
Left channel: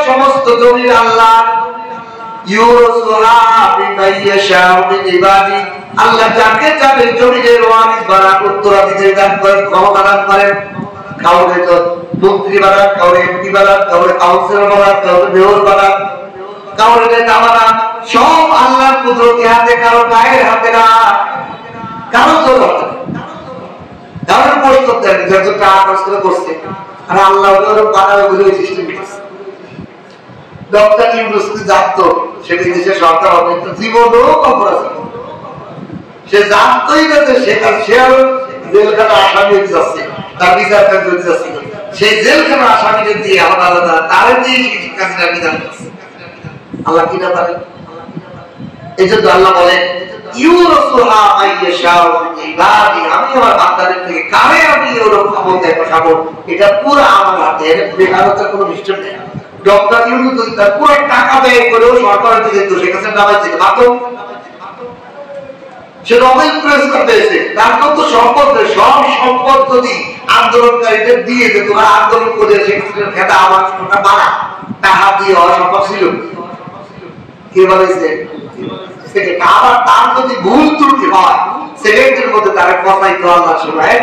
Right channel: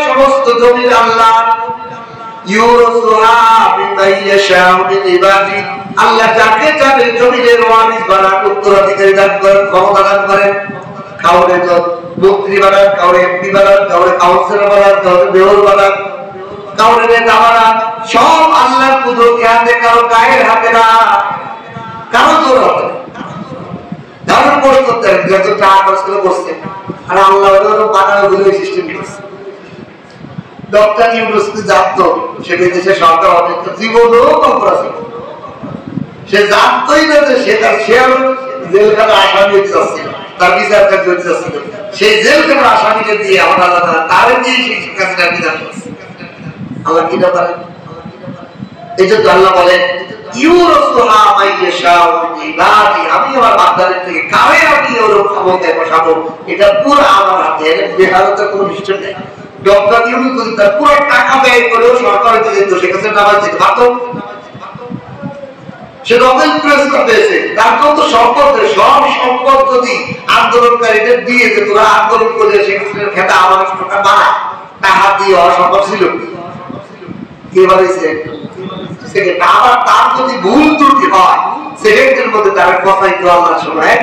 সমস্ত জমিন আল্লাহ, আল্লাহ যাকে যাকে জমিনের ওয়ারিস বানান, উত্তরাধিকারী দান করেন, ক্ষমতা দান করেন। কাউরে মন্ত্রী বানান, কাউরে এমপি বানান, কাউরে কাউন্সিলর বানান, কাউরে মেয়র বানান, কাউরে নেতা বানান, সব আল্লাহর কুদরতি হাতে, কারো গায়ের হাতে না, কারো জোর হাতে। কারোর কষ্ট করতে যত টাকা খরচ করে করছে, আর আল্লাহ বানানো সিস্টেম করছে। ডক্টর ইউনুস জানতো সেটা দেশের সরকার অপেক্ষা জীবনও কল্পনা ছিল, সে জানতোই না যে সে আরো জেলখানা আসামি হয়ে যাচ্ছে, তার বিচার কার্য হয়ে যাচ্ছে, সেই জেলখানা আসামিকে দিয়ে আলাদা আলাদা তারে দিয়ে সেই কাজটা বিধান করছে। আল্লাহ কিনা পারেন। এই জন্য আল্লাহ বলেন ইউরসুহা মাইয়াশাউ মিন ইবাদি, আমি আমার বান্দাদের থেকে কারে আমি ওরকম ক্ষমতায় বসাবো, এটা পুরো আমার হাতে। এর বেহারতের কোনো বিষয় নেই। ডক্টর ইউনুস তার পুরো টাকা ব্যয় করেও সরকারের থেকে তো সেখানে নামাজ দিতে পারত। সে নোবেল পুরস্কার পেয়েছে, তার কত সম্পদ, সব সম্পদ যদি আন্দোলনকারীদের দিয়ে যে তোরা আন্দোলন করে সেখানে খেতা আমার বানা টাকা দিয়ে অসম্ভব ছিল। কে বলেছে আবার তার যদি ভুল ত্রুটি হয় সেকেন্ডের মধ্যে তার কথাই তো আল্লাহ শোনায়।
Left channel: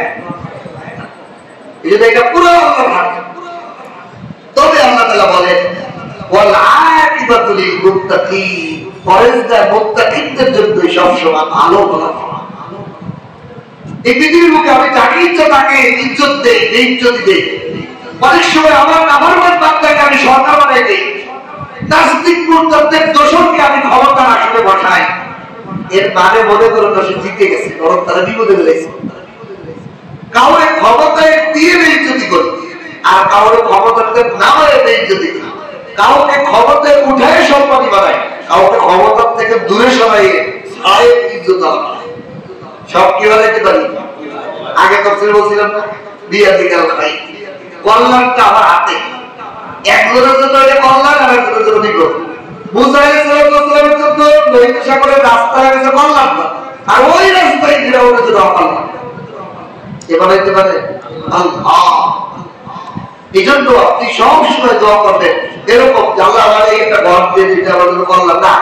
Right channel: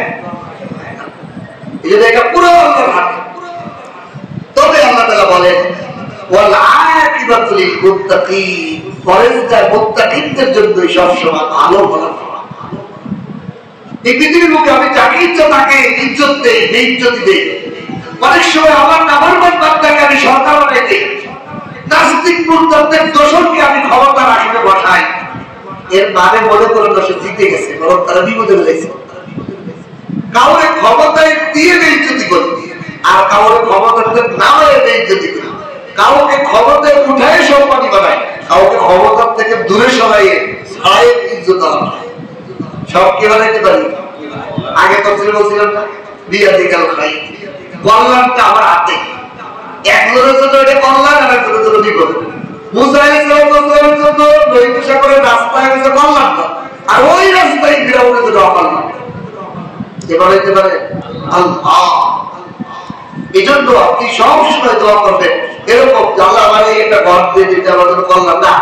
এই জন্য এটা পুরো আল্লাহর হাতে। তবে আল্লাহ তাআলা বলেন ওয়াল আকিবাতুল লিল মুত্তাকিন, পরহেজগার মুত্তাকিনদের জন্য সবসময় ভালো ফলাফল। এই পৃথিবীর মধ্যে আমি যাকে ইচ্ছা তাকে ইজ্জত দেই, বেইজ্জত দেই। অনেক সময় আমার নাফরমান বান্দাকে আমি সরকার বানাই দেই, নাস্তিক মুরতাদদের দোষরকে আমি ক্ষমতার আসনে বসাই। এর মানে মনে করুন না সে জিতে গেছে, বরং তারা বিপদে ফেলেছে। কাউরে ক্ষমতায় দিয়ে বেইজ্জতি করি, আর কাউরে ক্ষমতাতে নামায় বেইজ্জতি করি। কাউকে ক্ষমতায় উঠায় সম্মানী বানায়, কাউকে ক্ষমতার থেকে দূরে সরাইয়ে ছাড়াই ইজ্জত আলাদা। সব কে বানাইতে পারি? আগে কথা বলছিলাম না, বিয়া দিকাল খাই, কল্যাণটা আমার হাতে। একজনের জন্য এটা কল্যাণ, আর একজনের জন্য বিপদ। মুসা আলাইহিস সালামের জন্য লোহিত সাগরের রাস্তা হয়েছে কল্যাণ, আর ওই রাস্তায় ফিরাউনের জন্য অকল্যাণ। কে বানাইতে পারে? আল্লাহ। এই জন্য আপনি সবসময় দোয়া করবেন এরকম, আল্লাহ আমাকে একটা ঘর দিয়ে দিতে, আমার জন্য কল্যাণ না,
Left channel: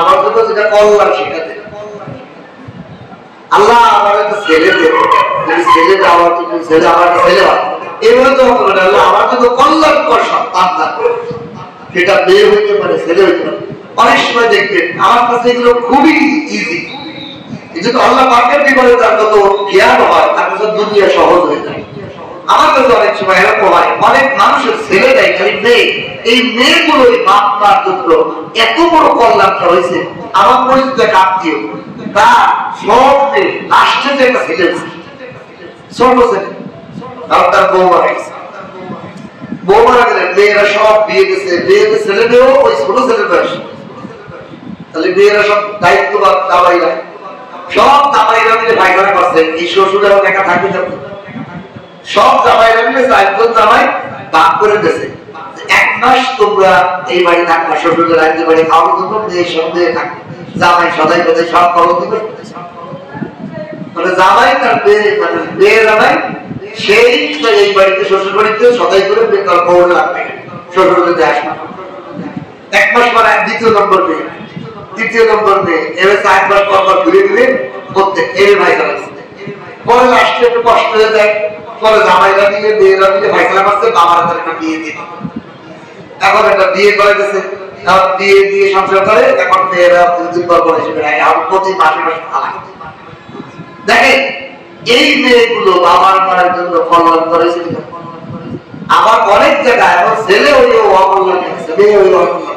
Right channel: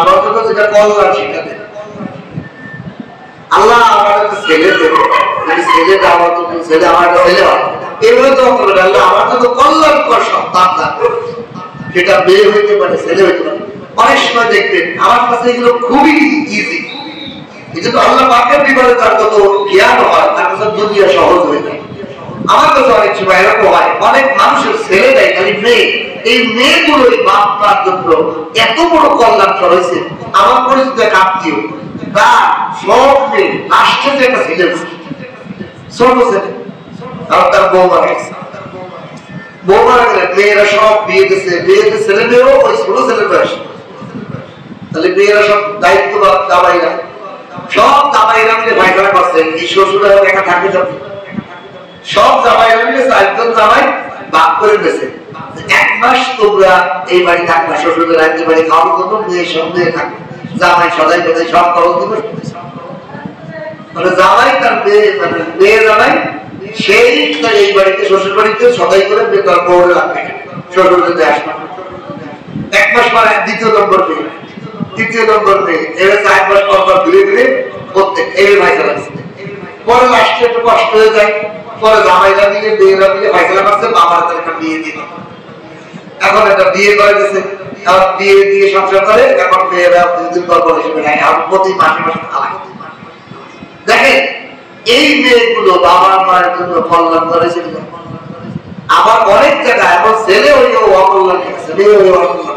আমার জন্য যেটা কল্যাণ সেটা দেন। আল্লাহ আমার একটা ছেলে দেবে, ছেলে দেওয়ার জন্য ছেলে আমার ছেলে হয়, এভাবে দোয়া করবেন আল্লাহ আমার জন্য কল্যাণকর সন্তান দান করুন। সেটা মেয়ে হইতে পারে, ছেলে হইতে পারে। অনেক সময় দেখবেন আমার কাছে এগুলো খুবই ইজি। এই জন্য আল্লাহ পাকের বিপরীতে তার কত জ্ঞান হয়, তার কাছে দুনিয়া সহজ হয়ে যায়। আমার কাছে অনেক সময় এরকম হয়, অনেক মানুষের ছেলে দেয় খালি মেয়ে, এই মেয়েগুলোই বাপ মার জন্য এত বড় কল্যাণটা হয়েছে। আমার পরিচিত এক আত্মীয়, তার সব মেয়ে লাস্টে যে একটা ছেলে, ছোট ছেলে, আর তার বউ মারা গেছে। বউ মারা গেলে মেয়েরা সব বিয়ে দিচ্ছে, বিয়েতে ছেলে মেয়েও ওই ছোট ছেলের বয়স। তাহলে মেয়েরা সব দায়িত্ব বা দাবাইরা, সব দাবাইরা মিলে পায়খানা করছে। এই শ্বশুরা একা থাকবে যাবে, সব জামাইরা মিলে চারজন জামাই ভাগ করে দিয়েছে, 1 মাস তোমরা এই বাড়ি থাকবা, শ্বশুরের রাজ্যের বাড়ি খাওয়ার জন্য মেয়ের সঙ্গে থাকবে। জামাই সদাই বেঁধে সব খবর দিবে। মানে জামাই তার মেয়ে জামাই সেই এই বাড়িতে শ্বশুর বাড়িতে সদাই করে বেকার খবর রাখবে, শ্বশুরের আসবে। 1 মাস পরে 2য় নম্বর মেয়ে, 3য় নম্বর মেয়ে, এবার 4 মাস পর ধীরে ধীরে করতে এই ভাই চালাচ্ছে। পরে লাস্টে একটু কষ্ট হয়ে যায়, পরে জামাইরা মিলে মেয়েরা মিলে ফয়সালা করছে বাবার তার একটা বিয়ে দিল। এখন একটা বিয়ে করে দিয়েছে, বিয়ে দিয়ে সংসার করে। এখন মেয়েরা 2 দিন পর পর হিসেবে নেয়, আর প্রতি মাসে মাসে তালাক। দেখেন এই মেয়েগুলো বাবা মায়ের জন্য কল্যাণ করেছিল। আবার অনেক জায়গায় এখন ছেলে ওই অকল্যাণ আছে, মেয়ে ওই অকল্যাণ,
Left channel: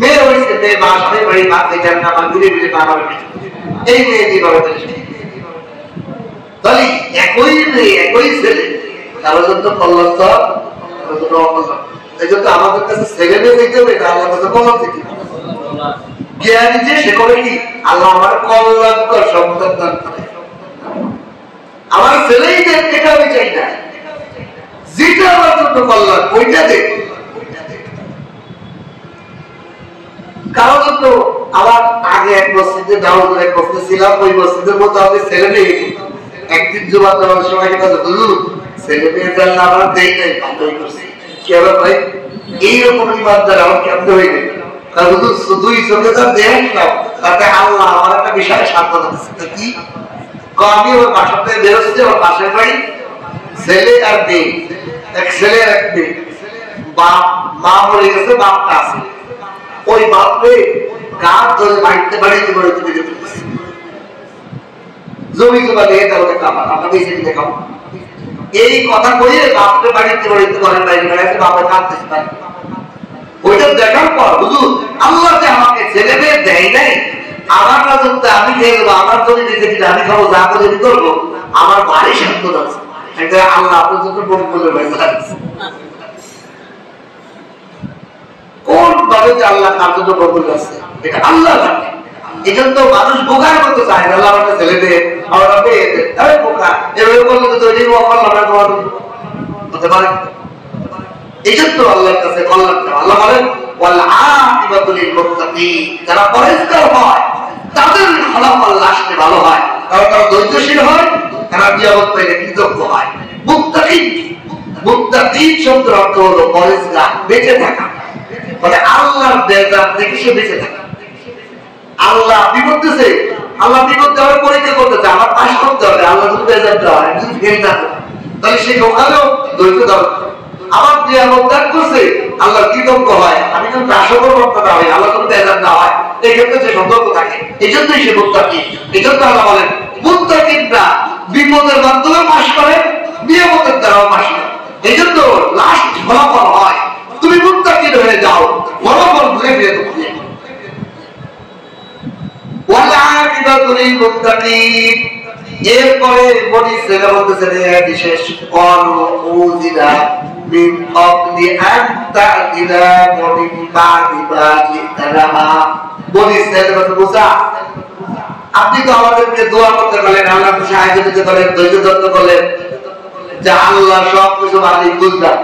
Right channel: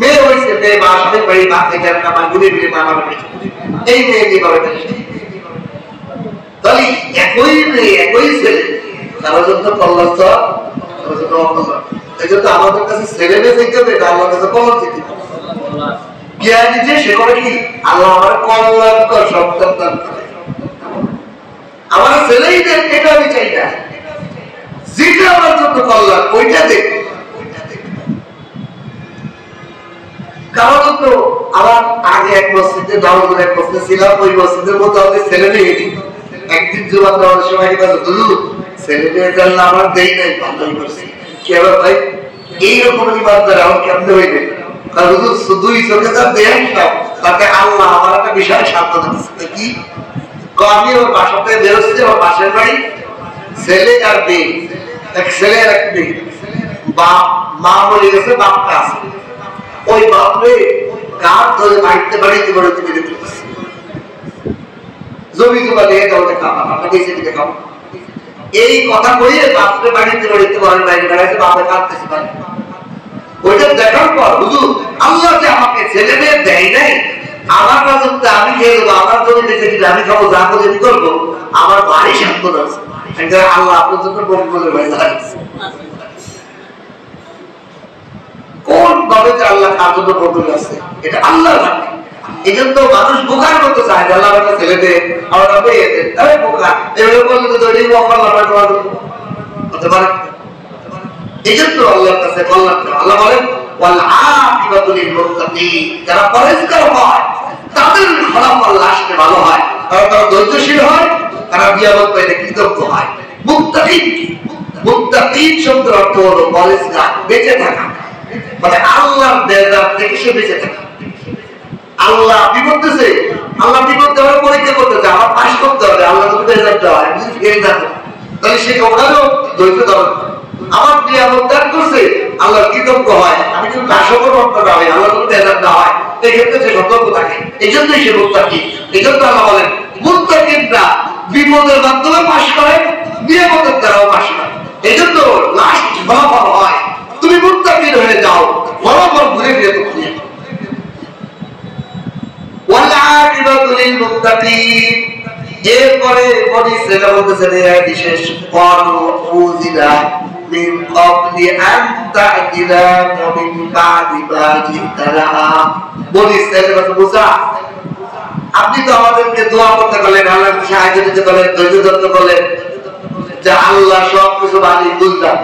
মেয়ে হয়েছে মেয়ে মা স্বামীর বাড়ি ভাত দেখে আমার ঘুরে ঘুরে বাবার বাড়ি, এই মেয়ে কি করে তাহলে একই মেয়ে একই ছেলে, তারা যত কল্যাণ যত অকল্যাণ। এই জন্য আমাদের কাছে ছেলে মেয়ে দেখতে হবে, এটা আল্লাহর কাছে কল্যাণ দেখতে হবে। জ্ঞানী যে সে করে কি আল্লাহ আমার কল্যাণকর সন্তান দান করে। আমার ছেলেই দেখ, এটা আমি চাই না, যেটা আমার জন্য কল্যাণ ওইটা দেখ। কারণ তো আমার আগে এক মসজিদে দাওয়াতের এক মসজিদে ছিলাম, ওই মসজিদের মধ্যে আমাদের ছেলে মেয়ে গেছি। একদিন জুমার দেওয়ার সময় ছেলে মেয়ে গেলেন আমরা দেই নাই, ভালোই করছি। কে ভাই এইরকম ইমানদার আমার কেমন হয়ে গেল, শুধুই চোখে যা দেন তাতে আল্লাহ আমার একটা বিষয় সান্ত্বনা দিচ্ছে। কি আমি ওর বাসাতে বেরোচ্ছি, ওর পাশের বাড়ি ছেলে আর মেয়ে, এক ছেলে আর এক মেয়ে। বাপ মা মরে গেছে, বাপটা আছে। ওই বাপরে গাছ ধরে বাড়িতে বাড়িতে বাড়িতে বেঁধে ফেলতেছে, জমি জমা নিয়ে যাও খাবা, আমরা বেঁচে দিতে খাবো। এই কথা বলে বাপরে বাড়িতে বাড়িতে ঘরের বাইরে বেড়াইতে বাপে কাঁদতেছে পারে। ওইটা দেখার পর হুজুর আল্লাহ যে আমাকে ছেলে মেয়ে দেয় নাই, আমার রাজত্বে আমি খেয়ে দেবো, আমার জমি বেঁচে দিলে আমি খাবো, যা করে আমি করবো, আমার বাড়ি শান্ত আছে। আল্লাহ আপনার জন্য বলে কোন ভাবে যে আল্লাহ কার জন্য বদল আছে এটা আল্লাহ জানে। এই জন্য মানুষ বোকার মতো চায়, আল্লাহ আমাদের ছেলেদের আমার মেয়েদের তাই বোকা, এভাবে বললে তো তৈরি হতে পারে। এই জন্য আল্লাহর কাছে কল্যাণ, আল্লাহ বলেন ওয়াল আকিবাতুল লিল মুত্তাকিন, যারা পরহেজগার হয় তাদের ফলাফল আসলে ভালো হয়, কারণ তারা ধৈর্যশীল হয়, তারা নিয়ামত পেলে কৃতজ্ঞ হয়। মুত্তাকিন, মুত্তাকিন শব্দের অর্থ হলো পরহেজগার, বেঁচে থাকা, মানে আল্লাহর বেজার থেকে সে বেঁচে থাকে। আল্লাহ বিপদ দিছে, আল্লাহ বিপদ দেওয়ার পরীক্ষা করতেছে, আমার পাশ করতে হবে, আল্লাহ যদি বেজার হয় যদি ফেল থাকো তাহলে সে ওখানেও ধৈর্য ধরে। আমার নিয়ামত ত্যাগ করছে, আল্লাহ কৃতজ্ঞ হয়, আমি যদি নাশকতা হয়, আল্লাহ যদি বেজার না হয়, এই ক্ষেত্রে সে সতর্ক থাকে। এই জন্যই সে মুত্তাকিন। এই জন্য আল্লাহ বলেন মুত্তাকিনরা বিপদের মাধ্যমে পাশ করে, নিয়ামতের দ্বারাও পাশ করে। এই জন্য লাস্ট ফলাফল হয় তুমি মুত্তাকিন হয়ে যাও, ফলাফল ঘুরে ফিরে তো খুঁজে। ওয়ালাকিবাতুল লিল মুত্তাকিন, এরপরে বনি ইসরাঈল বলতেছে বিশেষ কল উযিলা মিন ক্বাবলি আন তা'তিনা ওয়া মিন বা'দি মা জি'তানা। বনি ইসরাঈল বলতে মুসা, আপনি তো আমাদেরকে দোয়া করতে বলেন, আল্লাহকে সাহায্য দিতে বলেন, ধৈর্য ধরতে বলেন, যে আল্লাহ সব কিছু মালিক বুঝদার।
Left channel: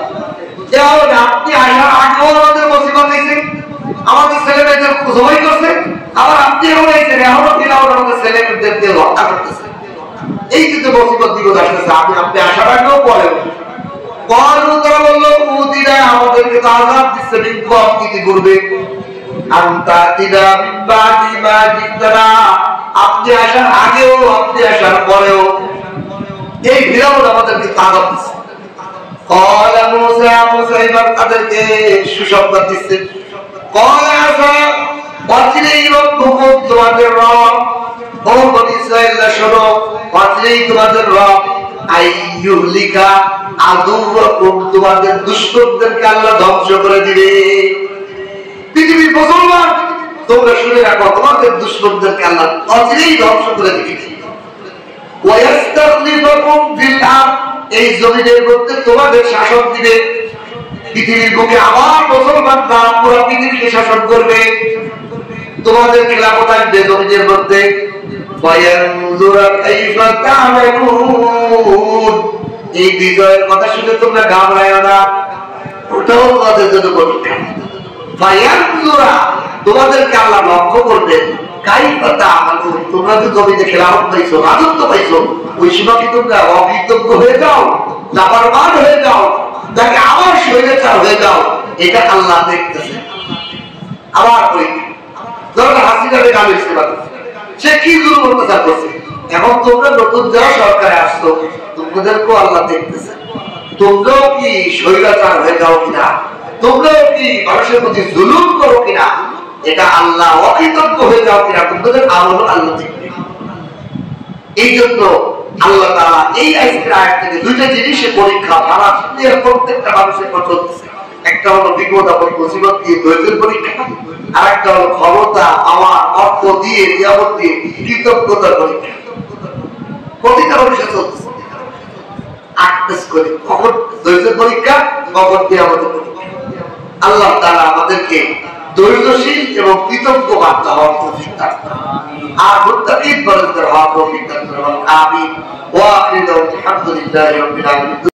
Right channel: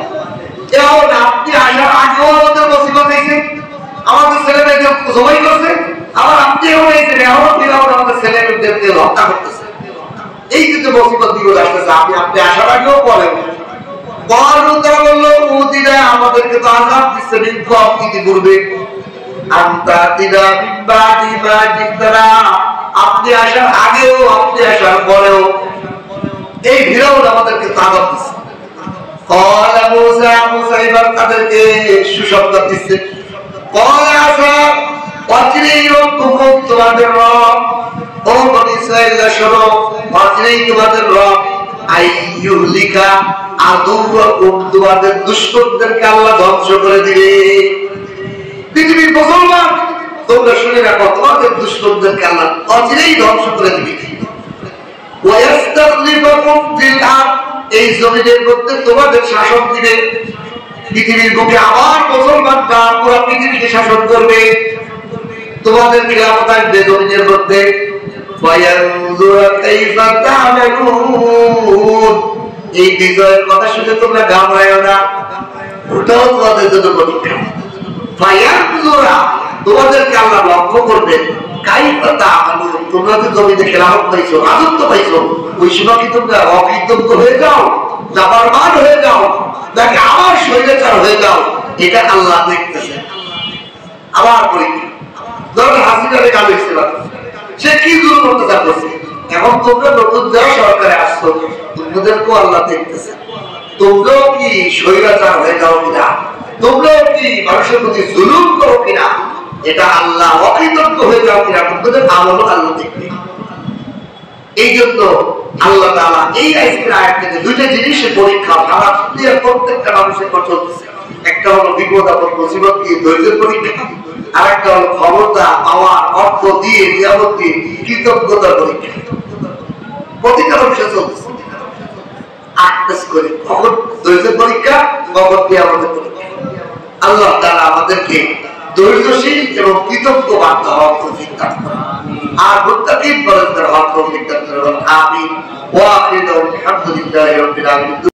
এখন আপনি আসার আগেও আমাদের মুসিবত দিয়েছেন, আমাদের ছেলে মেয়েদের জবাই করছে, আবার আপনি এখন এইছেন, এখনো ফিরাউন আমাদের ছেলে মেয়েদের হত্যা করতেছে। এই যে মুসিবত বিপদ আসতেছে, আপনি আসার আগেও পরেও তারা বললো উযিলা, আমাদেরকে তো আযাব দিচ্ছে, বিক্ষোভ ইতিপূর্বে, আনতা তিনা মিন বা'দি মা জি'তানা, আপনি আসার আগেও আপনি আসার পরেও এই ফিরাউন আমাদেরকে আযাব দিচ্ছে। ক্বালা মূসা, মূসা এবার তাদেরকে সুসংবাদ দিচ্ছে, ক্বালা আসা ওয়াজরেই রব্বুকুম, তোমাদের রব, ও বনি ইসরাঈল শোনো, ওয়াজরেই তোমাদের রব, আইয়ুহলিকা আদুওয়াকুম, তোমাদের দুশমনদেরকে আল্লাহ ধ্বংস করে দিবে। পৃথিবীর মুসলমান তোমরা শুনে রাখো, তোমাদের দুশমনদেরকে আল্লাহ অচিরেই ধ্বংস করে দিবে। ওয়ায়াস্তাখলিফাকুম ফিল আরদ, এই জমিনের মধ্যে তোমাদের শাসন দিবে। পৃথিবীর বুকে আবার মুসলমানরা পুরো পৃথিবীকে শাসন করবে, তোমাদের খিলাফত আসবে জমিনের মধ্যে। ফায়ানজুরা কাইফা তা'মালুন, এই বিজয়ের কথা শুনে তোমরা ঘাবড়ায়ো না, ওটাও তোমাদের জন্য পরীক্ষা। ফায়ানজুরা, তোমাদেরকে আল্লাহ লক্ষ্য করবেন, কাইফা তা'মালুন, তোমরা যে জমিনে খিলাফত পাইছো, রাজত্ব পাইছো, ওই সময় কি তোমরা অকৃতজ্ঞ হয়ে যাও, নাফরমান হয়ে যাও, নাকি আবার স্বৈরাচার হয়ে যাও, এটা আল্লাহ দেখতেছে। আবার পরীক্ষা। ধরো হাসিনারে গাল দিতে পারো, সে কি জুলুম অত্যাচার করছে, এখন তোমরা নতুন যারা সরকারে আসছো, তোমাদেরকেও আল্লাহ দেখতেছে, তোমরাও কি স্বৈরাচার হয়ে যাও কিনা, তোমরাও কি মানুষের প্রতি জুলুম করো কিনা, এটা আল্লাহ অকৃতজ্ঞ হয়ে যাও কিনা, তোমাদের আমল আল্লাহ দেখবে। এই জন্য আল্লাহ তাআলা এই আয়াত থেকে দুইটা জিনিসের পরীক্ষা সারা দুনিয়ার প্রত্যেকটা মানুষের উপর চলতেছে। একটা হলো বিপদ আপদ মুসিবত দিয়ে ধৈর্যের পরীক্ষা, আর একটা হলো ক্ষমতা, পাওয়ার, অর্থ দিয়ে, নিয়ামত দিয়ে কৃতজ্ঞতার পরীক্ষা। প্রতিটা মানুষের চলতেছে। আটটাস করে কখন ধৈর্যের পরীক্ষা, কখন নিয়ামতের পরীক্ষা। আল্লাহ তাআলা আমাদেরকে ধৈর্যশীল এবং কৃতজ্ঞ বার্তা হওয়ার তৌফিক দান করুন, আর মুত্তাকিন পরহেজগার হওয়ার তৌফিক দান করুন। আমিন। ওয়া আখিরু আলহামদুলিল্লাহি রাব্বিল আলামিন।